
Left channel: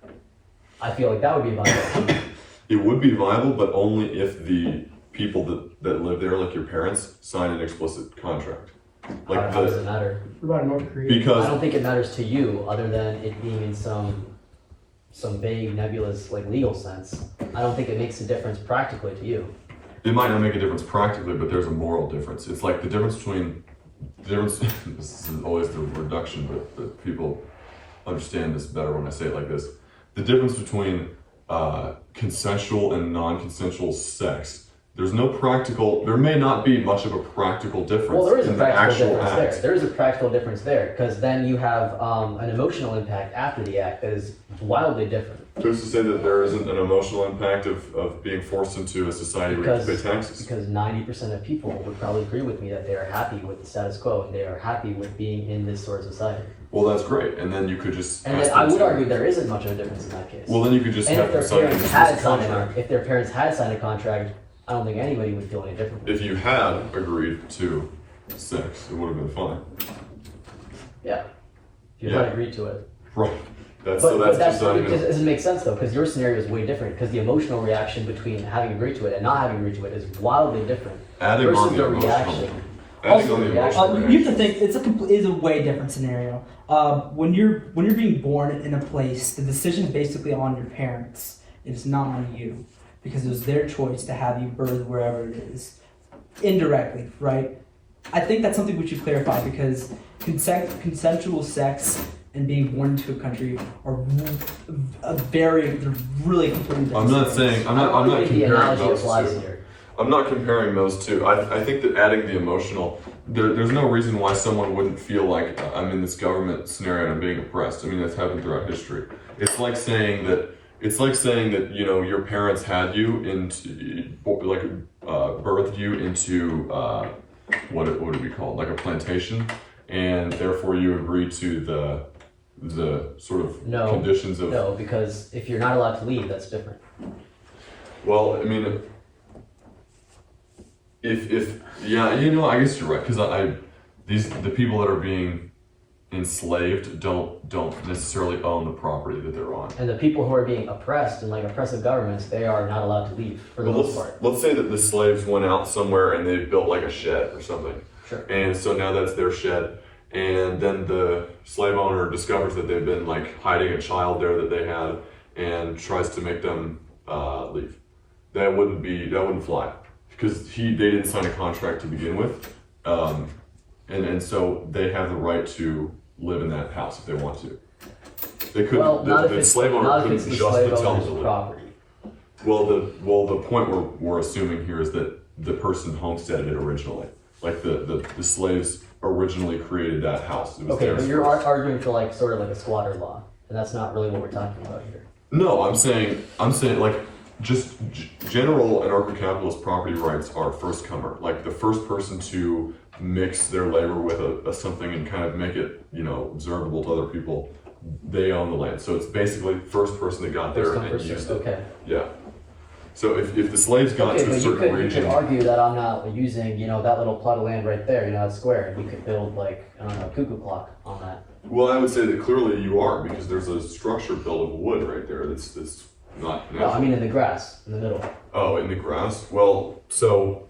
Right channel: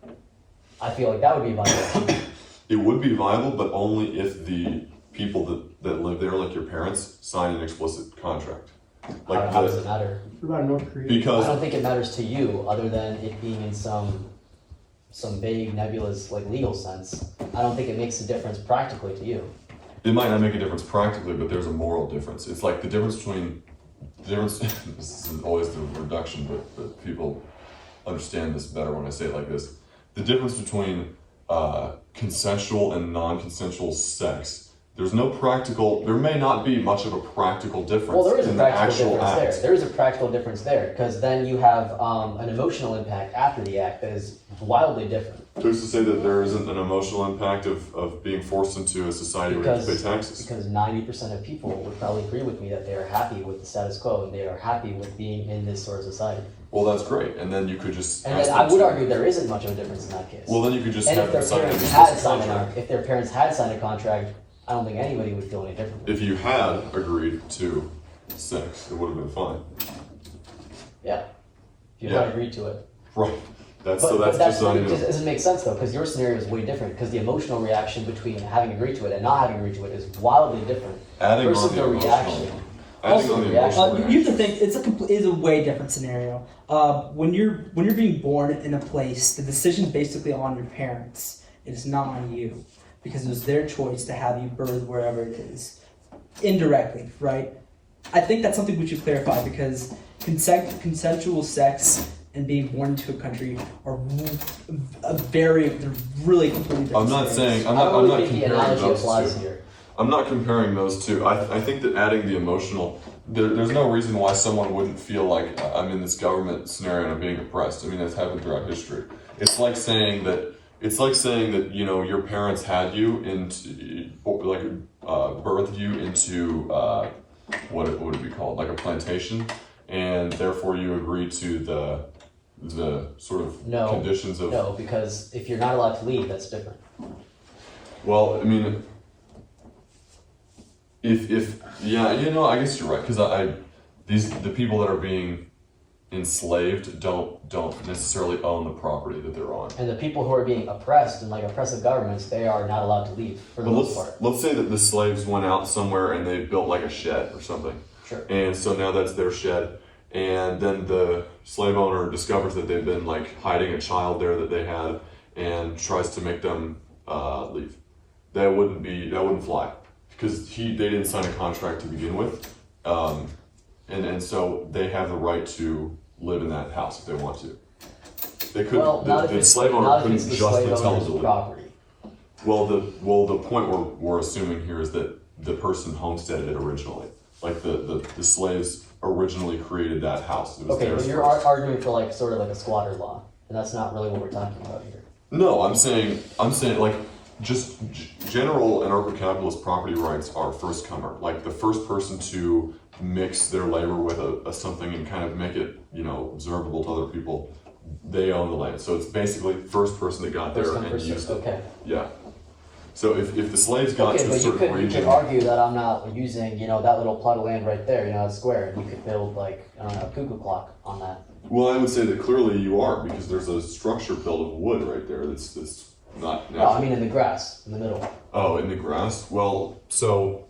I feel like that would be a violation. It would be viable, but only if the people that live there, like your parents, sign an explicit contract. Like How does it matter? What about North Korea? I because don't think it matters to you, other than it being in some vague, nebulous, like legal sense. I don't think it makes a difference practically to you. it might not make a difference practically, but there's a moral difference. It's like the difference between this is always the reduction, but people understand this better when I say it like this. The difference between consensual and non-consensual sex. There may not be much of a practical difference Well, there is a in the practical actual difference act. there. There is a practical difference there, because then you have an emotional impact after the act that is wildly different. Who's to say that there isn't an emotional impact of being forced into a society where you have to pay taxes? Because 90% of people would probably agree with me that they are happy with the status quo and they are happy with being in this sort of society. Well, that's great. And then you could just And ask I them would to- argue there isn't much of a difference in that case. Well, then you could just and have if their them sign an parents had explicit signed contract. if their parents had signed a contract, I don't think anybody would feel any differently. If you had agreed to sex, it would have been fine. Yeah. If you Yeah. had agreed to it. Right. That's But just it signing up. doesn't make sense though, because your scenario is way different. Because the emotional reaction between having agreed to it and not having agreed to it is wildly different. Adding versus on the the emotional. reaction. Adding Also on the the reaction. emotional You have to reaction. think it's a way different scenario. When you're being born in a place, the decision is basically on your parents. It is not on you, because it was their choice to have you birth wherever it is, indirectly, right? I think that's something we should clarify, because consensual sex and being born into a country are they're really completely different. I'm not scenarios. saying I'm not I don't think the comparing analogy those applies two. here. I'm not comparing those two. I think that adding the emotional, there's no reason why someone wouldn't feel like I'm in this government scenario and I'm being oppressed. I mean, that's happened throughout history. It's like saying that your parents had you into birthed you into what would it be called, like a plantation, and therefore you agree to the sort of conditions of. No, because if you're not allowed to leave, that's different. Well, I mean, if I guess you're right, because the people that are being enslaved don't necessarily own the property that they're on. And the people who are being oppressed in like oppressive governments, they are not allowed to leave for the But most part. let's say that the slaves went out somewhere and they built like a shed or something. Sure. And so now that's their shed. And then the slave owner discovers that they've been like hiding a child there that they had and tries to make them leave. That wouldn't fly. because they didn't sign a contract to begin with, and so they have the right to live in that house if they want to. They could. Well, not if The it's slave owner not if couldn't it's the just slave tell them owner's to leave. property. Well, the point we're assuming here is that the person homesteaded it originally. Like the slaves originally created that house. It was Okay, theirs but you're first. arguing for like sort of like a squatter law, and that's not really what we're talking about here. No, I'm saying like just general anarcho-capitalist property rights are first comer. Like the first person to mix their labor with a something and kind of make it, observable to other people, they own the land. So it's basically first person that got there First come, and first used served. it. Okay. Yeah. So if the slaves got Okay, to a but certain you region, could argue that I'm not using, that little plot of land right there, that square, and you could build like, I don't know, a cuckoo clock on that. well, I would say that clearly you are, because there's a structure built of wood right there that's not No, natural. I mean in the grass, in the middle. Oh, in the grass? Well, so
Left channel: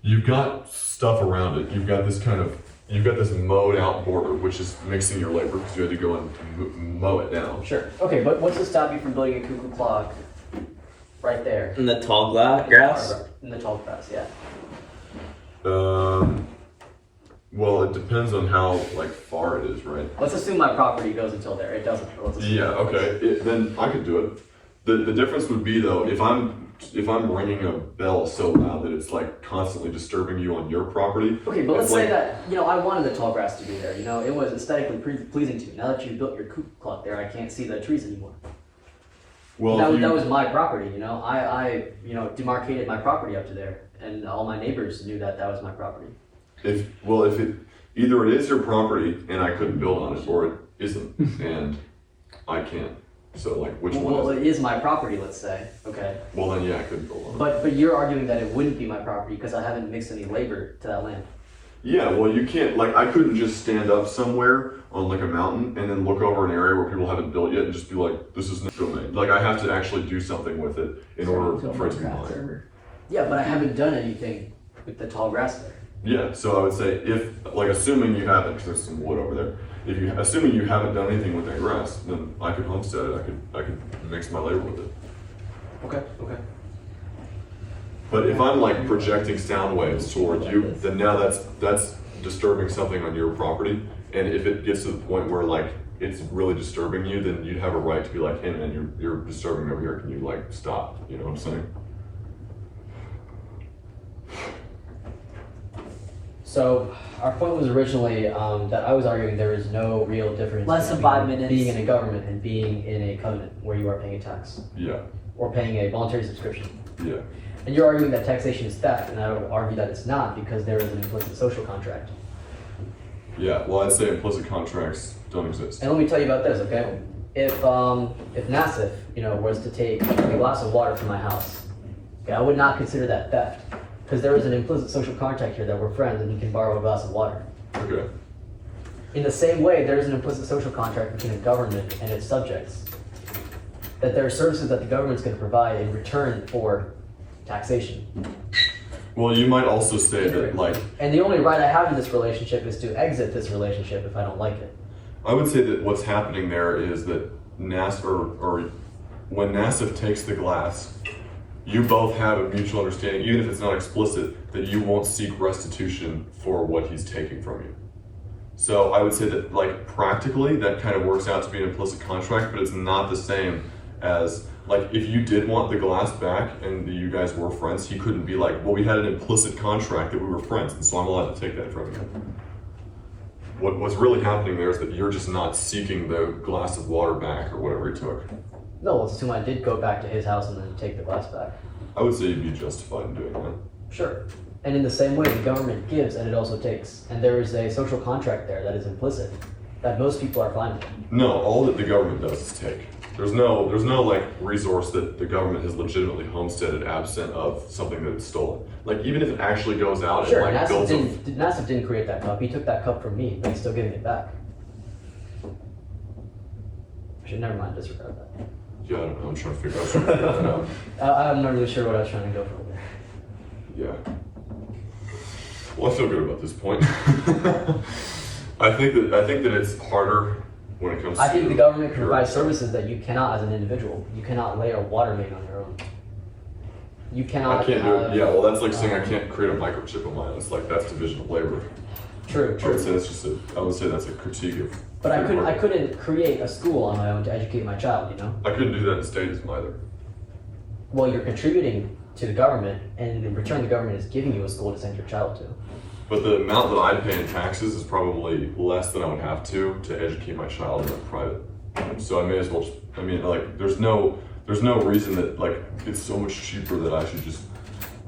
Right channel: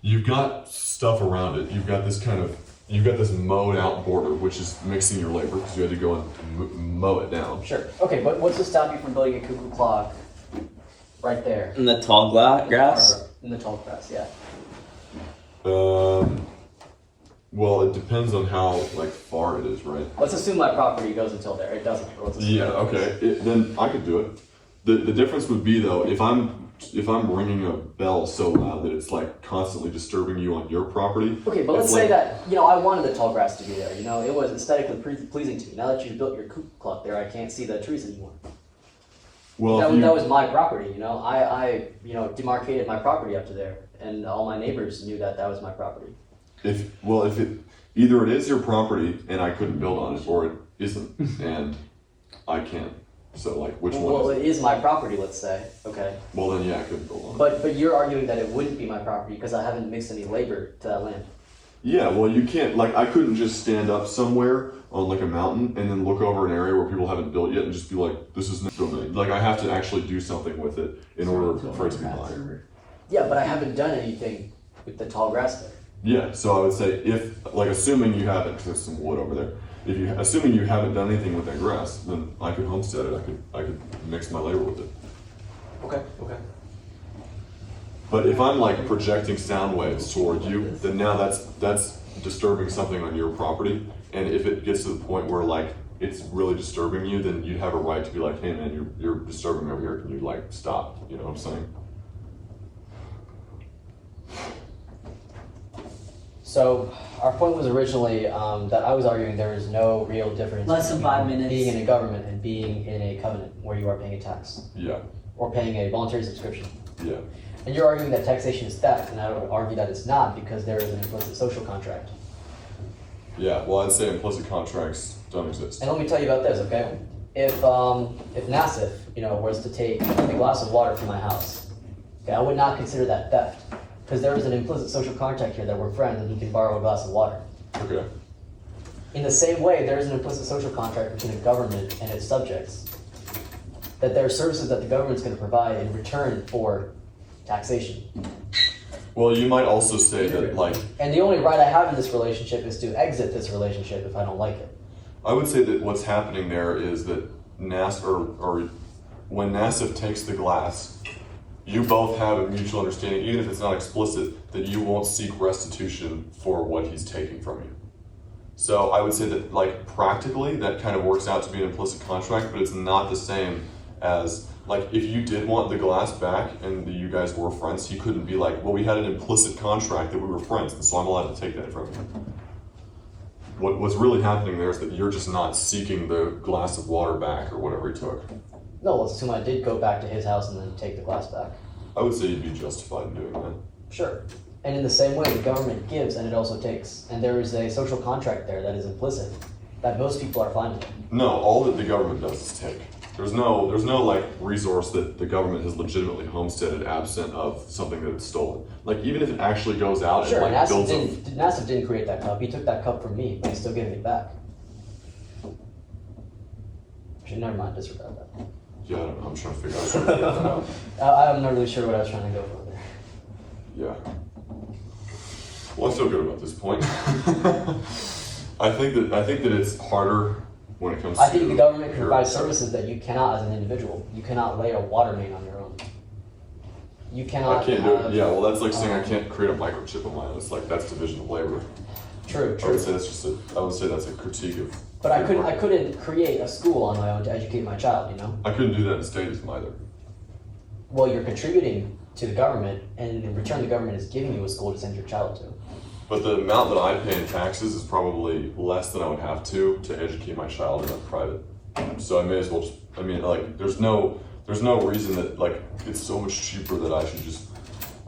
you've got stuff around it. You've got this mowed out border, which is mixing your labor because you had to go and mow it down. Sure. Okay, but what's to stop you from building a cuckoo clock right there? In the tall grass? In the tall grass, yeah. Well, it depends on how far it is, right? Let's assume my property goes until there. It doesn't. Let's assume Yeah. Okay. Then I could do it. The difference would be though, if I'm ringing a bell so loud that it's constantly disturbing you on your property. Okay, but let's it's say that, I wanted the tall grass to be there. It was aesthetically pleasing to me. Now that you've built your cuckoo clock there, I can't see the trees anymore. Well, That was my property, I demarcated my property up to there, and all my neighbors knew that was my property. if it either it is your property and I couldn't build on it, or it isn't and I can't. So which one? Well, is it? it is my property, let's say. Okay. Well, then yeah, I couldn't build on it. But you're arguing that it wouldn't be my property because I haven't mixed any labor to that land. Yeah, well, you can't, I couldn't just stand up somewhere on a mountain and then look over an area where people haven't built yet and just be like, this is not domain. I have to actually do something with it in order for it to be mine. Yeah, but I haven't done anything with the tall grass there. Yeah, so I would say if, assuming you haven't, there's some wood over there. Assuming you haven't done anything with that grass, then I could homestead it. I could mix my labor with it. Okay. But if I'm projecting sound waves toward you, then now that's disturbing something on your property. And if it gets to the point where it's really disturbing you, then you have a right to be like, hey man, you're disturbing over here. Can you stop? You know what I'm saying? So our point was originally that I was arguing there is no real difference Less than between 5 minutes. being in a government and being in a covenant where you are paying a tax Yeah, or paying a voluntary subscription. yeah. And you're arguing that taxation is theft, and I would argue that it's not because there is an implicit social contract. Yeah, well, I'd say implicit contracts don't exist. And let me tell you about this, okay? If Nassif, was to take a glass of water from my house, okay, I would not consider that theft because there is an implicit social contract here that we're friends and he can borrow a glass of water. Okay. In the same way, there is an implicit social contract between a government and its subjects. That there are services that the government's going to provide in return for taxation. Well, you might also say that And the only right I have in this relationship is to exit this relationship if I don't like it. I would say that what's happening there is that when Nassif takes the glass, you both have a mutual understanding, even if it's not explicit, that you won't seek restitution for what he's taking from you. So I would say that practically that kind of works out to be an implicit contract, but it's not the same as if you did want the glass back and you guys were friends, he couldn't be well, we had an implicit contract that we were friends, and so I'm allowed to take that from you. What's really happening there is that you're just not seeking the glass of water back or whatever he took. No, let's assume I did go back to his house and then take the glass back. I would say you'd be justified in doing that. Sure. And in the same way, the government gives and it also takes. And there is a social contract there that is implicit that most people are fine with. No, all that the government does is take. There's no resource that the government has legitimately homesteaded absent of something that it's stolen. Even if it actually goes out Sure, and builds Nassif didn't create that cup. He took that cup from me, but he's still giving it back. Actually, never mind, disregard that. Yeah, I don't know. I'm trying to figure out something right now. I'm not really sure what I was trying to go for there. Yeah. Well, I feel good about this point. I think that it's harder when it comes to. I think the government can provide services that you cannot as an individual. You cannot lay a water main on your own. You cannot. I can't do it. have- Yeah, well, that's like saying I can't create a microchip of my own. It's like that's division of labor. True, I would true. say that's just a. I would say that's a critique of. But I free couldn't. I market. couldn't create a school on my own to educate my child. You know. I couldn't do that in statism either. Well, you're contributing to the government, and in return, the government is giving you a school to send your child to. But the amount that I pay in taxes is probably less than I would have to educate my child in a private. So I may as well. Just, I mean, like, there's no reason that like it's so much cheaper that I should just.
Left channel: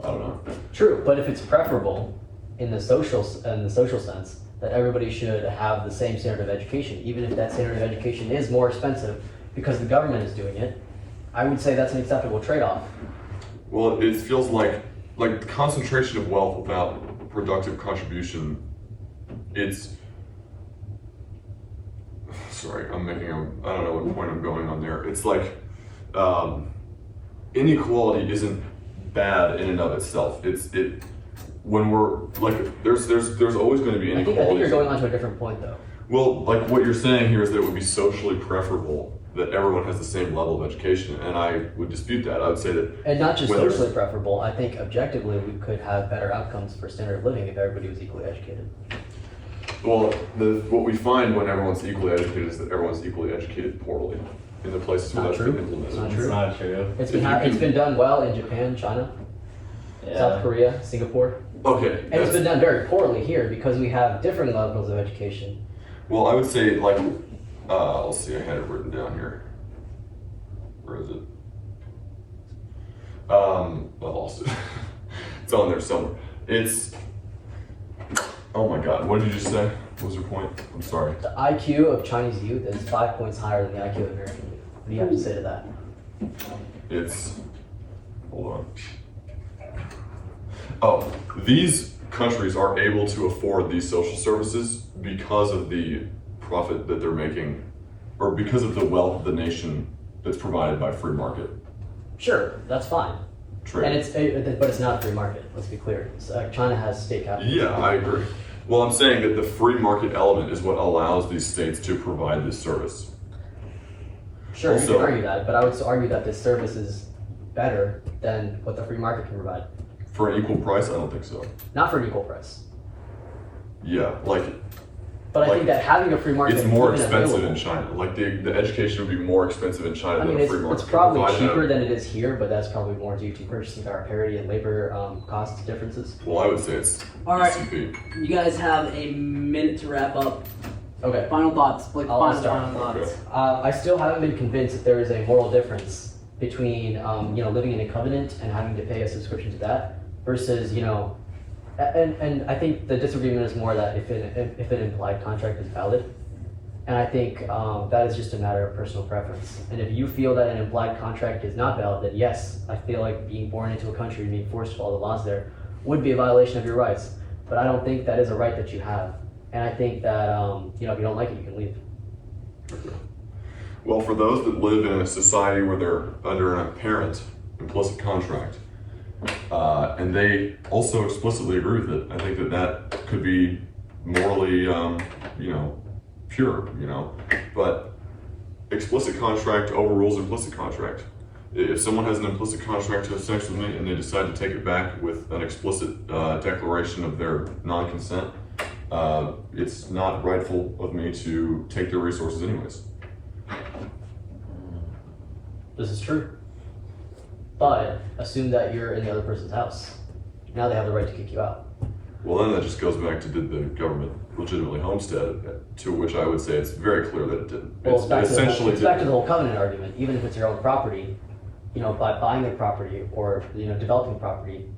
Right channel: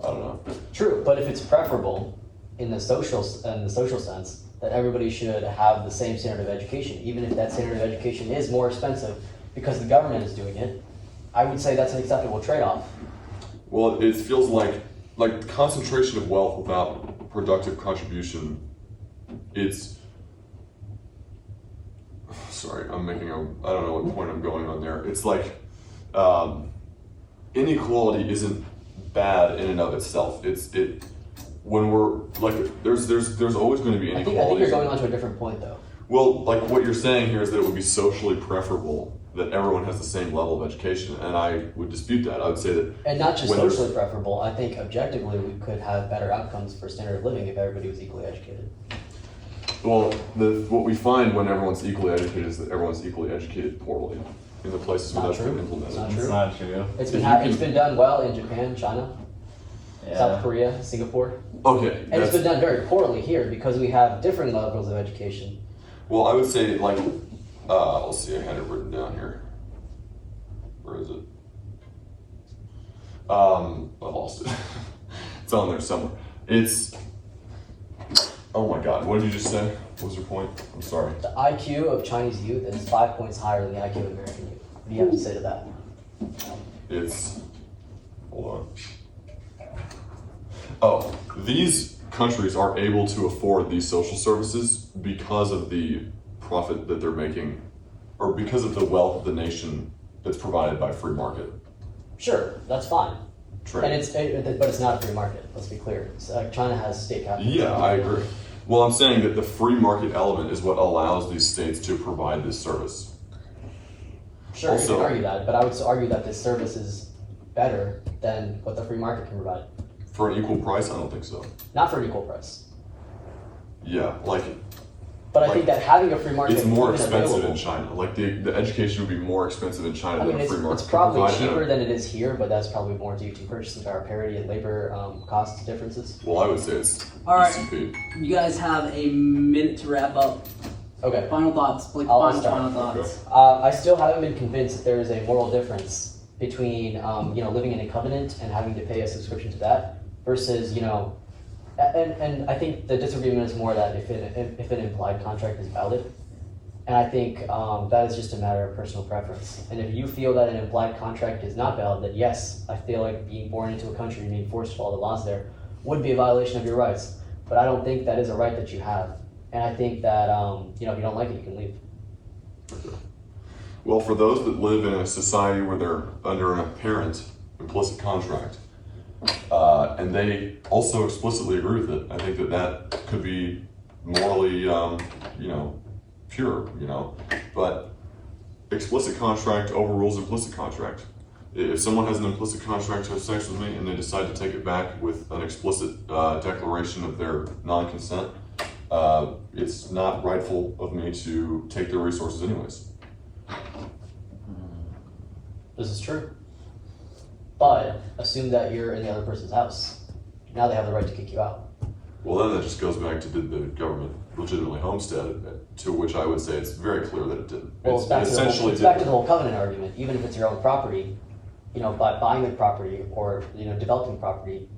I don't know. True, but if it's preferable in the social sense that everybody should have the same standard of education, even if that standard of education is more expensive because the government is doing it, I would say that's an acceptable trade-off. Well, it feels like concentration of wealth without productive contribution. It's. Sorry, I'm making a. I don't know what point I'm going on there. It's like inequality isn't bad in and of itself. When we're like there's always going to be I think inequality. you're going on to a different point though. Well, like what you're saying here is that it would be socially preferable that everyone has the same level of education, and I would dispute that. I would say that. And not just whether- socially preferable, I think objectively we could have better outcomes for standard of living if everybody was equally educated. Well, what we find when everyone's equally educated is that everyone's equally educated poorly in the places where Not that's been true. implemented. It's not It's true. not true. It's If you it's can- been done well in Japan, China, South Yeah. Korea, Singapore. Okay, And it's been done very poorly here because we have different levels of education. well, I would say like, let's see, I had it written down here. Where is it? I lost it. It's on there somewhere. It's. Oh my God! What did you just say? What was your point? I'm sorry. The IQ of Chinese youth is 5 points higher than the IQ of American youth. What do you have to say to that? It's. Hold on. Oh, these countries are able to afford these social services because of the profit that they're making, or because of the wealth of the nation that's provided by free market Sure, that's fine. trade. And but it's not a free market. Let's be clear. China has state capitalism. Yeah, I agree. Well, I'm saying that the free market element is what allows these states to provide this service. Sure, you Also- can argue that, but I would argue that this service is better than what the free market can provide. For an equal price, I don't think so. Not for an equal price. Yeah, like But I Like, think that having a free market it's more even expensive available- in China. Like the education would be more expensive in China I mean, than a free market it's can probably provide. cheaper And- than it is here, but that's probably more due to purchasing power parity and labor cost differences. Well, I would say it's All right. ECP. You guys have a minute to wrap up. Okay. Final thoughts. Like I'll final start. thoughts. I still haven't been convinced that there is a moral difference between living in a covenant and having to pay a subscription to that versus and I think the disagreement is more that if an implied contract is valid, and I think that is just a matter of personal preference. And if you feel that an implied contract is not valid, then yes, I feel like being born into a country and being forced to follow the laws there would be a violation of your rights. But I don't think that is a right that you have. And I think that if you don't like it, you can leave. Well, for those that live in a society where they're under an apparent implicit contract, and they also explicitly agree with it, I think that could be morally, pure, But explicit contract overrules implicit contract. If someone has an implicit contract to have sex with me and they decide to take it back with an explicit declaration of their non-consent, it's not rightful of me to take their resources anyways. This is true. But assume that you're in the other person's house. Now they have the right to kick you out. Well, then that just goes back to did the government legitimately homestead, to which I would say it's very clear that it didn't. Well, it's back, to the, essentially it's back to the whole covenant argument. Even if it's your own property, by buying the property or developing the property,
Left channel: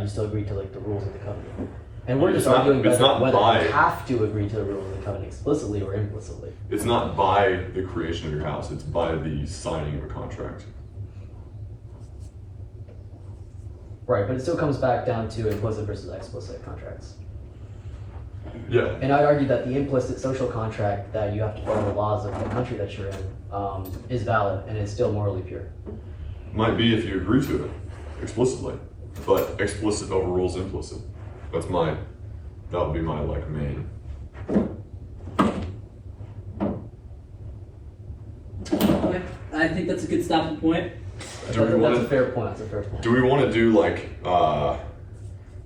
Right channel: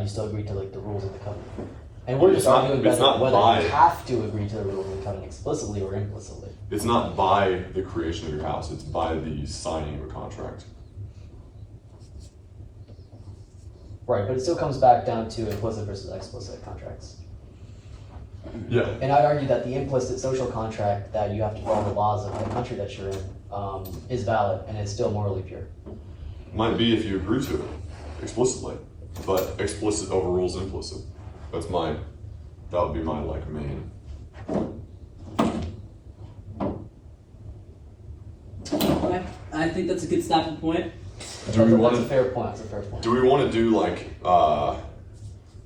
you still agree to the rules of the covenant. And we're It's just not- arguing it's not whether by- you have to agree to the rules of the covenant explicitly or implicitly. It's not by the creation of your house, it's by the signing of a contract. Right, but it still comes back down to implicit versus explicit contracts. Yeah. And I'd argue that the implicit social contract that you have to follow the laws of the country that you're in is valid and is still morally pure. Might be if you agree to it explicitly, but explicit overrules implicit. That would be my main. I think that's a good stopping point. Do we want That's a to? fair point. That's a fair point. Do we want to do like?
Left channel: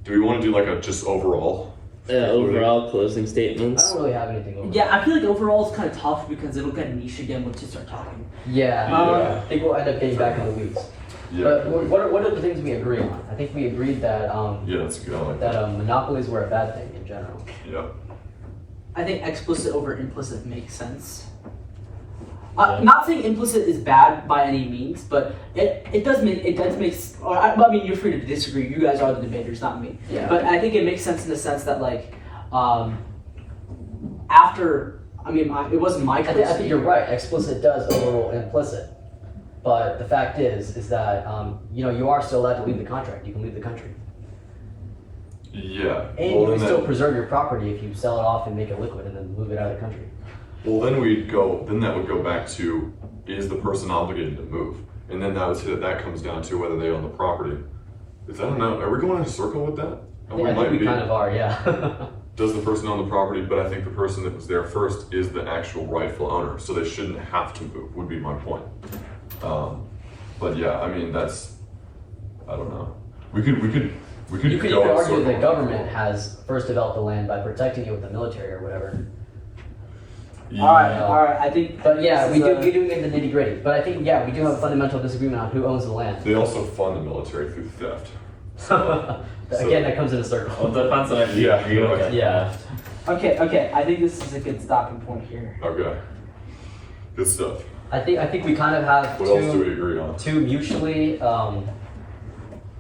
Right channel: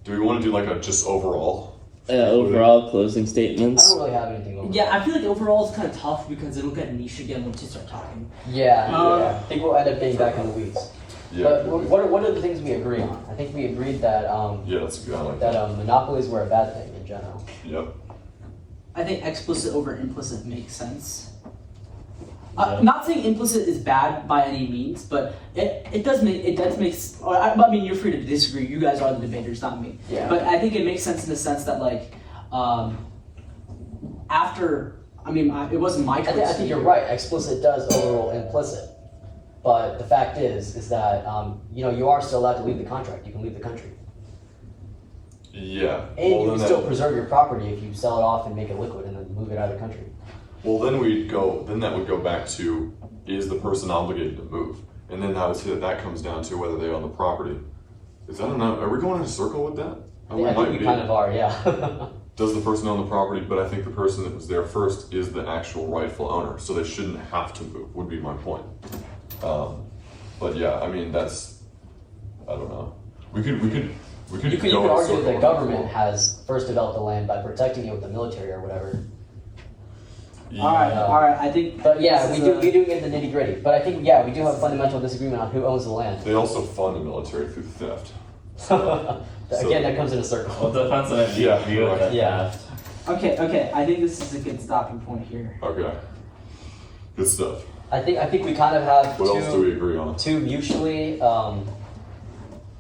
Do we want to do like a just overall? Overall closing I statements. don't really have anything over. Yeah, I feel like overall it's kind of tough because it'll get niche again once you start talking. Yeah. Yeah. I think we'll end up being back in the weeds. Yeah. But what are the things we agreed on? I think we agreed that Yeah, that's good. I like that that. monopolies were a bad thing in general. Yeah. I think explicit over implicit makes sense. Not saying implicit is bad by any means, but it does make. Or I mean, you're free to disagree. You guys are the debaters, not me. Yeah. But I think it makes sense in the sense that like, after it wasn't my choice. I think you're right. Explicit does overrule implicit. But the fact is that you are still allowed to leave the contract. You can leave the country, Yeah. and you then can still that- preserve your property if you sell it off and make it liquid and then move it out of the country. Well, then that would go back to, is the person obligated to move? And then that would say that comes down to whether they own the property. Is that enough? Are we going in a circle with that? I think we kind of are, yeah. Does the person own the property? But I think the person that was there first is the actual rightful owner, so they shouldn't have to move, would be my point. But yeah, I mean, that's, I don't know. We could You could go argue in a that circle the on government that. has first developed the land by protecting it with the military or whatever. All right. I think. But yeah, this we is do get the nitty gritty. But I think we do have a fundamental disagreement on who owns the land. They also fund the military through theft. Again, that comes in a circle. Well, it depends on if you Yeah, agree you're with right. it. Yeah. Okay. I think this is a good stopping point here. Okay. Good stuff. I think we kind of have What else do we agree on? two mutually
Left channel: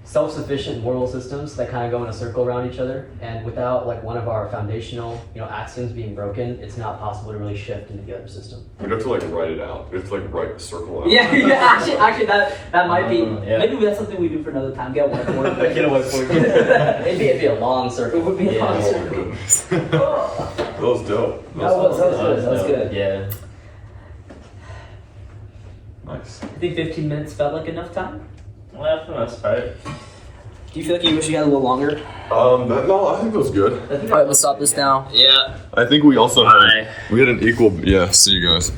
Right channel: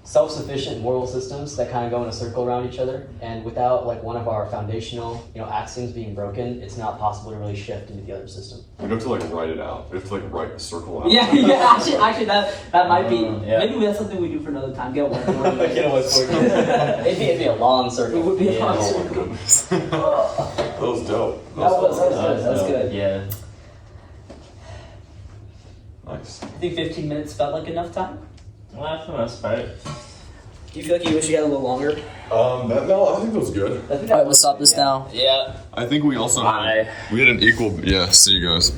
self-sufficient moral systems that kind of go in a circle around each other, and without like one of our foundational axioms being broken, it's not possible to really shift into the other system. We'd have to like write it out. We have to like write the circle out. Yeah. Actually, that might be. Yeah. Maybe that's something we do for another time. Get a whiteboard. Get a whiteboard. It'd be a long circle. It would be a Yeah. long Oh my circle. goodness. That was dope. That was good. That was good. Yeah. Nice. I think 15 minutes felt like enough time. Well, that's the most part. Do you feel like you wish you had a little longer? No, I think that was good. All right, we'll stop this now. Yeah. I think we also Bye. we had an equal. Yeah. See you guys.